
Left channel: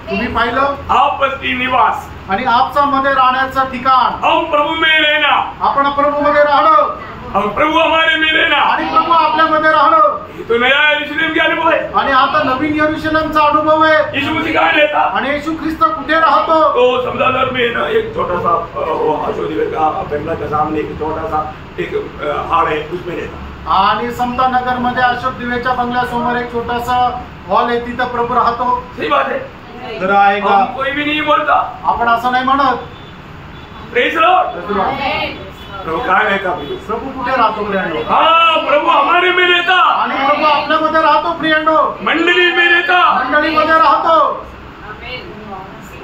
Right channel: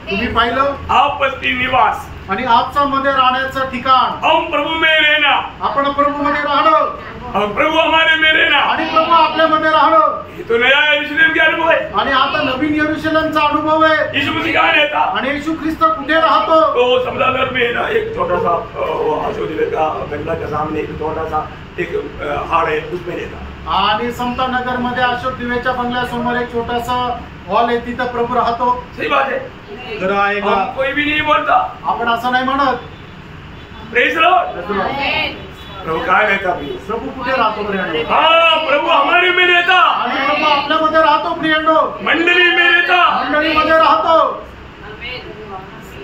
तुम्ही पाहिलं आपसी निवास आणि आपसामध्ये राहण्याचं ठिकाण. हम प्रभु में रहना, आपण प्रभू मध्ये राहणं हम प्रभु हमारे में रहना आणि प्रभू आपल्यामध्ये राहणं. ये तो नया यरूशलेम का अनुभव है. आणि आता नवीन यरूशलेमचा अनुभव आहे. यीशु मसीह कहाँ रहता. आणि येशू ख्रिस्त कुठे राहतो. तो समदादर में ना एक छोटा सा अशोक का बंगला के सामने एक छोटा सा एक हाड़ है, उसमें रहता. आणि समता नगर मध्ये अशोक दिवेच्या बंगल्यासमोर एक छोटासा हॉल आहे, तिथं प्रभू राहतो. सही बात है. खरं आहे का. कोई भी नहीं बोलता. आपण असं नाही म्हणत. Praise Lord. प्रभु कहाँ रहता. प्रभू कुठे राहतो प्रियांनो. प्रभु हमारे में रहता. आणि प्रभू आपल्यामध्ये राहतो प्रियांनो. मंडली में रहता. मंडळीमध्ये राहतो.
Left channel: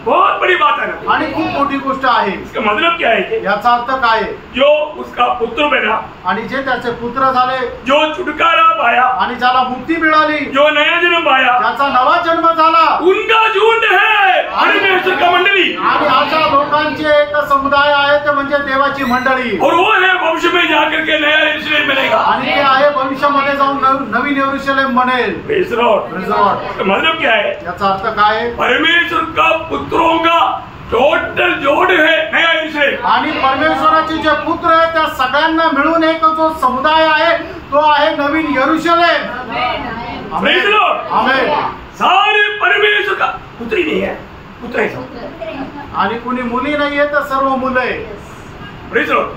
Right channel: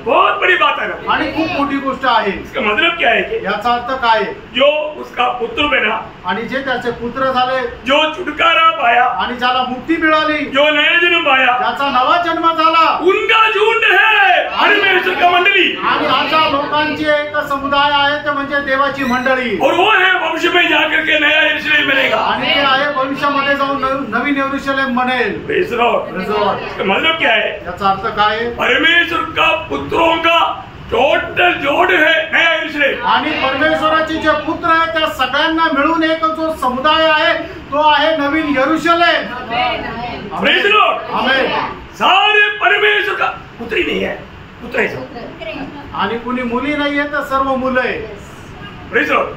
बहुत बड़ी बात है ना. आणि खूप मोठी गोष्ट आहे. इसका मतलब क्या है कि याचा अर्थ काय आहे. जो उसका पुत्र बना, आणि जे त्याचे पुत्र झाले, जो छुटकारा पाया आणि ज्याला मुक्ती मिळाली, जो नया जन्म पाया, ज्याचा नवा जन्म झाला, उनका झुंड है परमेश्वर का मंडली. आणि अशा लोकांचे एक समुदाय आहे ते म्हणजे देवाची मंडळी. और वो है भविष्य में जाकर के नया यरूशलेम बनेगा. आणि ते आहे भविष्यामध्ये जाऊन नवीन यरूशलेम बनेल. Praise Lord. इसका मतलब क्या है. याचा अर्थ काय आहे. परमेश्वर का पुत्रों का टोटल जोड़ है नया यरूशलेम. आणि परमेश्वराचे जे पुत्र आहेत त्या सगळ्यांना मिळून एक जो समुदाय आहे तो आहे नवीन यरूशलेम. Praise lord. आमेन. सारे परमेश्वर का पुत्री नहीं है, पुत्र है सब. आणि कुणी मुली नाहीये तर सर्व मुलं आहे. Praise Lord.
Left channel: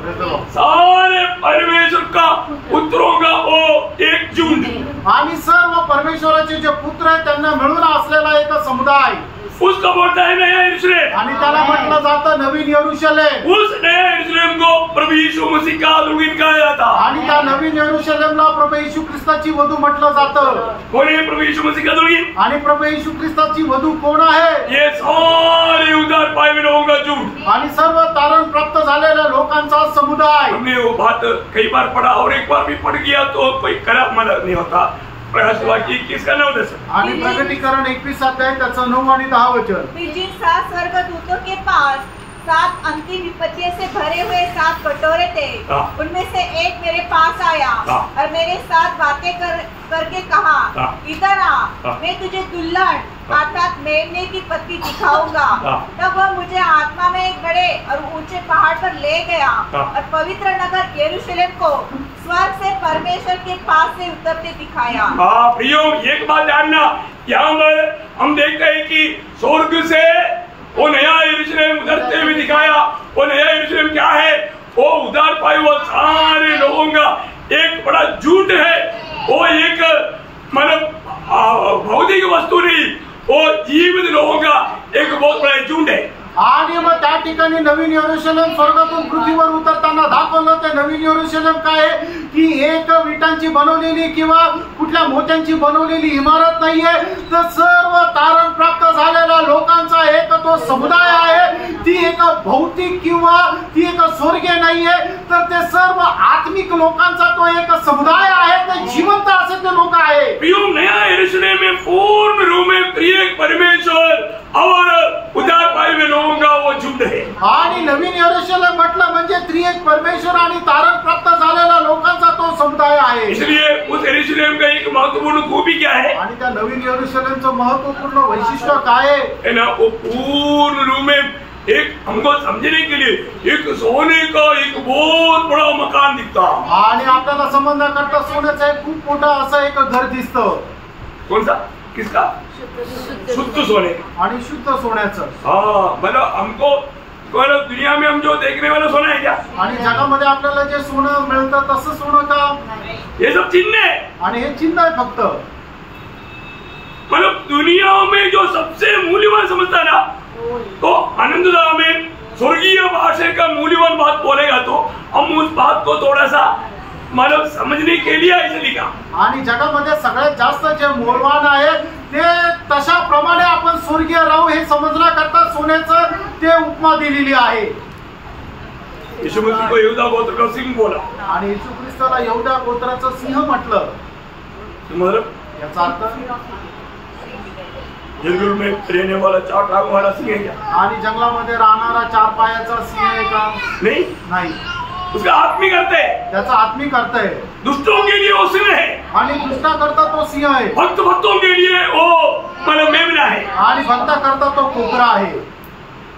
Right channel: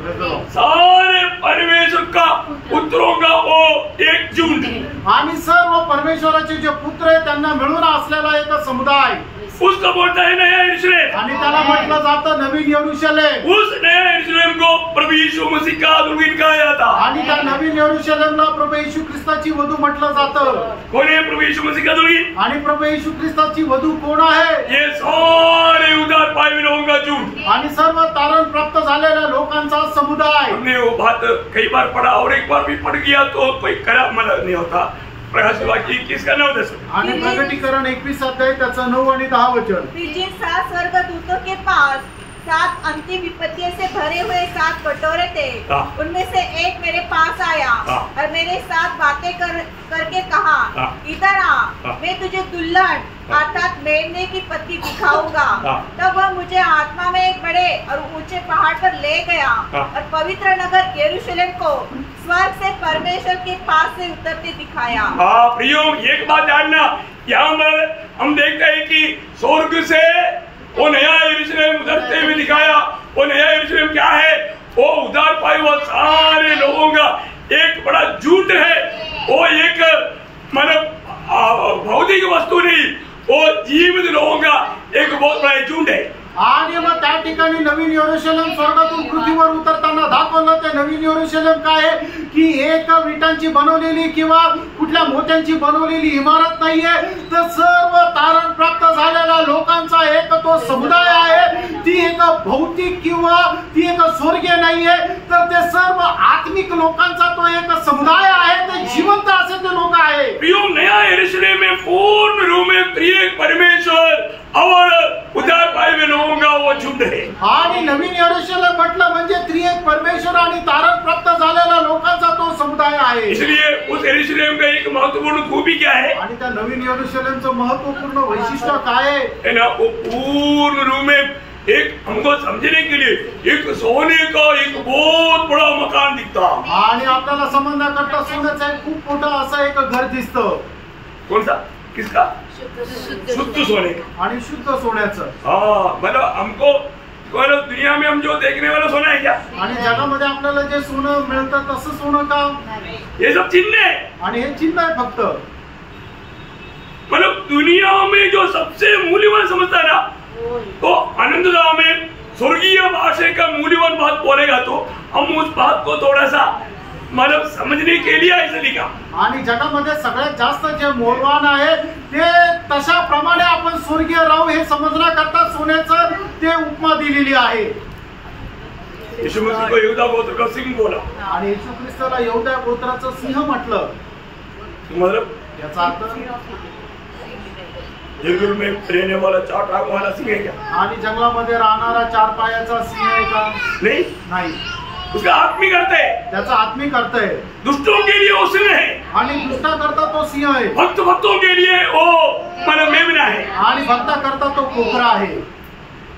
सारे परमेश्वर का पुत्रों का वो एक झुंड. आणि सर्व परमेश्वराचे जे पुत्र आहेत त्यांना मिळून असलेला एक समुदाय. उसका बोलता है नया यरूशलेम. आणि त्याला म्हटलं जातं नवीन यरूशलेम. उस नया यरूशलेम को प्रभु यीशु मसीह का दुल्हन कहा जाता. आणि त्या नवीन यरूशलेमला प्रभू येशू ख्रिस्ताची वधू म्हटलं जातं. कौन है प्रभु यीशु मसीह का दुल्हन. आणि प्रभू येशू ख्रिस्ताची वधू कोण आहे. ये सारे उद्धार पाए हुए लोगों का झुंड. आणि सर्व तारण प्राप्त झालेल्या लोकांचा समुदाय. हमने वो बात कई बार पढ़ा और एक बार भी पढ़ गया तो कोई खराब मतलब नहीं होता. प्रकाश वाक्य 21 का 9-10. आणि प्रकटीकरण 21 अध्याय त्याचं 9 आणि 10 वचन. फिर जिन 7 स्वर्गदूतों के पास 7 अंतिम विपत्तियों से भरे हुए 7 कटोरे थे, उनमें से एक मेरे पास आया और मेरे साथ बातें करके कहा, इधर आ, मैं तुझे दुल्हन अर्थात मेमने की पत्नी दिखाऊंगा. तब वह मुझे आत्मा में एक बड़े और ऊंचे पहाड़ पर ले गया और पवित्र नगर यरूशलेम को स्वर्ग से परमेश्वर के पास से उतरते दिखाया. प्रियो, एक बात जानना, यहाँ पर हम देखते हैं कि स्वर्ग से वो नया यरूशलेम उतरते हुए दिखाया. वो नया यरूशलेम क्या है. वो उद्धार पाए हुए सारे लोगों का एक बड़ा झुंड है. वो एक मतलब भौतिक वस्तु नहीं, वो जीवित लोगों का एक बहुत बड़ा झुंड है। आणि मग त्या ठिकाणी नवीन यरूशलेम स्वर्गातून पृथ्वीवर उतरताना दाखवलं. ते नवीन यरूशलेम काय आहे की एक विटांची बनवलेली किंवा कुठल्या मोत्यांची बनवलेली इमारत नाहीये, तर सर्व तारण प्राप्त झालेल्या लोकांचा एक तो समुदाय आहे. ती एक भौतिक किंवा ती एक स्वर्गीय नाहीये, तर ते सर्व आत्मिक लोकांचा तो एक समुदाय आहे. ते जिवंत असे ते लोक आहे. प्रियो, नया यरूशलेम में पूर्ण रूप में प्रिय परमेश्वर और उद्धार पाए हुए लोगों का वो झुंड है. आणि नवीन यरूशलेम म्हटलं म्हणजे त्रिएक परमेश्वर आणि तारण प्राप्त झालेल्या लोकांचा तो समुदाय आहे. इसलिए उस यरूशलेम का एक महत्वपूर्ण खूबी क्या है? आणि त्या नवीन यरूशलेमचं महत्वपूर्ण वैशिष्ट्य काय है ना, वो पूर्ण रूप में एक हमको समझने के लिए एक सोने का एक बहुत बड़ा मकान दिखता. आणि आपल्याला समजण्याकरता सोन्याचं एक खूप मोठं असं एक घर दिसतं. कौन सा? किसका? शुद्ध सोने. आणि शुद्ध सोन्याचं. हाँ, मतलब हमको दुनिया में हम जो देखने वाला सोना है क्या? आणि जगामध्ये आपल्याला जे सोनं मिळतं तसं सोनं का? ये सब चिन्ह है. आणि हे चिन्ह आहे फक्त. मतलब दुनिया में जो सबसे मूल्यवान समझता ना, तो आनंददा में स्वर्गीय भाषा का मूल्यवान बात बोलेगा तो हम उस बात को थोड़ा सा मतलब समझने के लिए ऐसे लिखा. आणि जगामध्ये सगळ्यात जास्त जे मूल्यवान आहे ते तशा प्रमाणे आपण स्वर्गीय राहू हे समजण्याकरता सोन्याचं ते उपमा दिलेली आहे. यीशु मसीह को यहूदा गोत्र का सिंह बोला. आणि येशू ख्रिस्ताला यहूदा गोत्राचं सिंह म्हटलं. मतलब याचा अर्थ जंगल में रहने वाला 4 टांगों वाला सिंह है क्या? आणि जंगलामध्ये राहणारा 4 पायाचा सिंह आहे का? नाही. उसका आत्मिक अर्थ है, त्याचा आत्मिक अर्थ आहे. दुष्टों के लिए वो सिंह है, आणि दुष्टा करता तो सिंह आहे. भक्तों के लिए वो मतलब मेमना है, आणि भक्ता करता तो कोकरा आहे.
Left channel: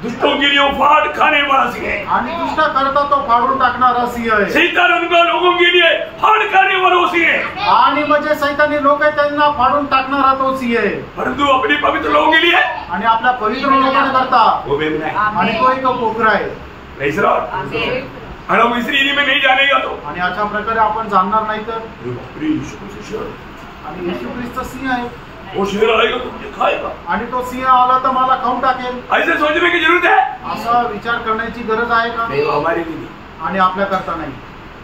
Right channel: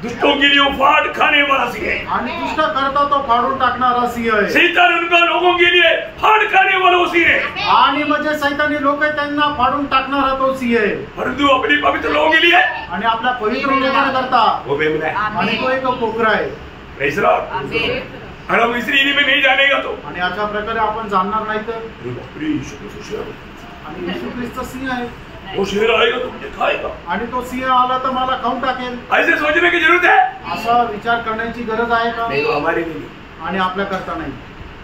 दुष्टों के लिए वो फाड़ खाने वाला सिंह है, आणि दुष्टा करता तो फाडून टाकणारा सिंह आहे. शैतान उनका लोगों के लिए फाड़ खाने वाला सिंह है. आणि म्हणजे सैतानी लोक आहे त्यांना फाडून टाकणारा तो सिंह आहे. परंतु अपने पवित्र लोगों के लिए आणि आपल्या पवित्र लोकांकरता वो मेमना है. आणि तो एक कोकरा आहे. Praise Lord. और हम इस रीति में नहीं जानेगा तो आणि अशा प्रकारे आपण जाणणार नाही तर. आणि येशू ख्रिस्त सिंह आहे. वो शेर आएगा तो मुझे खाएगा. आणि तो सिंह आला तर मला खाऊन टाकेल. ऐसे सोचने की जरूरत है. असा विचार करण्याची गरज आहे का? नहीं, वो हमारे लिए. आणि आपल्या करता नाही.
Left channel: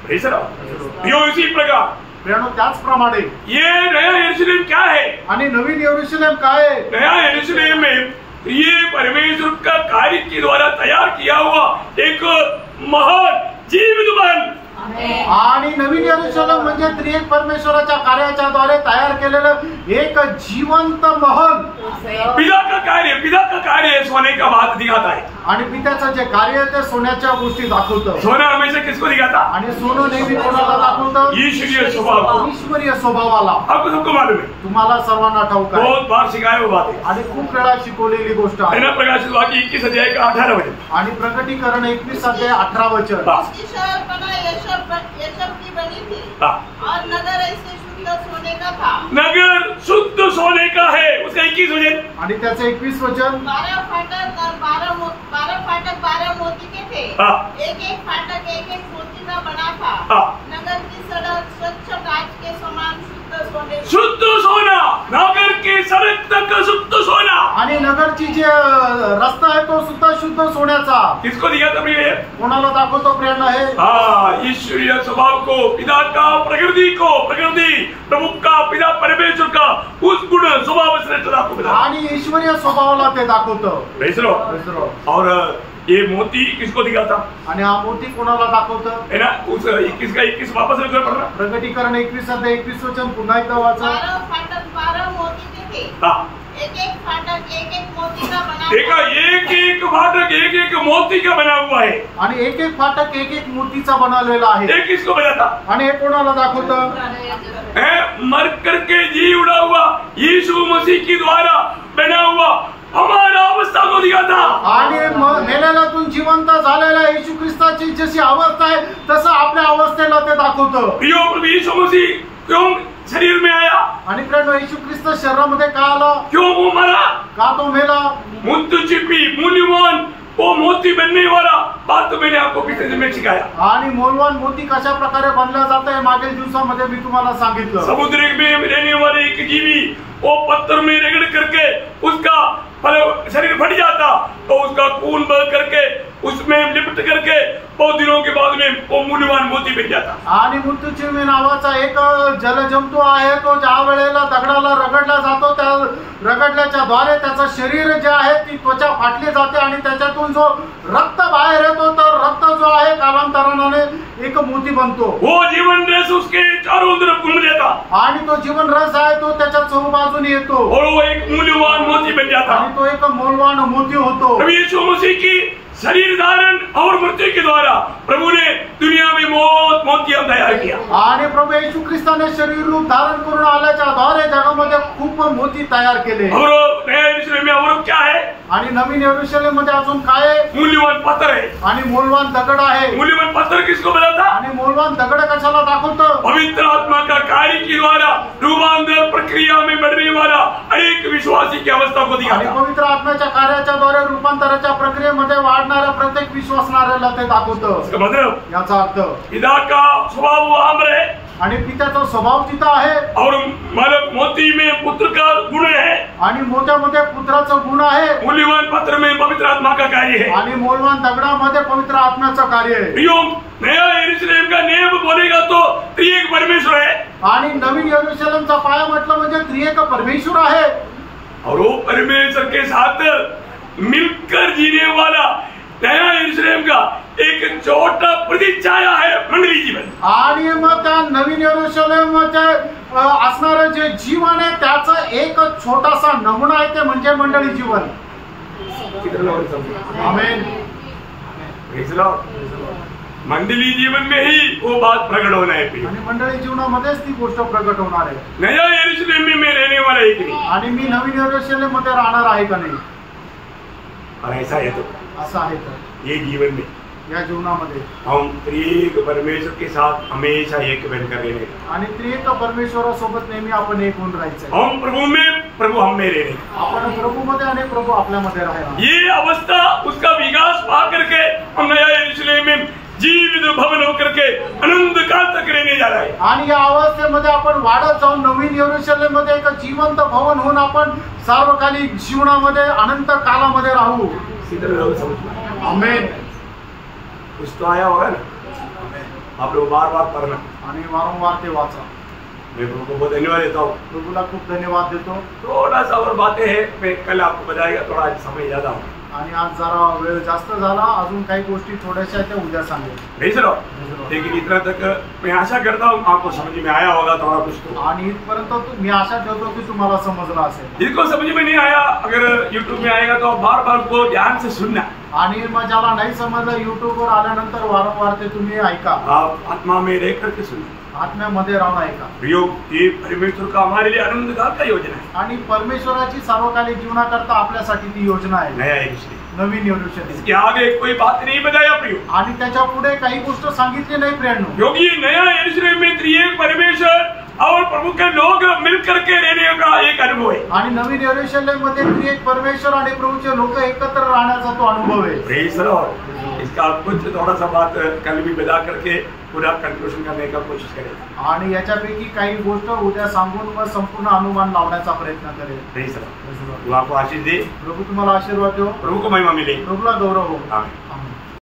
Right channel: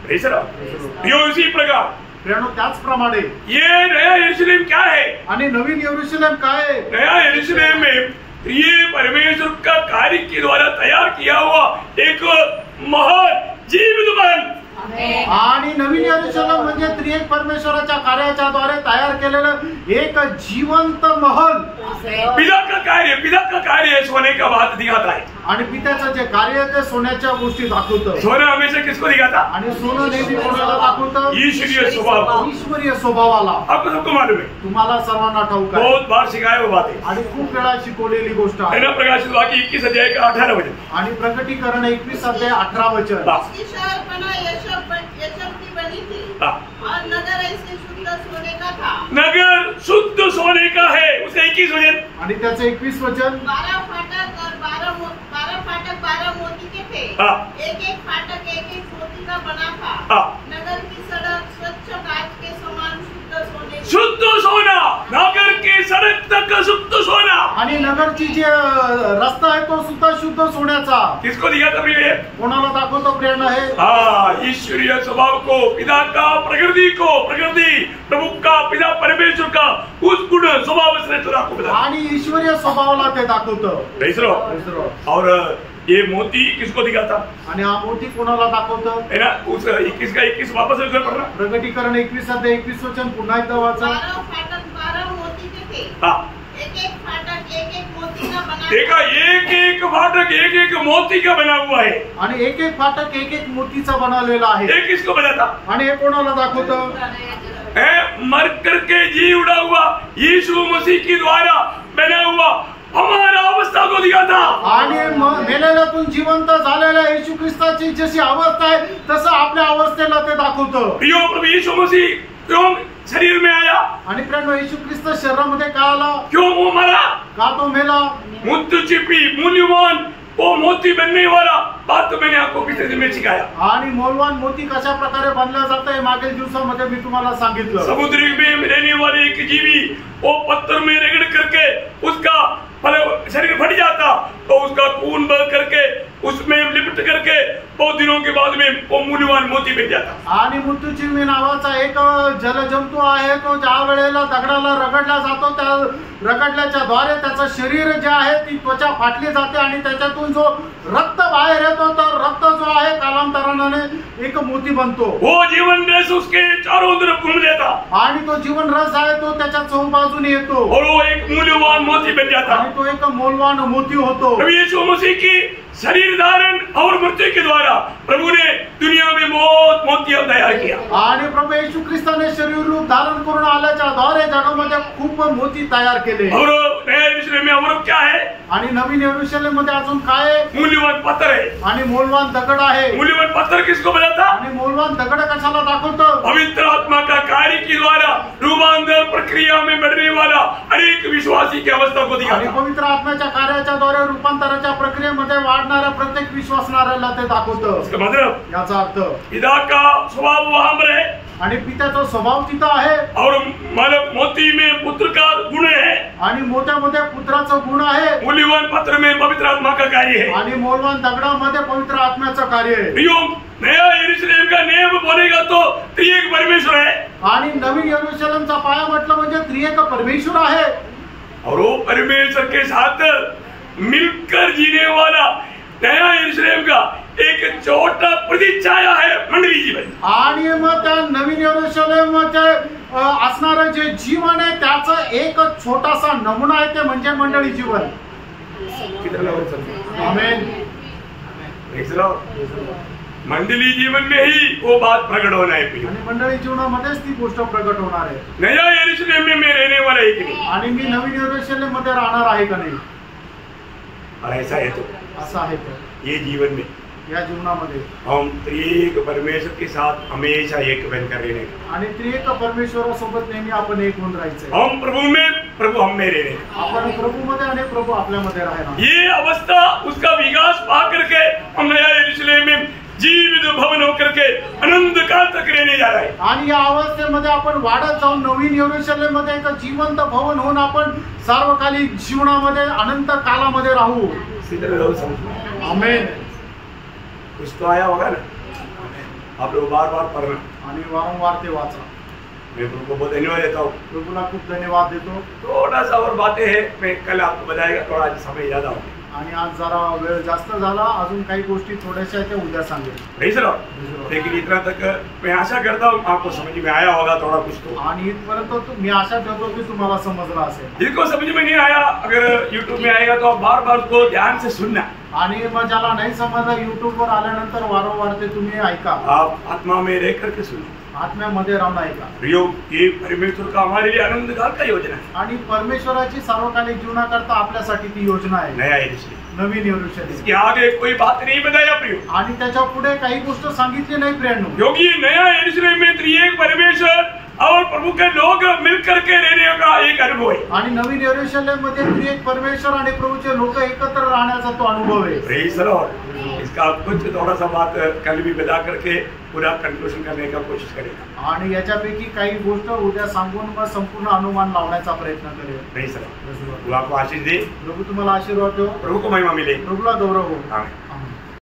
Praise Lord. यो इसी प्रकार प्रियानो त्याचप्रमाणे ये नया यरूशलेम क्या है? आणि नवीन यरूशलेम काय आहे? नया यरूशलेम में ये परमेश्वर का कार्य के द्वारा तैयार किया हुआ एक महान जीवित महल. आणि नवीन यरूशलेम म्हणजे त्रिएक परमेश्वराच्या कार्याच्या द्वारे तयार केलेलं एक जिवंत महल. पिता का कार्य सोने का बात दिखाता है. आणि पित्याचं जे कार्य आहे ते सोन्याच्या गोष्टी दाखवतं. सोना हमेशा किसको दिखाता? आणि सोनं नेहमी कोणाला दाखवतं? ईश्वरीय स्वभाव. ईश्वरीय स्वभावाला. आपको सबको मालूम है. तुम्हाला सर्वांना ठाऊक आहे. बहुत बार सिखाया वो बात है. आणि खूप वेळा शिकवलेली गोष्ट आहे. प्रकाशित वाक्य 21 अध्याय का 18 वचन. आणि प्रकटीकरण 21 अध्याय 18 वचन. की बनी थी और नगर ऐसे शुद्ध सोने का था. नगर शुद्ध सोने का है. उसका 21 वचन. आणि त्याचे 21 वचन. 12 फाटक और 12 मोती के थे. एक फाटक एक मोती का बना था. नगर की सड़क स्वच्छ कांच के समान शुद्ध सोना. नगर के सड़क तक शुद्ध सोना. आणि नगरची जे रस्ता आहे तो सुद्धा शुद्ध सोन्याचा. किसको दिखाता प्रिय? कोणाला दाखवतो प्रेरणा आहे? ईश्वरीय स्वभाव को, पिता का प्रकृति को, प्रकृति प्रभु का, पिता परमेश्वर का उस गुण स्वभाव श्रेष्ठता को बताता. आणि ईश्वरीय स्वभावाला ते दाखवतं. और ये मोती किसको दिखाता? आणि हा मोती कोणाला दाखवतं? है ना. उस 21 का 21 वापस पढ़ना. प्रकटीकरण 21 अध्याय 21 वचन पुन्हा एकदा वाचा. 12 फाटक 12 मोती के थे. एक फाटक एक मोती का बना. देखा, एक फाटक एक मोती का बना हुआ है. आणि एक फाटक एक मोतीचा बनवलेला आहे. ये किसको बताता? आणि हे कोणाला दाखवतं? मर करके जी उड़ा हुआ यीशु मसीह के द्वारा बना हुआ हमारा अवस्था को दिखाता. आणि मेलेल्यातून जिवंत झालेल्या येशू ख्रिस्ताची जशी अवस्था आहे तसं आपल्या अवस्थेला ते दाखवतं. प्रिय प्रभु यीशु मसीह क्यों शरीर में आया? आणि प्रिय येशू ख्रिस्त शरीरामध्ये का आला? क्यों वो मरा? का तो मेला? मुद्दचिपी मूल्यवान वो मोती बनने वाला बात तो मैंने आपको पिछले दिन में सिखाया। आणि मौल्यवान मोती कशा प्रकारे बनल्या जातं हे मागील दिवसामध्ये मी तुम्हाला सांगितलं। समुद्र में रहने वाले एक जीवी वो पत्थर में रगड़ करके उसका शरीर फट जाता तो उसका खून बह करके उसमें लिपट करके बहुत दिनों के बाद में वो मूल्यवान मोती बन जाता। आणि मृत्यूचिरमी नावाचा एक जलजंतू आहे, तो ज्या वेळेला दगडाला रगडला जातो त्या रगडल्याच्या द्वारे त्याचं शरीर जे आहे ती त्वचा फाटली जाते आणि त्याच्यातून जो रक्त बाहेर येतो तर रक्त जो आहे कालांतराने एक मोती बनतो। वो जीवन रस उसके चारों तरफ घूम लेता आणि तो जीवन रस आहे तो त्याच्या चौबाजूने येतो और वो एक मूल्यवान मोती बन जाता आणि तो एक मौल्यवान मोती होतो। प्रभु यीशु मसीह की शरीर धारण और मृत्यु के द्वारा प्रभु ने दुनिया में बहुत मोतियां तैयार किया आणि प्रभू येशू ख्रिस्ताने शरीर रूप धारण करून आल्याच्या द्वारे जगामध्ये खूप मोती तयार केले। और नया यरूशलेम में और क्या है? आणि नवीन यरूशलेम मध्ये अजून काय आहे? मूल्यवान पत्थर है। आणि मौल्यवान दगड आहे। मूल्यवान पत्थर किसको बताता? आणि मौल्यवान दगड कशाला दाखवतं? पवित्र आत्मा का कार्य के द्वारा रूपांतर प्रक्रिया में बढ़ने वाला अनेक विश्वासी की अवस्था को आणि दिखाता। पवित्र आत्म्याच्या कार्याच्या द्वारे रूपांतराच्या प्रक्रियेमध्ये वाढणाऱ्या प्रत्येक विश्वासणाऱ्याला ते दाखवतं। इसका मतलब याचा अर्थ पिता का स्वभाव वहां पर है आणि पित्याचा स्वभाव तिथं आहे और मतलब मोती में पुत्र का गुण है आणि मोत्यामध्ये पुत्राचं गुण आहे मूल्यवान पत्र में पवित्र आत्मा का कार्य है आणि मौल्यवान दगडामध्ये पवित्र आत्म्याचं कार्य आहे। प्रियो, नया यरूशलेम का नियम बोलेगा तो त्रिएक परमेश्वर है आणि नवीन यरूशलेमचा पाया म्हटलं म्हणजे त्रिएक परमेश्वर आहे और वो परमेश्वर के साथ मिलकर जीने वाला नया यरूशलेम का एक छोटा प्रतिच्छाया है मंडली जीवन। आणि मग त्या नवीन यरूशलेमचे असणारं जे जीवन आहे त्याचं एक छोटासा नमुना आहे ते म्हणजे मंडळी जीवन। आमेन। मंडली जीवन में ही वो बात प्रकट होना है। आणि मंडळी जीवनामध्येच ती गोष्ट प्रकट होणार आहे। नया यरूशलेम में मैं रहने वाला है कि नहीं? आणि मी नवीन यरूशलेम मध्ये राहणार आहे का नाही? और ऐसा है तो असं आहे तर ये जीवन में या जीवनामध्ये हम त्रिएक परमेश्वर के साथ हमेशा एक बनकर रहने आणि त्रिएक परमेश्वरासोबत नेहमी आपण एक होऊन राहायचं। हम प्रभु में प्रभु हम में रहने आपण प्रभूमध्ये आणि प्रभू आपल्यामध्ये राहणार। ये अवस्था उसका विकास पा करके हम नया यरूशलेम में जीवित भवन होकर के अनंत काल तक रहने जा रहा है। आणि या अवस्थेमध्ये आपण वाढत जाऊन नवीन यरूशलेम मध्ये एक जिवंत भवन होऊन आपण सार्वकालिक जीवनामध्ये अनंत कालामध्ये राहू। आमेन। कुछ तो आया होगा ना, आप लोग बार बार पढ़ना। आणि वारंवार ते वाचा। मैं प्रभु को बहुत धन्यवाद देता हूँ। प्रभूला खूप धन्यवाद देतो। थोड़ा सा और बातें हैं, मैं कल आपको बताएगा, थोड़ा समय ज्यादा हो। आणि आज जरा वेळ जास्त झाला, अजून काही गोष्टी थोड्याशा आहेत त्या उद्या सांगेल। Praise Lord. लेकिन इतना तक मैं आशा करता हूँ आपको समझ में आया होगा थोड़ा कुछ तो। आणि इथपर्यंत मी आशा ठेवतो की तुम्हाला समजलं असेल। जिसको समझ में नहीं आया, अगर यूट्यूब में आएगा तो आप बार बार उसको ध्यान से सुनना। आणि मग ज्याला नाही समजलं युट्यूबवर आल्यानंतर वारंवार ते तुम्ही ऐका। आप आत्मा में रह करके सुनिए, आत्म्यामध्ये राहून ऐका। प्रयोग ये परमेश्वर का हमारे लिए अनंत काल का योजना है। आणि परमेश्वराची सार्वकालिक जीवनाकरता आपल्यासाठी ती योजना आहे। नया यरूशलेम, नवीन यरूशलेम। इसके आगे कोई बात नहीं बताया प्रियो, आणि त्याच्या पुढे काही गोष्ट सांगितली नाही प्रियांनो। क्योंकि नया यरूशलेम में त्रिएक परमेश्वर और प्रभु के लोग मिलकर के रहने का एक अनुभव है। आणि नवीन यरूशलेम मध्ये त्रिएक परमेश्वर आणि प्रभूचे लोक एकत्र राहण्याचा तो अनुभव आहे। Praise the Lord. इसका कुछ थोड़ा सा बात कल भी बता करके पूरा कंक्लूजन करने का कोशिश करेगा। आणि याच्यापैकी काही गोष्ट उद्या सांगून मग संपूर्ण अनुमान लावण्याचा प्रयत्न करेल। Praise the Lord. वो आपको आशीष दे, प्रभू तुम्हाला आशीर्वाद देव, प्रभु को महिमा मिले। प्रभूला गौरव हो। आमीन।